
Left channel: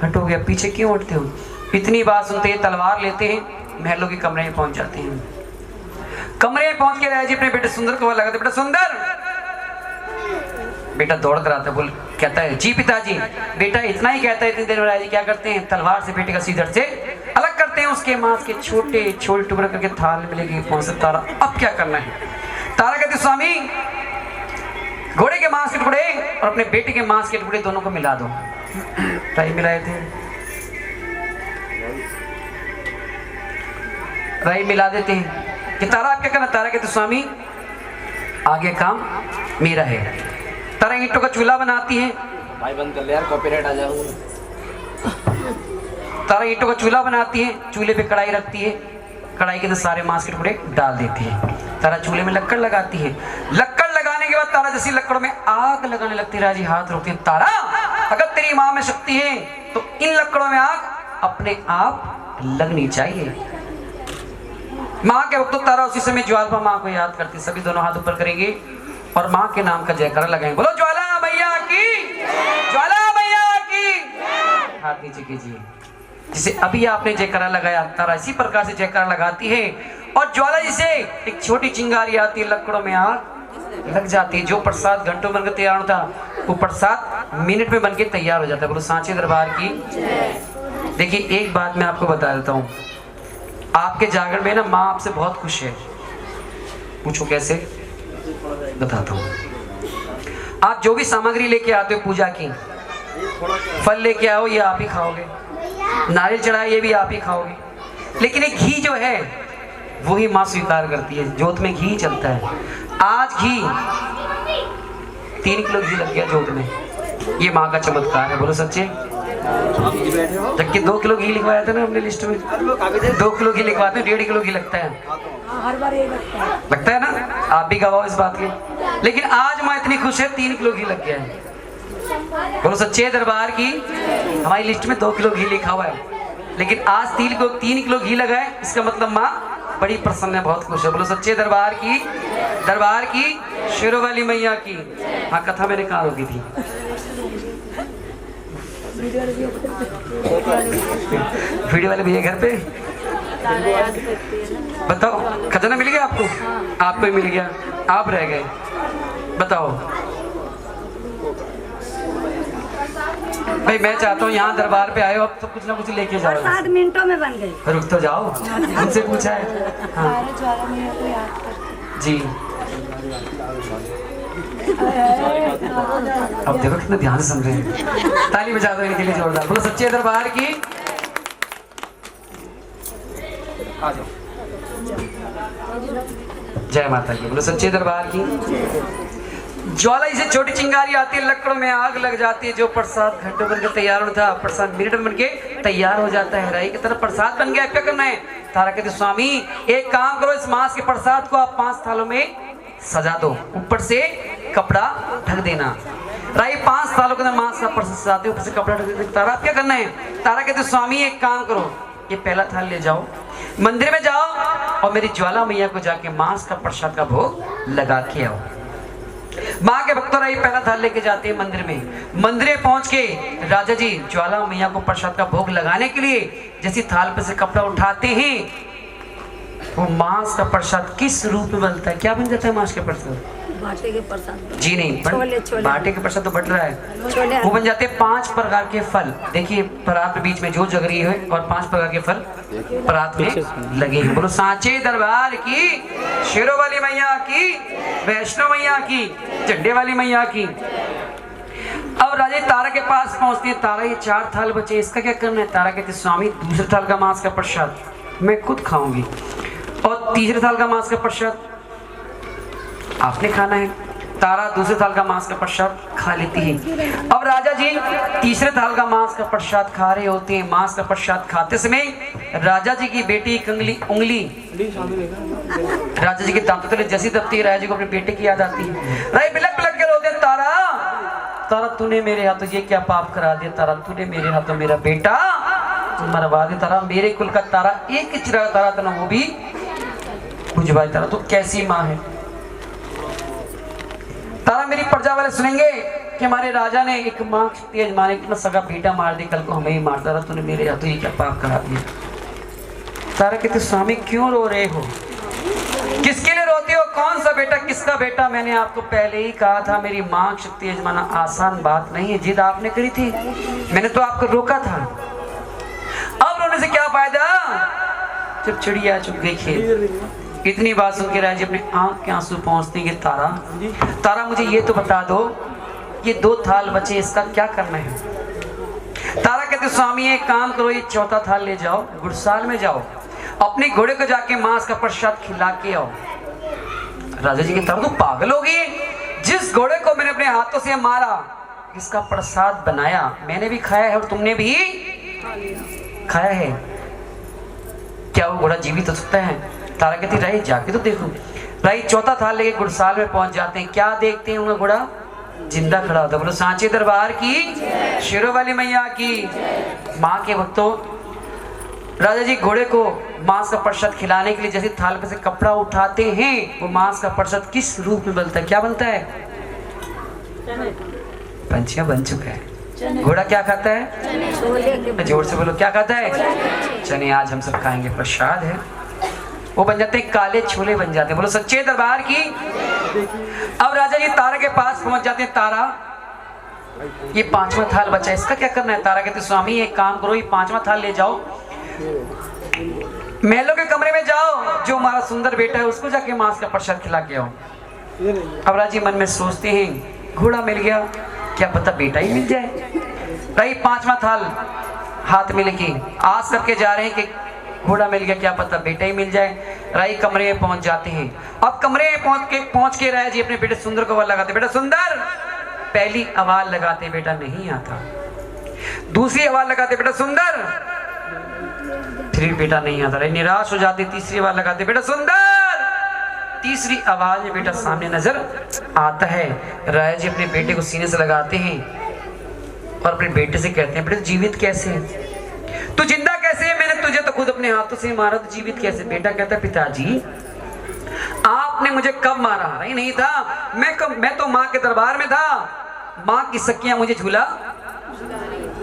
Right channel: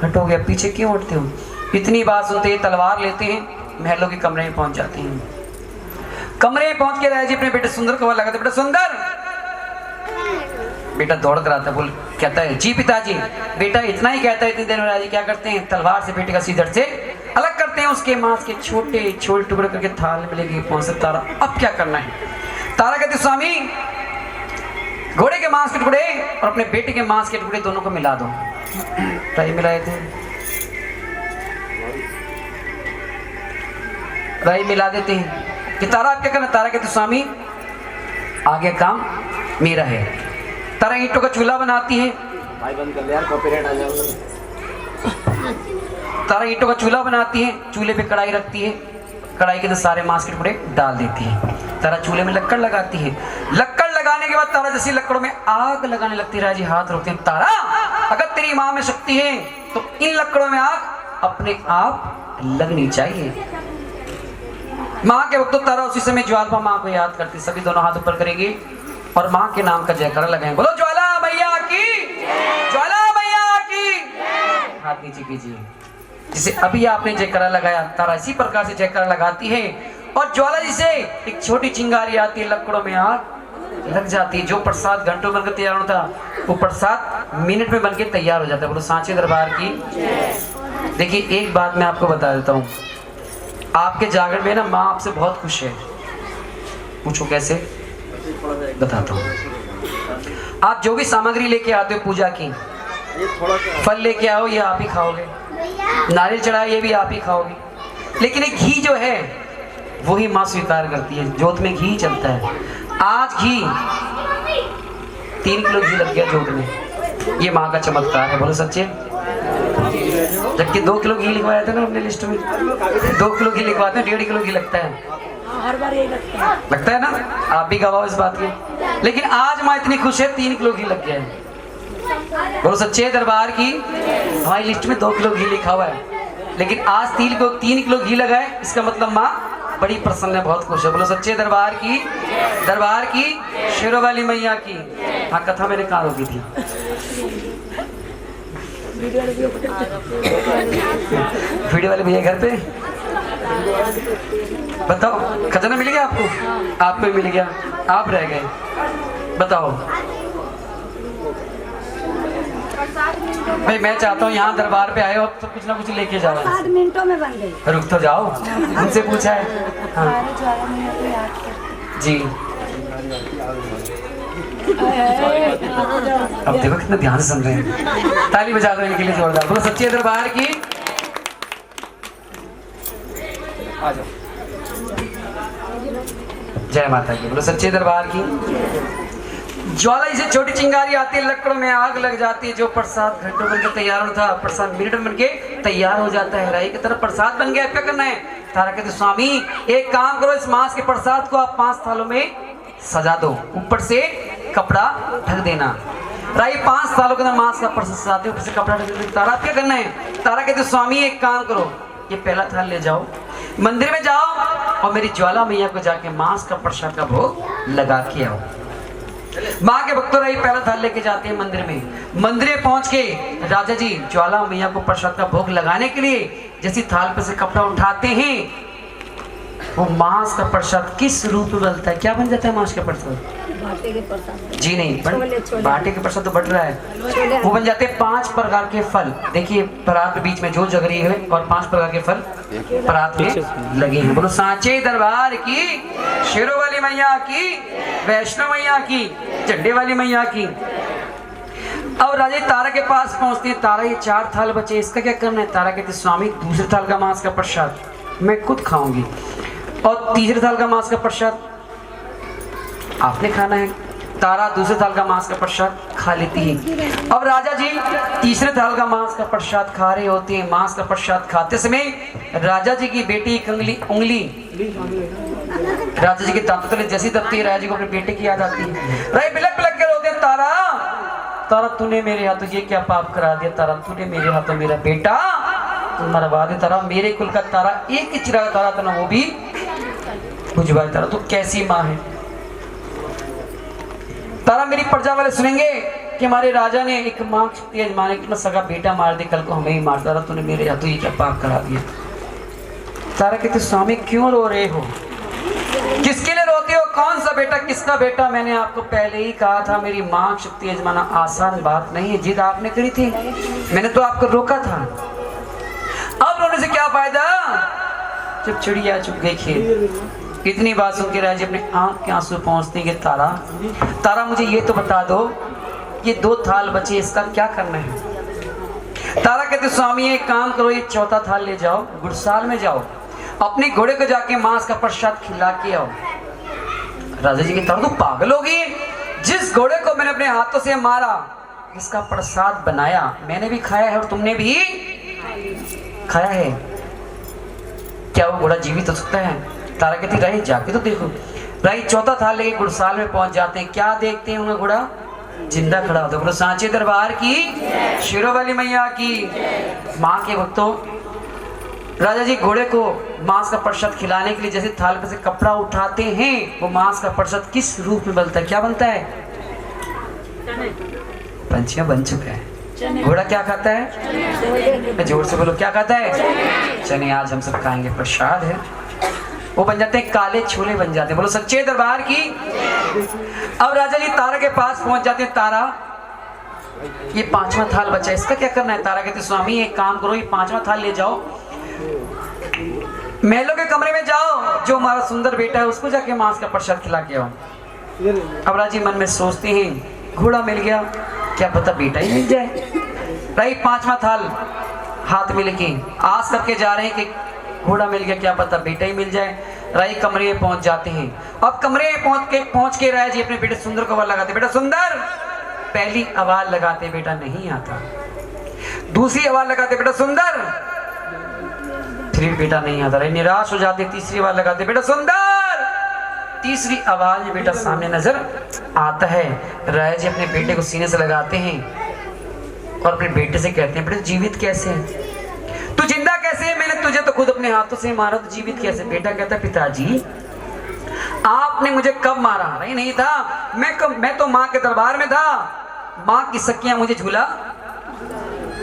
हटोगे। पीछे क्यों हटते हो? इतनी बात सुनते ही तलवार लेते हैं, महलों के कमरे में पहुंच जाते हैं। कमरे में पहुंच के राजा जी अपने बेटे सुंदर को लगाते, बेटा सुंदर। बेटा दौड़ कर आता है, बोल कहता है जी पिताजी। बेटा इतना ही कहता है, इतनी देर में राजा जी क्या करते हैं? तलवार से बेटे का सीधर से अलग करते हैं, उसके मांस के छोटे छोटे टुकड़े करके थाल में लेके पहुंचते। तारा अब क्या करना है? तारा कहते स्वामी घोड़े के मांस के टुकड़े और अपने बेटे के मांस के टुकड़े दोनों को मिला दो। टाइम मिलाए थे, राई मिला देते हैं कि तारा आप क्या करना? तारा कहते स्वामी आगे काम मेरा है। तारा ईंटों का चूल्हा बनाती है, भाई बंद कर ले यार, कॉपीराइट आ जाएगा। तारा ईंटों का चूल्हा बनाती है, चूल्हे पे कढ़ाई रखती है, कढ़ाई के अंदर सारे मांस के टुकड़े डाल देती है। तारा चूल्हे में लक्कड़ लगाती है, लक्कड़ लगाने के बाद तारा जैसी लकड़ों में आग लगाने लगती है। राजी हाथ रोकते हैं, तारा अगर तेरी माँ में शक्ति है तो इन लकड़ों में आग अपने आप लगनी चाहिए। माँ के वक्त तारा उसी समय ज्वाला माँ को याद करती, सभी दोनों हाथ ऊपर करेंगे और माँ के नाम का जयकारा लगाएंगे। बोलो ज्वाला मैया की, ज्वाला मैया की। हाथ नीचे कीजिए। जिसे अभी आपने जयकारा लगाया, तारा इसी प्रकार से जयकारा लगाती है और ज्वाला जिसे एक छोटी चिंगारी आती है, लकड़ों में आग लग जाती है। जो प्रसाद घंटों बनकर तैयार होता वो प्रसाद मिनट में बनके तैयार हो जाता है। बोलो सांचे दरबार की। देखिए एक बात मैं आपको बता देता हूँ, आपके जागरण में ना माँ आपसे बहुत खुश है। पूछो कैसे? बताता हूँ। आप जो भी सामग्री लेके आते हो पूजा की, फल लेके आओ, ये आप ही खाओगे, नारियल चढ़ाए ये भी आप ही खाओगे, लेकिन एक घी जो है वो ही माँ स्वीकार करती है। जोत में घी चलता है। आज घी 3 किलो घी लग गया जोत में, ये माँ का चमत्कार है। बोलो सच्चे? जबकि 2 किलो घी लिखवाया था ना हमने लिस्ट में, 2 किलो घी लिखवाते हैं, 1.5 किलो घी लगता है। हर बार ये लगता है ना? आप भी गवाह इस बात की। लेकिन आज माँ इतनी खुश है 3 किलो घी लग गया है। बोलो सच्चे दरबार की। हमारी लिस्ट में 2 किलो घी लिखा हुआ है, लेकिन आज 3 किलो घी लगा है, इसका मतलब माँ बड़ी प्रसन्न है, बहुत खुश है। बोलो सच्चे दरबार की, दरबार की, शेरों वाली मैया की। हाँ कथा मैंने कहा होगी थी। वीडियो वाले भैया घर पे बताओ, खजाना मिल गया आपको? आपको ही मिल गया, आप रह गए। बताओ भाई मैं चाहता हूँ यहाँ दरबार पे आए हो, अब तो कुछ ना कुछ लेके जा रहे 7 मिनटों में बन गई। हैं। रुक तो जाओ, उनसे पूछा है। हाँ ज्वाला मैया को याद करते जी, अब देखो कितना ध्यान से सुन रहे हैं। ताली बजा दो इनके लिए जोरदार। बोलो सच्चे दरबार की। आ जाओ। जय माता की। बोलो सच्चे दरबार की। ज्वाला से छोटी चिंगारी आती है, लकड़ों में आग लग जाती है। जो प्रसाद घंटों बनके तैयार होता है, प्रसाद मिनट में बनके तैयार हो जाता है। राई की तरफ प्रसाद बन गया, क्या करना है? तारा कहते स्वामी एक काम करो, इस मांस के प्रसाद को आप 5 थालों में सजा दो, ऊपर से कपड़ा ढक देना। राई 5 थालों के अंदर मांस का प्रसाद सजाते, ऊपर से कपड़ा ढक देना। तारा क्या करना है? तारा कहते स्वामी एक काम करो, ये पहला थाल ले जाओ, मंदिर में जाओ और मेरी ज्वाला मैया को जाके मांस का प्रसाद का भोग लगा के आओ। माँ के भक्तों रही पहला थाल लेके जाते हैं मंदिर में। मंदिर में पहुंच के राजा जी ज्वाला मैया को प्रसाद का भोग लगाने के लिए जैसे थाल पे से कपड़ा उठाते हैं, वो मांस का प्रसाद किस रूप में बनता है? क्या बन जाता है मांस का प्रसाद? बाटे के प्रसाद। जी नहीं, छोले। बाटे के प्रसाद तो बट रहा है। वो बन जाते हैं 5 प्रकार के फल। देखिए परात के बीच में जो जग रही है और 5 प्रकार के फल परात में लगे हैं। बोलो सांचे दरबार की, शेरों वाली मैया की, वैष्णो मैया की, झंडे वाली मैया की। अब राजा तारा के पास पहुंचते हैं। तारा ये 4 थाल बचे, इसका क्या करना है? तारा कहते स्वामी दूसरे थाल का मांस का प्रसाद मैं खुद खाऊंगी और तीसरे थाल का मांस का प्रसाद आपने खाना है। तारा दूसरे थाल का मांस का प्रसाद खा लेती है। अब राजा जी तीसरे थाल का मांस का प्रसाद खा रहे होते हैं। मांस का प्रसाद खाते समय राजा जी की बेटी की उंगली राजा जी के दांतों तले जैसी दबती है, राजा जी को अपने बेटे की याद आती है। राय बिलक बिलक के रोते, तारा तारा तूने मेरे हाथों ये क्या पाप करा दिया? तारा तूने मेरे हाथों मेरा बेटा मरवा दे। तारा मेरे कुल का तारा एक ही चिराग तारा था ना, वो भी बुझवा। तारा तू कैसी माँ है? तारा मेरी प्रजा वाले सुनेंगे कि हमारे राजा ने एक माँ शक्ति अजमाने की सगा बेटा मार दिया, कल को हमें ही मार। तारा तूने मेरे हाथों ये क्या पाप करा दिया? तारा कहते स्वामी क्यों रो रहे हो? किसके लिए रोते हो? कौन सा बेटा, किसका बेटा? मैंने आपको पहले ही कहा था मेरी माँ शक्ति अजमाना आसान बात नहीं है। जिद आपने करी थी, मैंने तो आपको रोका था। अब रोने से क्या फायदा? चुप चिड़िया चुप गई खेत। इतनी बात सुन के राजा अपने आंख के आंसू पहुंचते हैं कि तारा तारा मुझे ये तो बता दो, ये 2 थाल बचे, इसका क्या करना है? तारा कहते स्वामी एक काम करो, ये 4था थाल ले जाओ, गुड़साल में जाओ, अपने घोड़े को जाके मांस का प्रसाद खिला के आओ। राजा जी की तारा तू पागल होगी? जिस घोड़े को मैंने अपने हाथों से मारा, इसका प्रसाद बनाया, मैंने भी खाया है और तुमने भी खाया है, क्या वो घोड़ा जीवित हो सकता है? तारा कहती रही जाके तो देखो। रही 4था थाल लेके गुड़साल में पहुंच जाते हैं। क्या देखते हैं? उनका घोड़ा जिंदा खड़ा होता है। बोलो सांचे दरबार की, शेरों वाली मैया की। माँ के भक्तों राजा जी घोड़े को मांस का प्रसाद खिलाने के लिए जैसे थाल पे से कपड़ा उठाते हैं, वो मांस का प्रसाद किस रूप में बनता है? क्या बनता है? पंछियां बन चुका है। घोड़ा क्या खाता है? जोर से बोलो, क्या खाता है? चने। आज हम सब खाएंगे, प्रसाद है। वो बन जाते हैं काले छोले बन जाते हैं। बोलो सच्चे दरबार की। अब राजा जी तारा के पास पहुंच जाते हैं। तारा ये 5वां थाल बचा, इसका क्या करना है? तारा कहते स्वामी एक काम करो, ये 5वां थाल ले जाओ, महलों के कमरे में जाओ, जो हमारा सुंदर बेटा है उसको जाके मांस का प्रसाद खिला के आओ। अब राजा जी मन में सोचते हैं घोड़ा मिल गया, क्या पता बेटा ही मिल जाए। भाई 5वां थाल हाथ में लेके आस करके जा रहे हैं कि घोड़ा मिल गया, क्या पता बेटा ही मिल जाए। राई कमरे में पहुंच जाते हैं। अब कमरे में पहुंच के राय जी अपने बेटे सुंदर को आवाज लगाते, बेटा सुंदर। पहली आवाज लगाते, बेटा नहीं आता। दूसरी आवाज लगाते, बेटा सुंदर। फिर बेटा नहीं आता। राय निराश हो जाते, तीसरी आवाज लगाते, बेटा सुंदर। तीसरी आवाज में बेटा सामने नजर आता है। राय जी अपने बेटे को सीने से लगाते हैं और अपने बेटे से कहते हैं, बेटा जीवित कैसे है? तू जिंदा कैसे है? मैंने तुझे तो खुद अपने हाथों से मारा, तो जीवित कैसे? बेटा कहता है, पिताजी आपने मुझे कब मारा? नहीं था, मैं तो माँ के दरबार में था। माँ की सखियां मुझे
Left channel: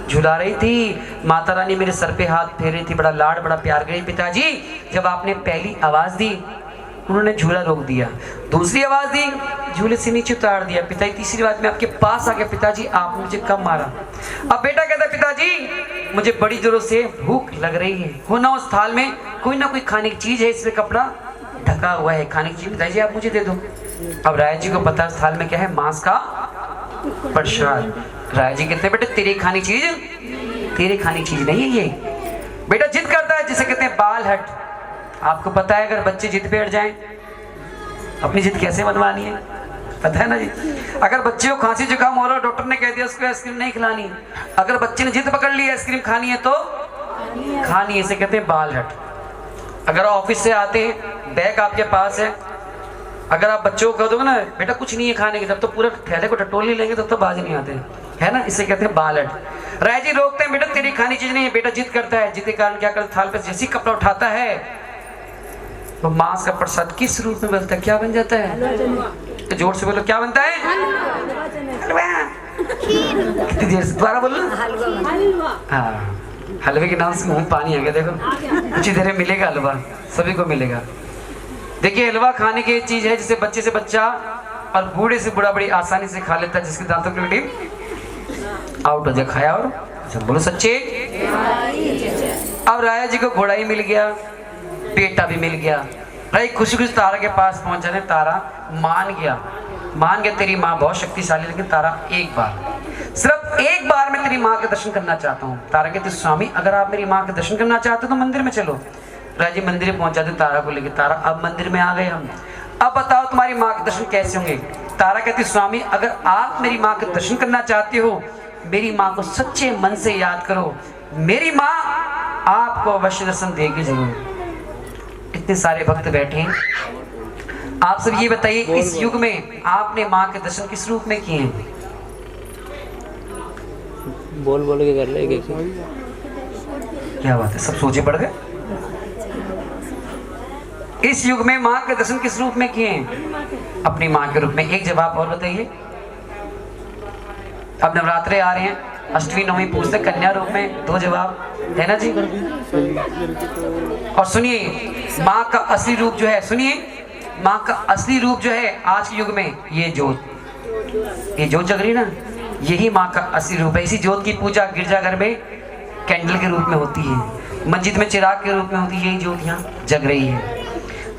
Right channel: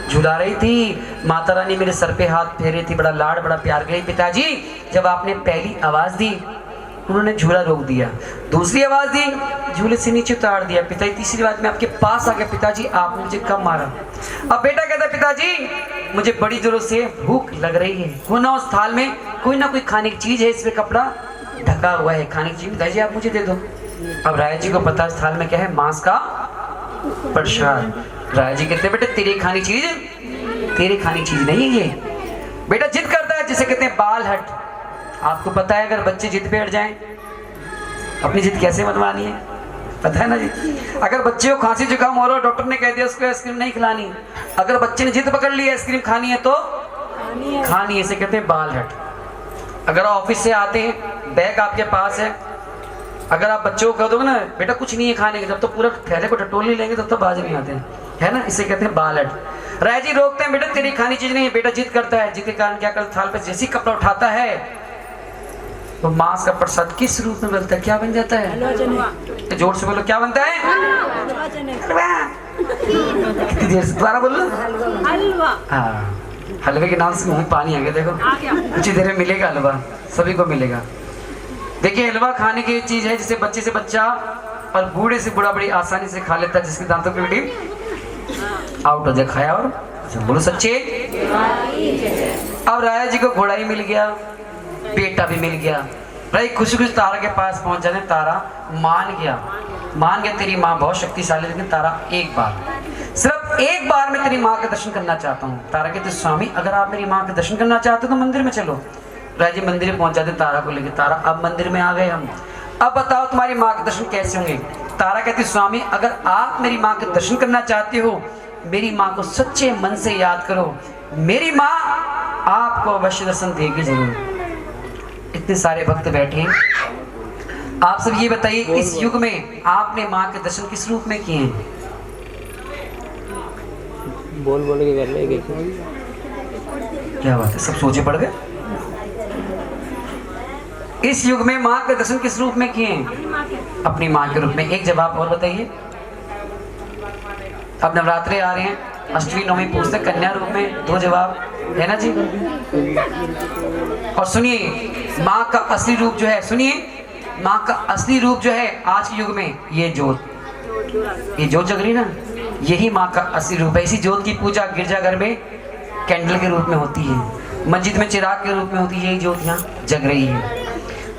झुला रही थी। माता रानी मेरे सर पे हाथ फेर रही थी, बड़ा लाड बड़ा प्यार करी। पिताजी जब आपने पहली आवाज दी, उन्होंने झूला रोक दिया। दूसरी आवाज दी, झूले से नीचे उतार दिया। पिताजी तीसरी बात में आपके पास आ गया, पिताजी आपने मुझे कब मारा? अब बेटा कहता है पिताजी मुझे बड़ी जोरों से भूख लग रही है, वो ना उस थाल में कोई ना कोई खाने की चीज है, इसमें कपड़ा ढका हुआ है, खाने की चीज दादी आप मुझे दे दो। अब राय जी को पता है थाल में क्या है, मांस का प्रसाद। राय जी कहते हैं बेटा तेरी खानी चीज नहीं है ये। बेटा जिद करता है जिसे कहते हैं बाल हट। आपको पता है अगर बच्चे जिद पे हट जाएं अपनी जिद कैसे मनवानी है, पता है ना जी। अगर बच्चे को खांसी जुकाम हो रहा है, डॉक्टर ने कह दिया उसको आइसक्रीम नहीं खिलानी, अगर बच्चे ने जिद पकड़ ली आइसक्रीम खानी है तो खानी है, इसे कहते हैं बाल हट। अगर ऑफिस से आते हैं बैग आपके पास है, अगर आप बच्चों को कह दोगे ना बेटा कुछ नहीं है खाने की, जब तो पूरा थैले को टटोल नहीं लेंगे तब तो बाज नहीं आते है ना, इसे कहते हैं बाल हट। राय जी रोकते हैं बेटा तेरी खानी चीज नहीं है। बेटा जिद करता है, जिद के कारण क्या करता, थाल पर जैसी कपड़ा उठाता है तो मांस का प्रसाद किस रूप में बनता है, क्या बन जाता है? तो जोर से बोलो क्या बनता है? कितनी देर से दोबारा बोलो। हाँ, हलवे के नाम से मुंह पानी आ गया। देखो कुछ ही देर में मिलेगा हलवा, सभी को मिलेगा। देखिए हलवा खाने की चीज है जिसे बच्चे से बच्चा और बूढ़े से बूढ़ा बड़ी आसानी से खा लेता है, जिसके दांतों की टीम आउट हो जाए खाया। और बोलो सच्चे। अब राया जी को घोड़ा ही मिल गया, बेटा भी मिल गया। भाई खुशी खुशी तारा के पास पहुंच जाने, तारा मान गया तेरी माँ बहुत शक्तिशाली, लेकिन तारा सिर्फ एक बार मैं तेरी माँ के दर्शन करना चाहता हूँ। तारा कहते स्वामी अगर आप मेरी माँ के दर्शन करना चाहते हो तो मंदिर में चलो। राजा जी मंदिर में पहुंच जाते तारा को लेकर। तारा अब मंदिर में आ गए हम, अब बताओ तुम्हारी माँ के दर्शन कैसे होंगे? तारा कहती स्वामी अगर आप मेरी माँ के दर्शन करना चाहते हो, मेरी माँ को सच्चे मन से याद करो, मेरी माँ आपको अवश्य दर्शन देगी जरूर। इतने सारे भक्त बैठे हैं, आप सब ये बताइए इस युग में आपने माँ के दर्शन किस रूप में किए हैं? बोल के कर ले क्या बात है, सब सोचे पड़ गए। इस युग में माँ के दर्शन किस रूप में किए हैं? अपनी माँ के रूप में। एक जवाब और बताइए। अब नवरात्रे आ रहे हैं, अष्टमी नवमी पूछते कन्या रूप में, 2 जवाब है ना जी। और सुनिए माँ का असली रूप जो है, सुनिए माँ का असली रूप जो है आज के युग में ये जोत जग रही ना, यही माँ का असली रूप है। इसी जोत की पूजा गिरजाघर में कैंडल के रूप में होती है, मस्जिद में चिराग के रूप में होती है, यही जोत यहाँ जग रही है।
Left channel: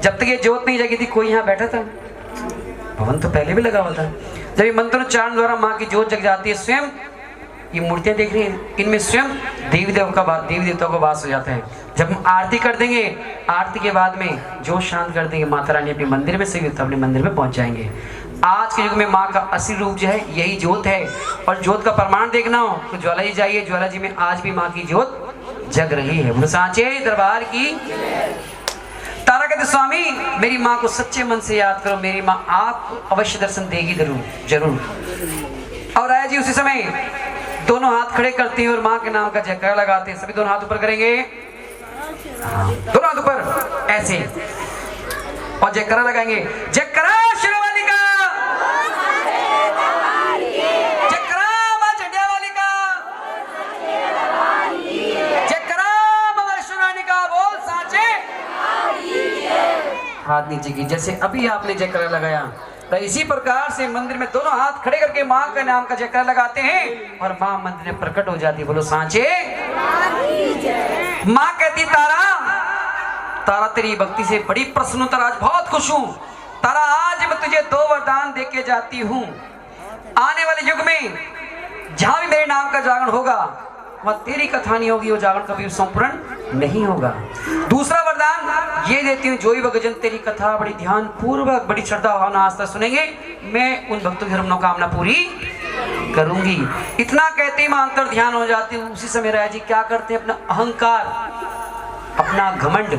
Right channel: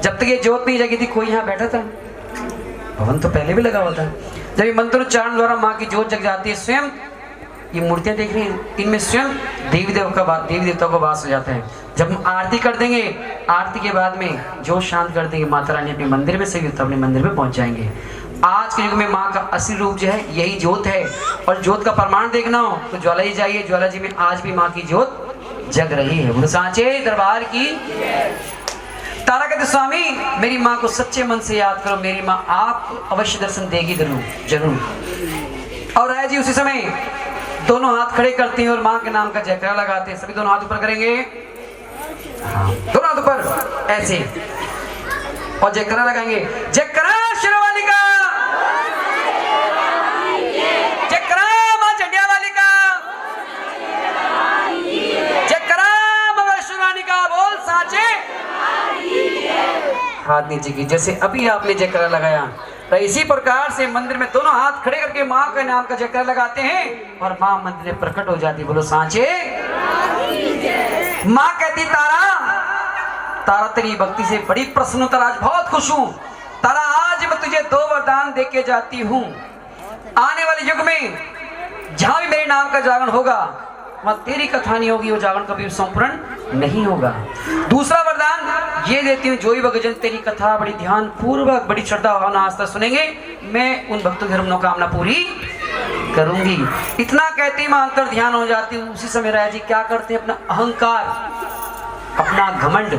जब तक ये जोत नहीं जगी थी कोई यहाँ बैठा था? भवन तो पहले भी लगा हुआ था। जब ये मंत्रोच्चारण द्वारा माँ की जोत जग जाती है, स्वयं ये मूर्तियां देख रही हैं, इनमें स्वयं देवी देवताओं का वास हो जाता है। जब हम आरती कर देंगे, आरती के बाद में जोत शांत कर देंगे, माता रानी अपने मंदिर में से अपने मंदिर में पहुंच जाएंगे। आज के युग में माँ का असली रूप जो है यही जोत है। और जोत का प्रमाण देखना हो तो ज्वाला जी जाइए, ज्वाला जी में आज भी माँ की जोत जग रही है। बोलो सांचे दरबार की। तारा कहते स्वामी मेरी माँ को सच्चे मन से याद करो, मेरी माँ आप अवश्य दर्शन देगी जरूर। और राय जी उसी समय दोनों हाथ खड़े करते हैं और माँ के नाम का जयकारा लगाते हैं। सभी दोनों हाथ ऊपर करेंगे, दोनों हाथ ऊपर ऐसे, और जयकारा लगाएंगे। जयकारा शेरवाली का, जयकारा माँ चंडिया वाली का, जयकारा माँ वैष्णो रानी का। बोल साचे। हाथ नीचे की, जैसे अभी आपने जयकारा लगाया तो इसी प्रकार से मंदिर में दोनों हाथ खड़े करके माँ के नाम का जयकारा लगाते हैं और माँ मंदिर में प्रकट हो जाती। बोलो सांचे। माँ कहती तारा तेरी भक्ति से बड़ी प्रसन्न हूं, तारा आज बहुत खुश हूं। तारा आज मैं तुझे 2 वरदान देके जाती हूँ। आने वाले युग में जहां भी मेरे नाम का जागरण होगा वहां तेरी कथा नहीं होगी, वो जागरण कभी संपूर्ण नहीं होगा। दूसरा वरदान ये देती हूँ, जो ही भक्तजन तेरी कथा बड़ी ध्यान पूर्वक बड़ी श्रद्धा भावना आस्था सुनेंगे, मैं उन भक्तों की मनोकामना पूरी करूंगी। इतना कहते ही मैं अंतर ध्यान हो जाती हूँ। उसी समय राय जी क्या करते हैं, अपना अहंकार अपना घमंड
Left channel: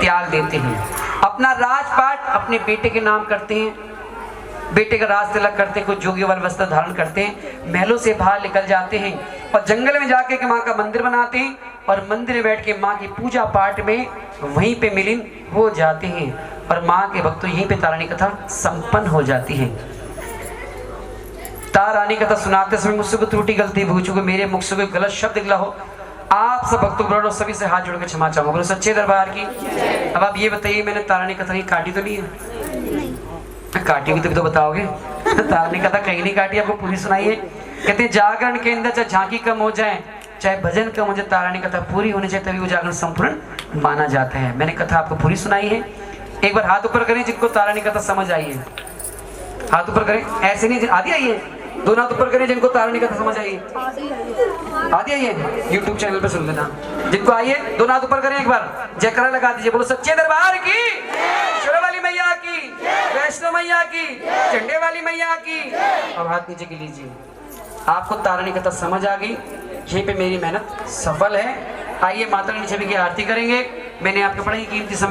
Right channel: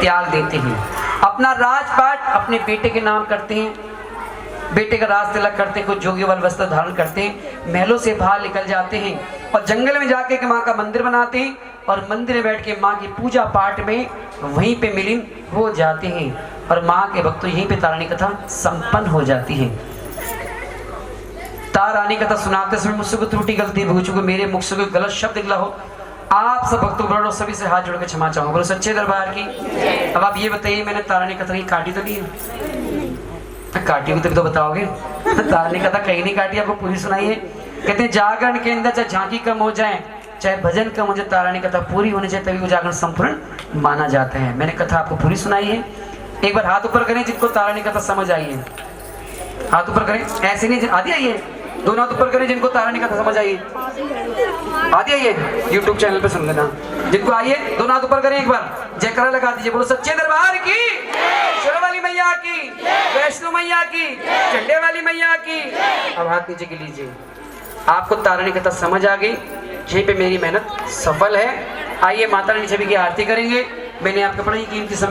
त्याग देते हैं, अपना राजपाट अपने बेटे के नाम करते हैं, बेटे का राज तिलक करते हैं, कुछ जोगी वाले वस्त्र धारण करते हैं, महलों से बाहर निकल जाते हैं और जंगल में जाके के माँ का मंदिर बनाते हैं और मंदिर में बैठ के माँ की पूजा पाठ में वहीं पे मिलीन हो जाते हैं और माँ के भक्त यहीं पे तारानी कथा संपन्न हो जाती है। तारानी कथा सुनाते समय मुझसे कोई त्रुटि गलती भूल चुको, मेरे मुख से कोई गलत शब्द निकला हो आप सब भक्तों सभी से हाथ जोड़ के क्षमा चाहूंगा, बोलो सच्चे दरबार की। अब आप ये बताइए, मैंने तारानी कथा नहीं काटी तो नहीं है? काटी हुई तो बताओगे? तारानी कथा कहीं नहीं काटी, आपको पूरी सुनाई है। कहते हैं जागरण के अंदर चाहे झांकी कम हो जाए, चाहे भजन कम हो जाए, तारानी कथा पूरी होनी चाहिए, तभी वो जागरण संपूर्ण माना जाता है। मैंने कथा आपको पूरी सुनाई है। एक बार हाथ ऊपर करें जिनको तारानी कथा समझ आई है, हाथ ऊपर करें, ऐसे नहीं आधी आई है, दोनों हाथ ऊपर करें जिनको तारानी कथा समझ आई है। आधी आई है, यूट्यूब चैनल पे सुन लेना। जिनको आई है दोनों हाथ ऊपर करें, एक बार जयकारा लगा दीजिए, बोलो सच्चे दरबार की, शेरा वाली मैया की, वैष्णो मैया की, झंडे वाली मैया की। अब हाथ नीचे के लीजिए। आपको तारानी कथा समझ आ गई, यहीं पे मेरी मेहनत सफल है। आइए माता रानी छवि की आरती करेंगे। मैंने आपको बड़ी कीमती समय